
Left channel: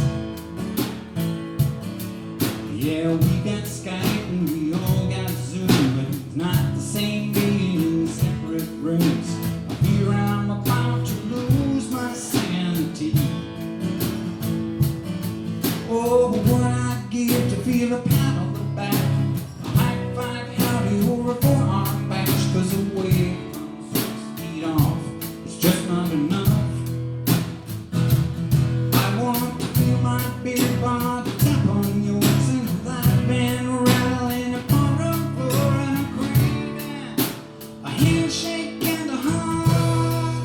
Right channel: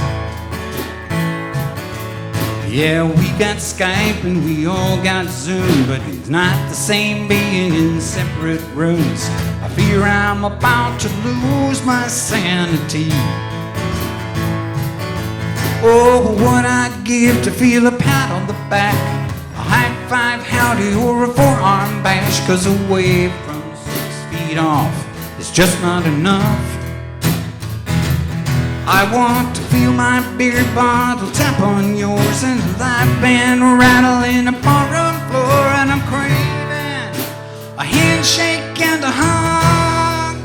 Yeah, we got Skype and we all got Zoom, but it's not the same being in separate rooms. I fear I'm about to lose my sanity. Oh, what I'd give to feel a pat on the back, a high five howdy or a forearm bash, 'cause a wave from 6 feet off is just not enough. I want to feel my beer bottle tap on yours and a live band rattling upon the floor, and I'm craving a handshake and a hug.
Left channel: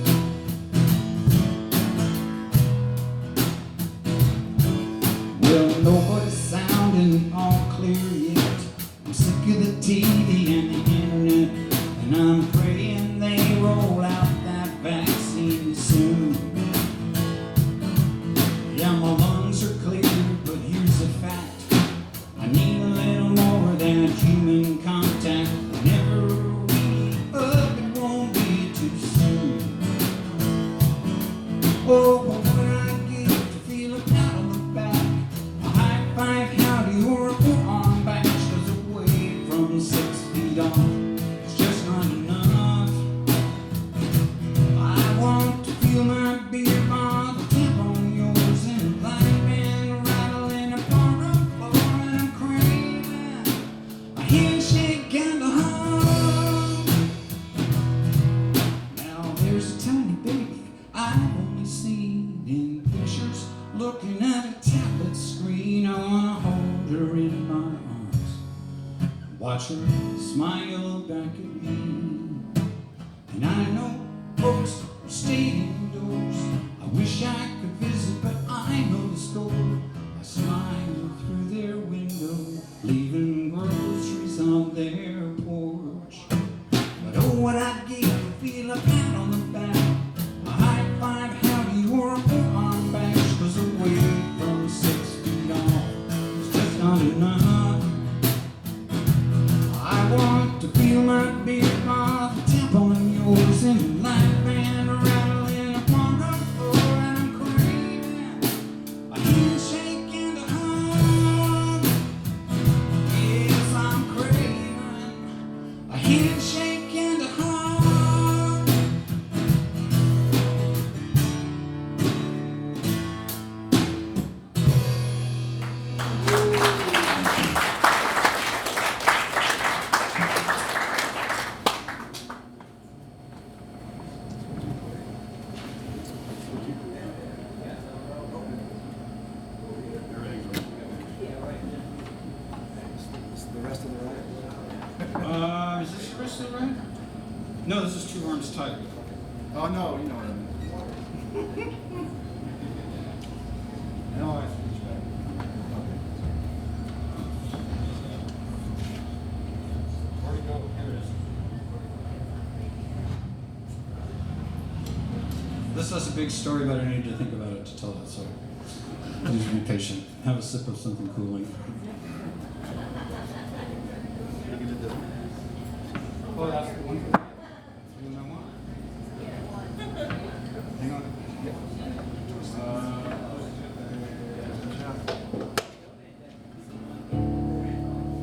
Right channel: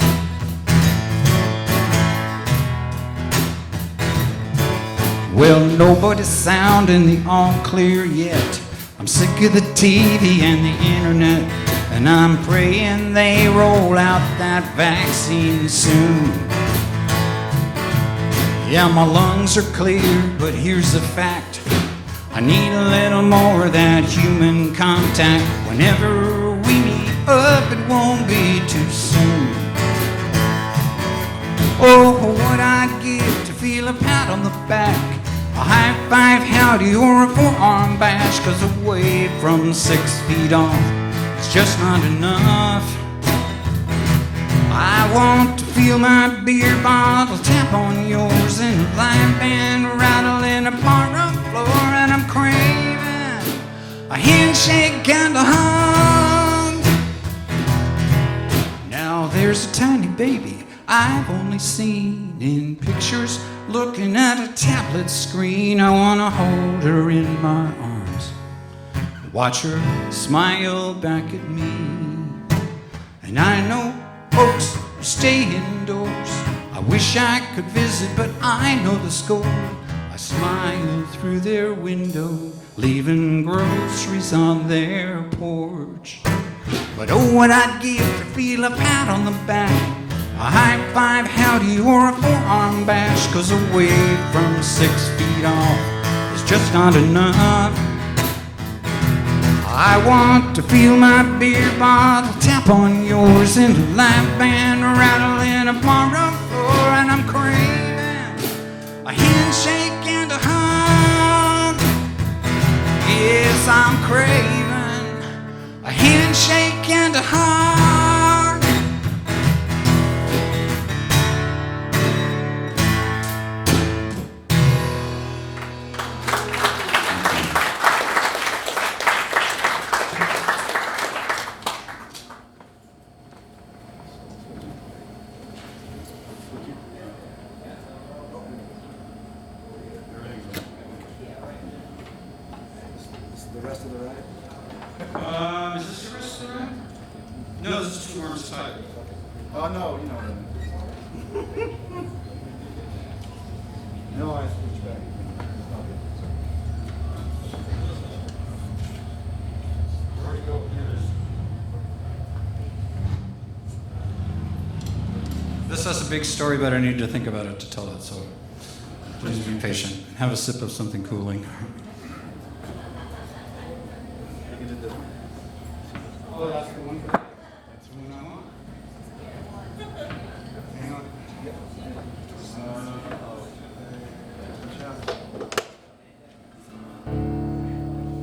Well, nobody's sounding the all clear yet. I'm sick of the TV and the internet, and I'm praying they roll out that vaccine soon. Yeah, my lungs are clear, but here's the fact. I need a little more of that human contact. Whenever we meet up, it won't be too soon. Oh, what I'd give to feel a pat on the back, a high five howdy or a forearm bash, 'cause a wave from 6 feet off is just not enough. I want to feel my beer bottle tap on yours and a live band rattling upon the floor, and I'm craving a handshake and a hug. Now there's a tiny baby I've only seen in pictures, looking at a tablet screen. I wanna hold her in my arms, watch her smile back at me. And I know folks stay indoors. I wish I could visit, but I know the score. I smile through their window, leaving groceries on their porch. But oh, what I'd give to feel a pat on the back, a high five howdy or a forearm bash, 'cause a wave from 6 feet off is just not enough. I want to feel my beer bottle tap on yours and a live band rattling upon the floor, and I'm craving a handshake and a hug. Yes, I'm craving a handshake and a hug. No, this is 2 arms tight. Oh, no, you know what I mean. No, I switch back. Okay. Where'd he go? Here it is. This has a big story, but I need to think about it to tell it, so please be patient. Have a sip of something cooling. Oh, that's the one.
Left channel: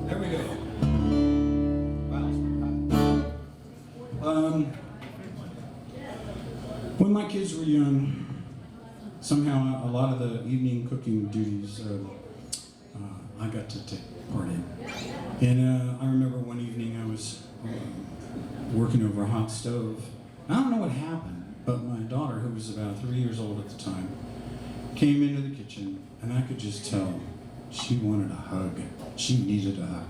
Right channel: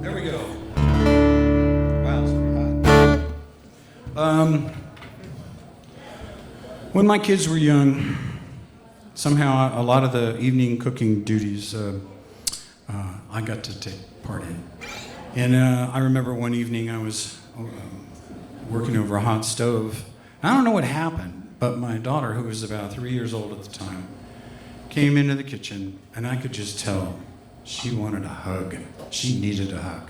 There we go. Wow, it's pretty hot. When my kids were young, somehow a lot of the evening cooking duties I got to take part in. And I remember one evening I was working over a hot stove. I don't know what happened, but my daughter, who was about 3 years old at the time, came into the kitchen, and I could just tell she wanted a hug. She needed a hug.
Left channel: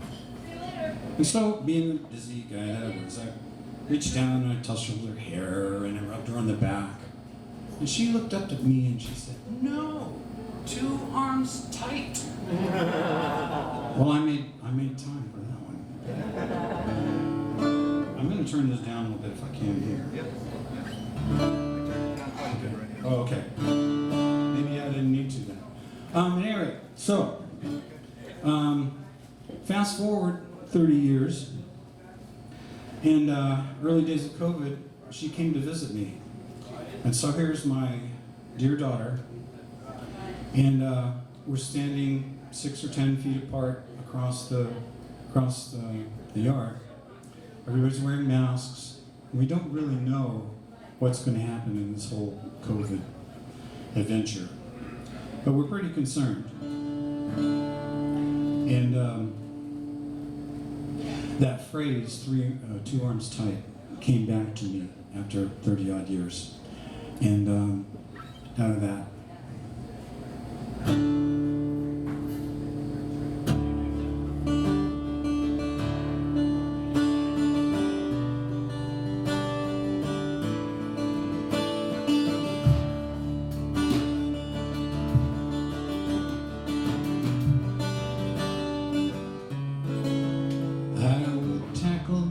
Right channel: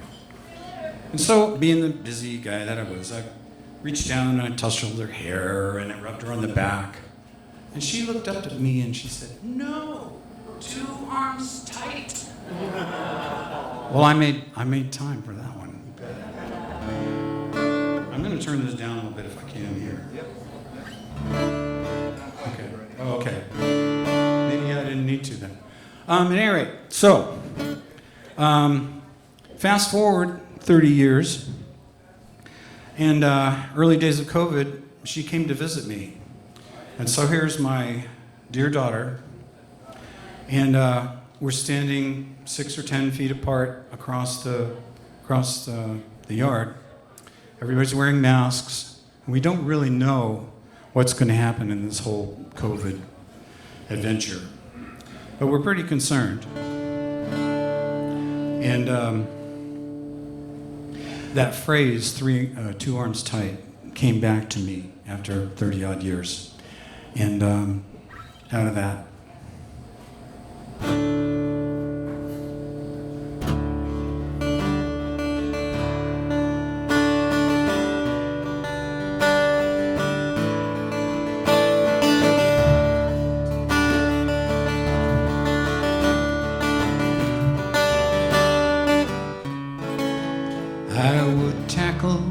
And so, being the busy guy that I was, I reached down and I touched her with her hair and I rubbed her on the back. And she looked up to me and she said, "No, 2 arms tight." Well, I made time for that one. I'm going to turn this down a bit if I can here. Yep. Okay. Maybe I didn't need to then. At any rate, so fast forward 30 years, and early days of COVID, she came to visit me. And so here's my dear daughter, and we're standing 6 or 10 feet apart across the yard. Everybody's wearing masks. We don't really know what's going to happen in this whole COVID adventure, but we're pretty concerned. And that phrase, two arms tight, came back to me after 30 odd years. And out of that, I would tackle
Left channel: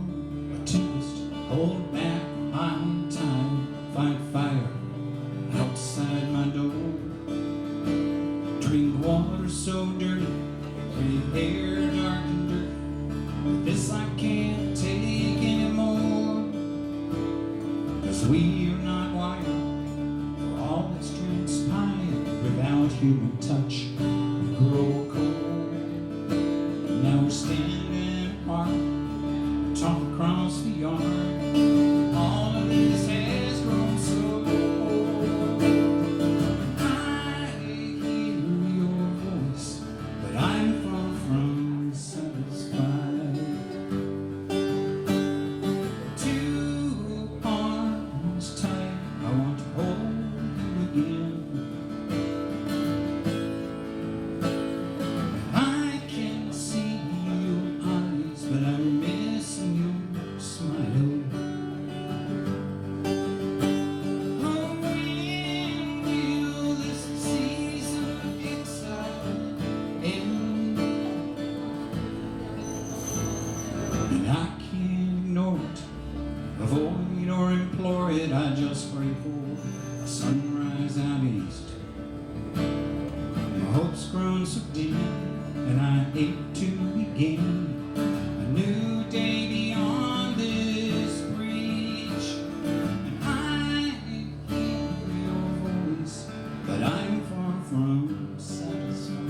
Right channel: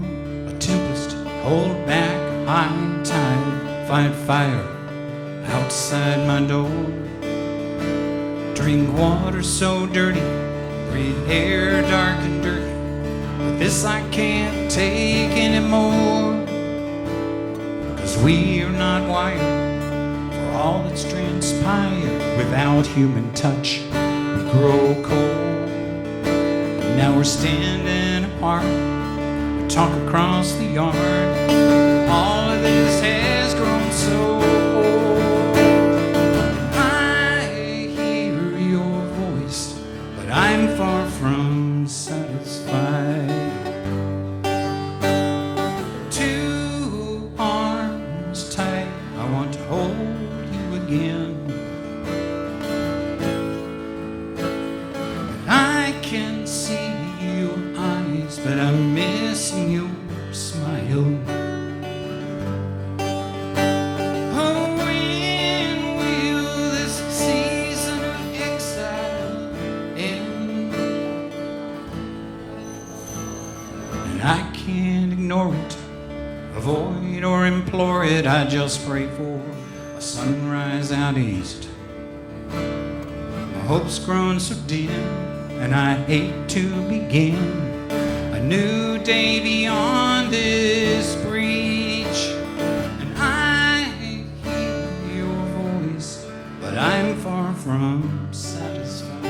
a tempest, hold back high tide, fight fire outside my door, drink water so dirty, breathe air dark and dirty, but this I can't take anymore, 'cause we are not wired for all that's transpired. Without human touch, we grow cold. Now we're standing apart, we talk across the yard. All of this has grown so old. I hear your voice, but I'm far from satisfied. Two arms tight, I want to hold you again. I can see your eyes, but I'm missing your smile. Oh, when will this season of exile end? And I can't ignore it, avoid or implore it. I just pray for a sunrise out east. My hope's grown so dim, and I hate to begin a new day beyond this breach. And I hear your voice, but I'm far from satisfied.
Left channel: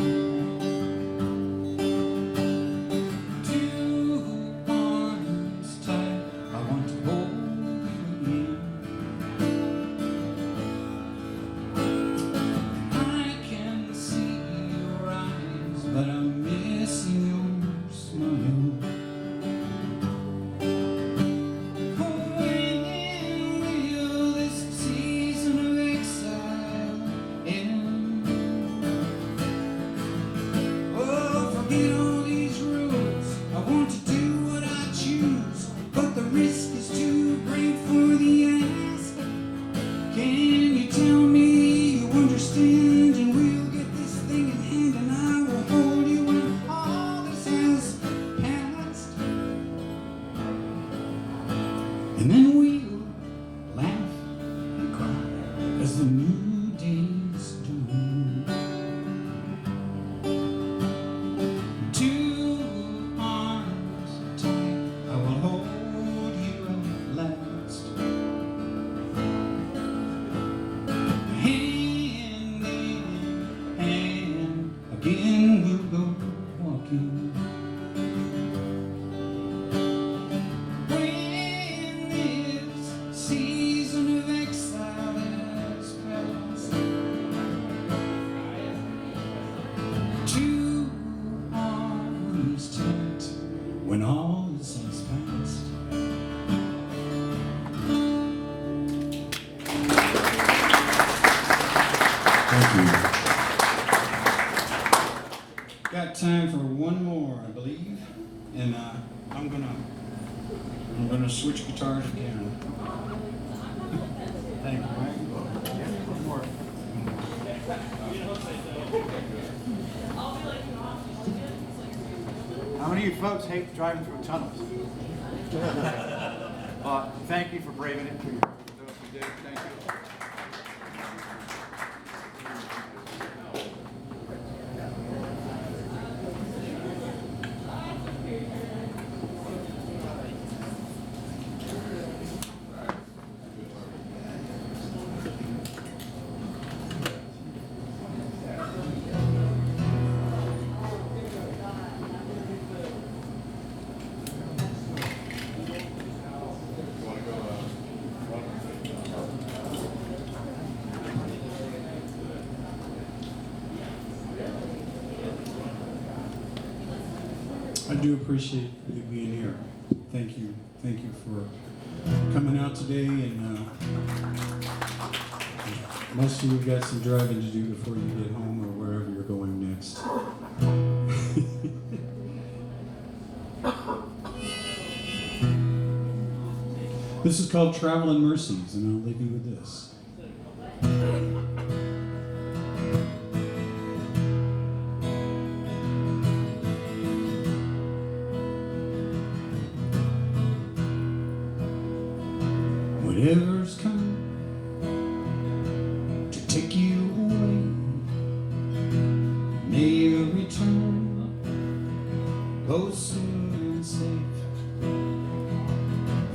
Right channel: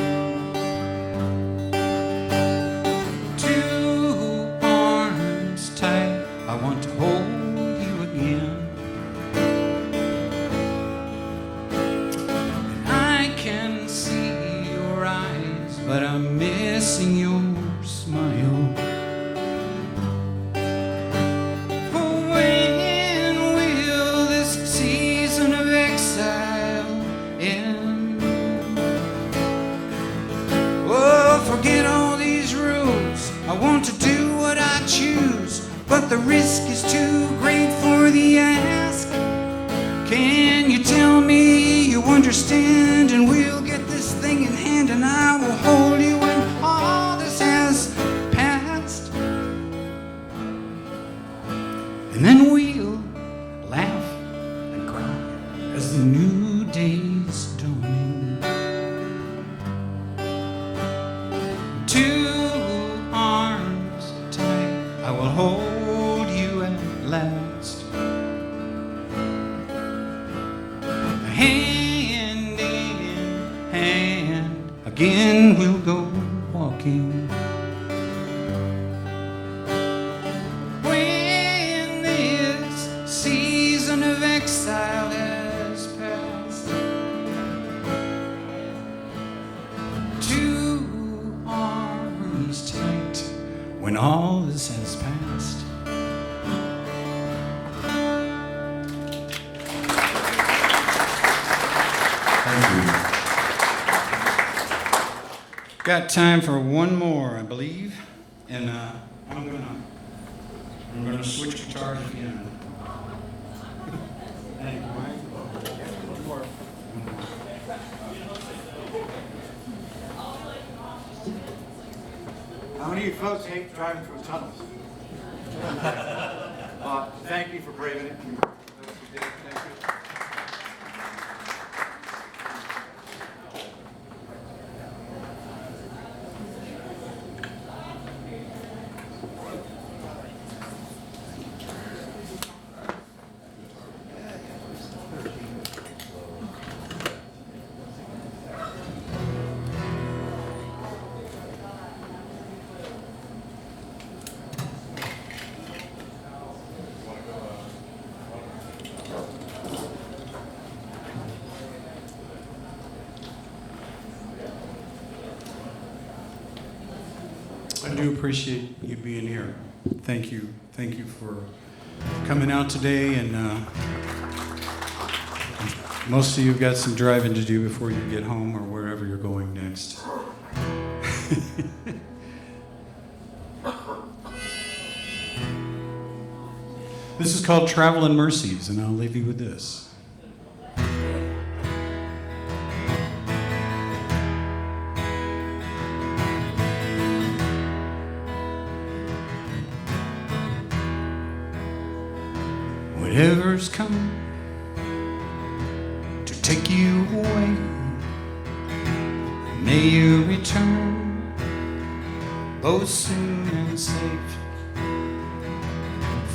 Two arms tight, I want to hold you again. I can see your eyes, but I'm missing your smile. Oh, when will this season of exile end? Oh, forget all these rules. I want to do what I choose, but the risk is too great for the ask. Can you tell me you understand, and we'll get this thing in hand, and I will hold you when all this has passed. And then we'll laugh and cry as the new day's dawning. Two arms tight, I will hold you at last. Hand in hand, again we'll go walking. When this season of exile has passed, two arms tight, when all this has passed. Got time for one more, I believe, and I'm gonna switch guitars again. Thank you, Mike. One more. How many of you folks hate driving through tunnels? Thank you for braving it. For those who did, thank you. I do appreciate you being here. Thank you. Thank you for coming out today. And most of you have got some driving to do before you get home or wherever you're going next. This is called Traveling Mercies, and I'll leave you with this. Whatever's coming to take you away, may you return both soon and safe.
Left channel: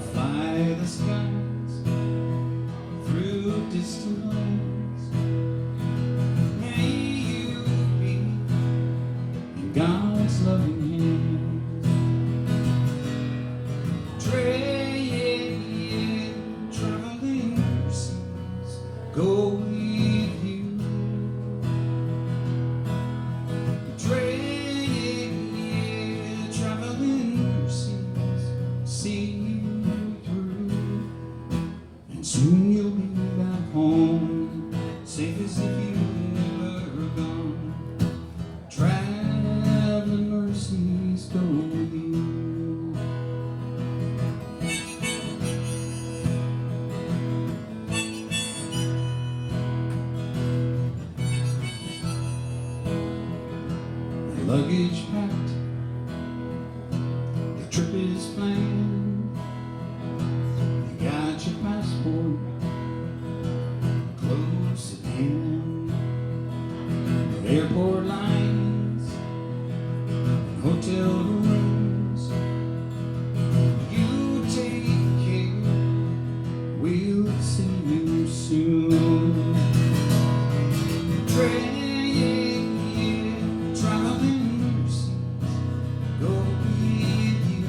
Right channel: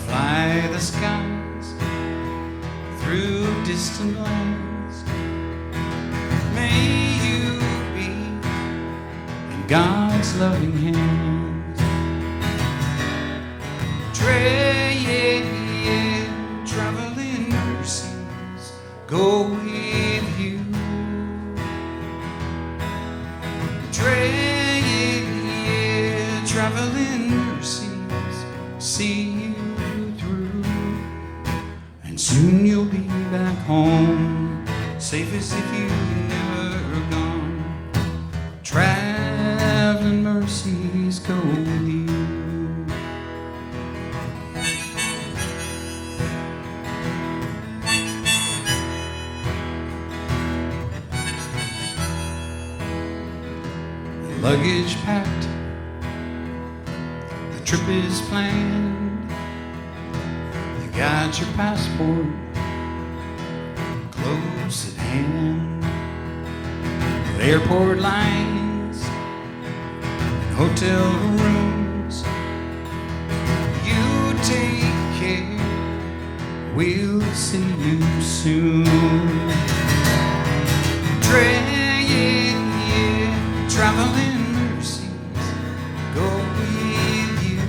Fly the skies through distant lands, may you be in God's loving hands. Traveling mercies go with you. Traveling mercies see you through, and soon you'll be back home, safe as if you've never gone. Traveling mercies go with you. Luggage packed, the trip is planned. You got your passport close at hand. Airport lines, hotel rooms, you take care, we'll see you soon. Traveling mercies go with you.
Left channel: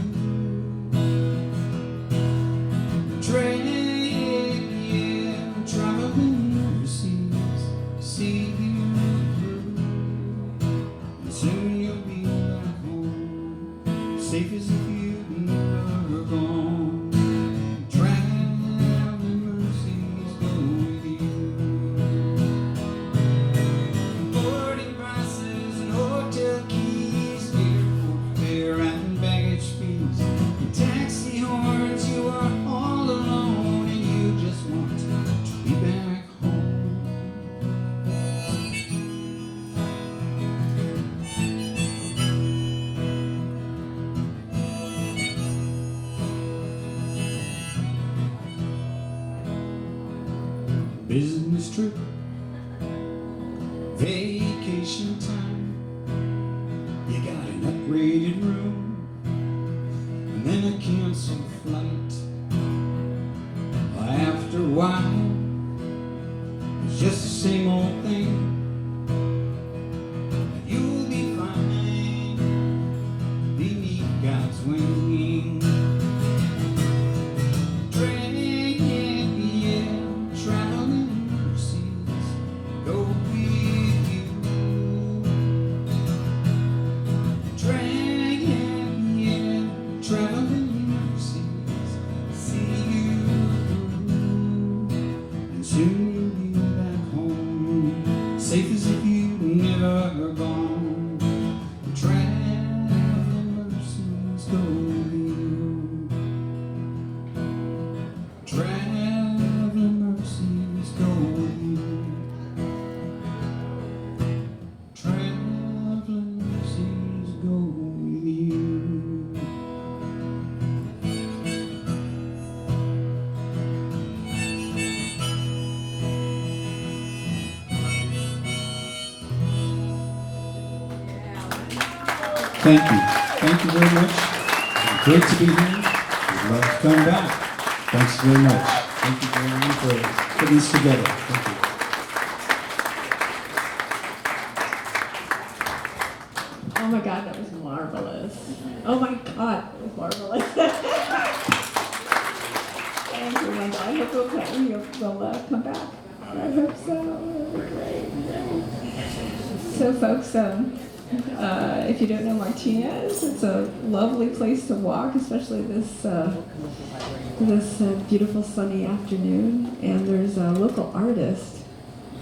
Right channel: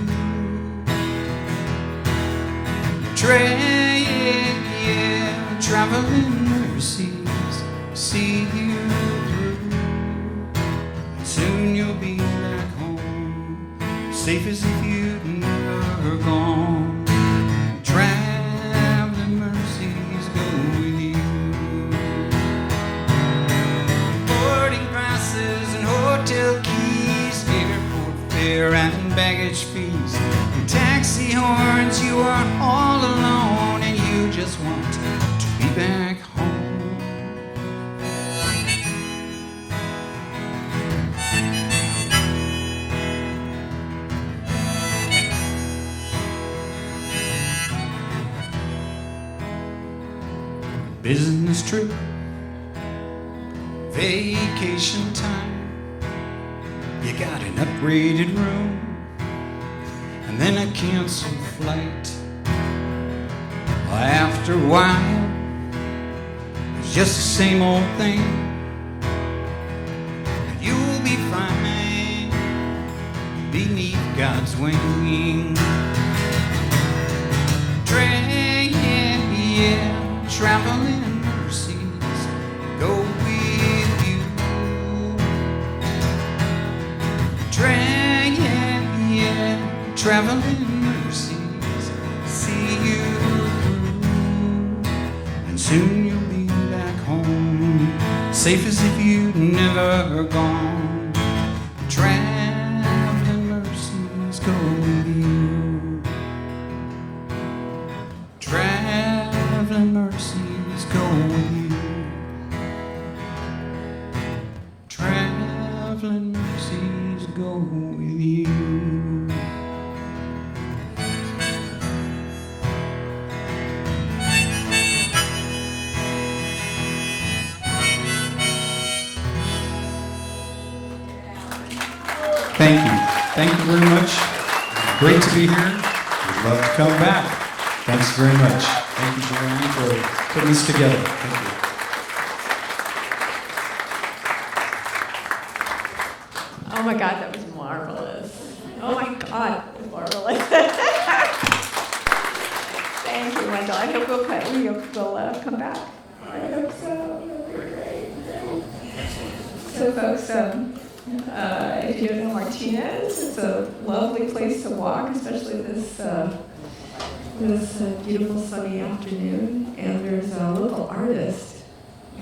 Traveling mercies see you through. Soon you'll be back home, safe as if you've never gone. Traveling mercies go with you. Boarding passes and hotel keys, airport fare and baggage fees, and taxi horns. You are all alone and you just want to be back home. Business trip, vacation time, you got an upgraded room, and then a canceled flight. After a while, it's just the same old thing. You'll be fine beneath God's wing. Traveling mercies go with you. Traveling mercies see you through, and soon you'll be back home, safe as if you've never gone. Traveling mercies go with you. Traveling mercies go with you. Traveling mercies go with you. Thank you. Thank you very much. Great to be here. Love coming back. Thanks very much. Thank you very much for putting this together. Thank you. Oh my God, that was marvelous. Oh my God, that was marvelous. Thank you, Wendell. I hope you'll come back. I hope so. Great. So. If you don't know Martinez, it's a lovely place to walk, especially this beautiful sunny afternoon. And there's a local artist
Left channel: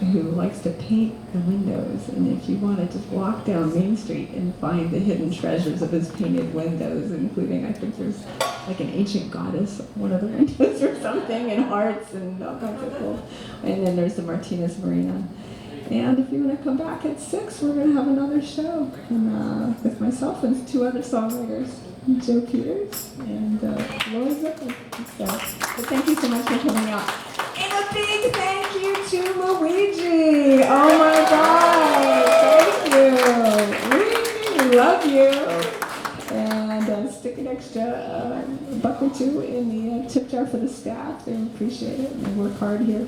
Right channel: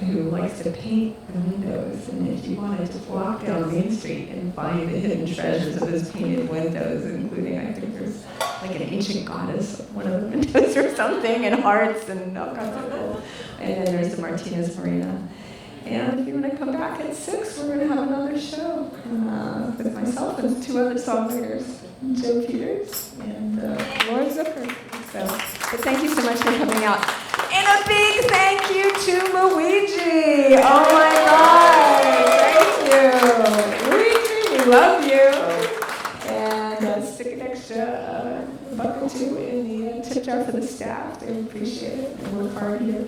who likes to paint the windows. And if you want to just walk down Main Street and find the hidden treasures of his painted windows, including, I think there's like an ancient goddess, one of the windows or something, and hearts and all kinds of cool. And then there's the Martinez Marina. And if you're going to come back at 6, we're going to have another show with myself and 2 other songwriters, Joe Peters and Lori Zipper. So thank you so much for coming out. And a big thank you to Luigi. Oh my God, thank you. Luigi, we love you. And stick an extra $1 or $2 in the tip jar for the staff. We appreciate it and work hard here.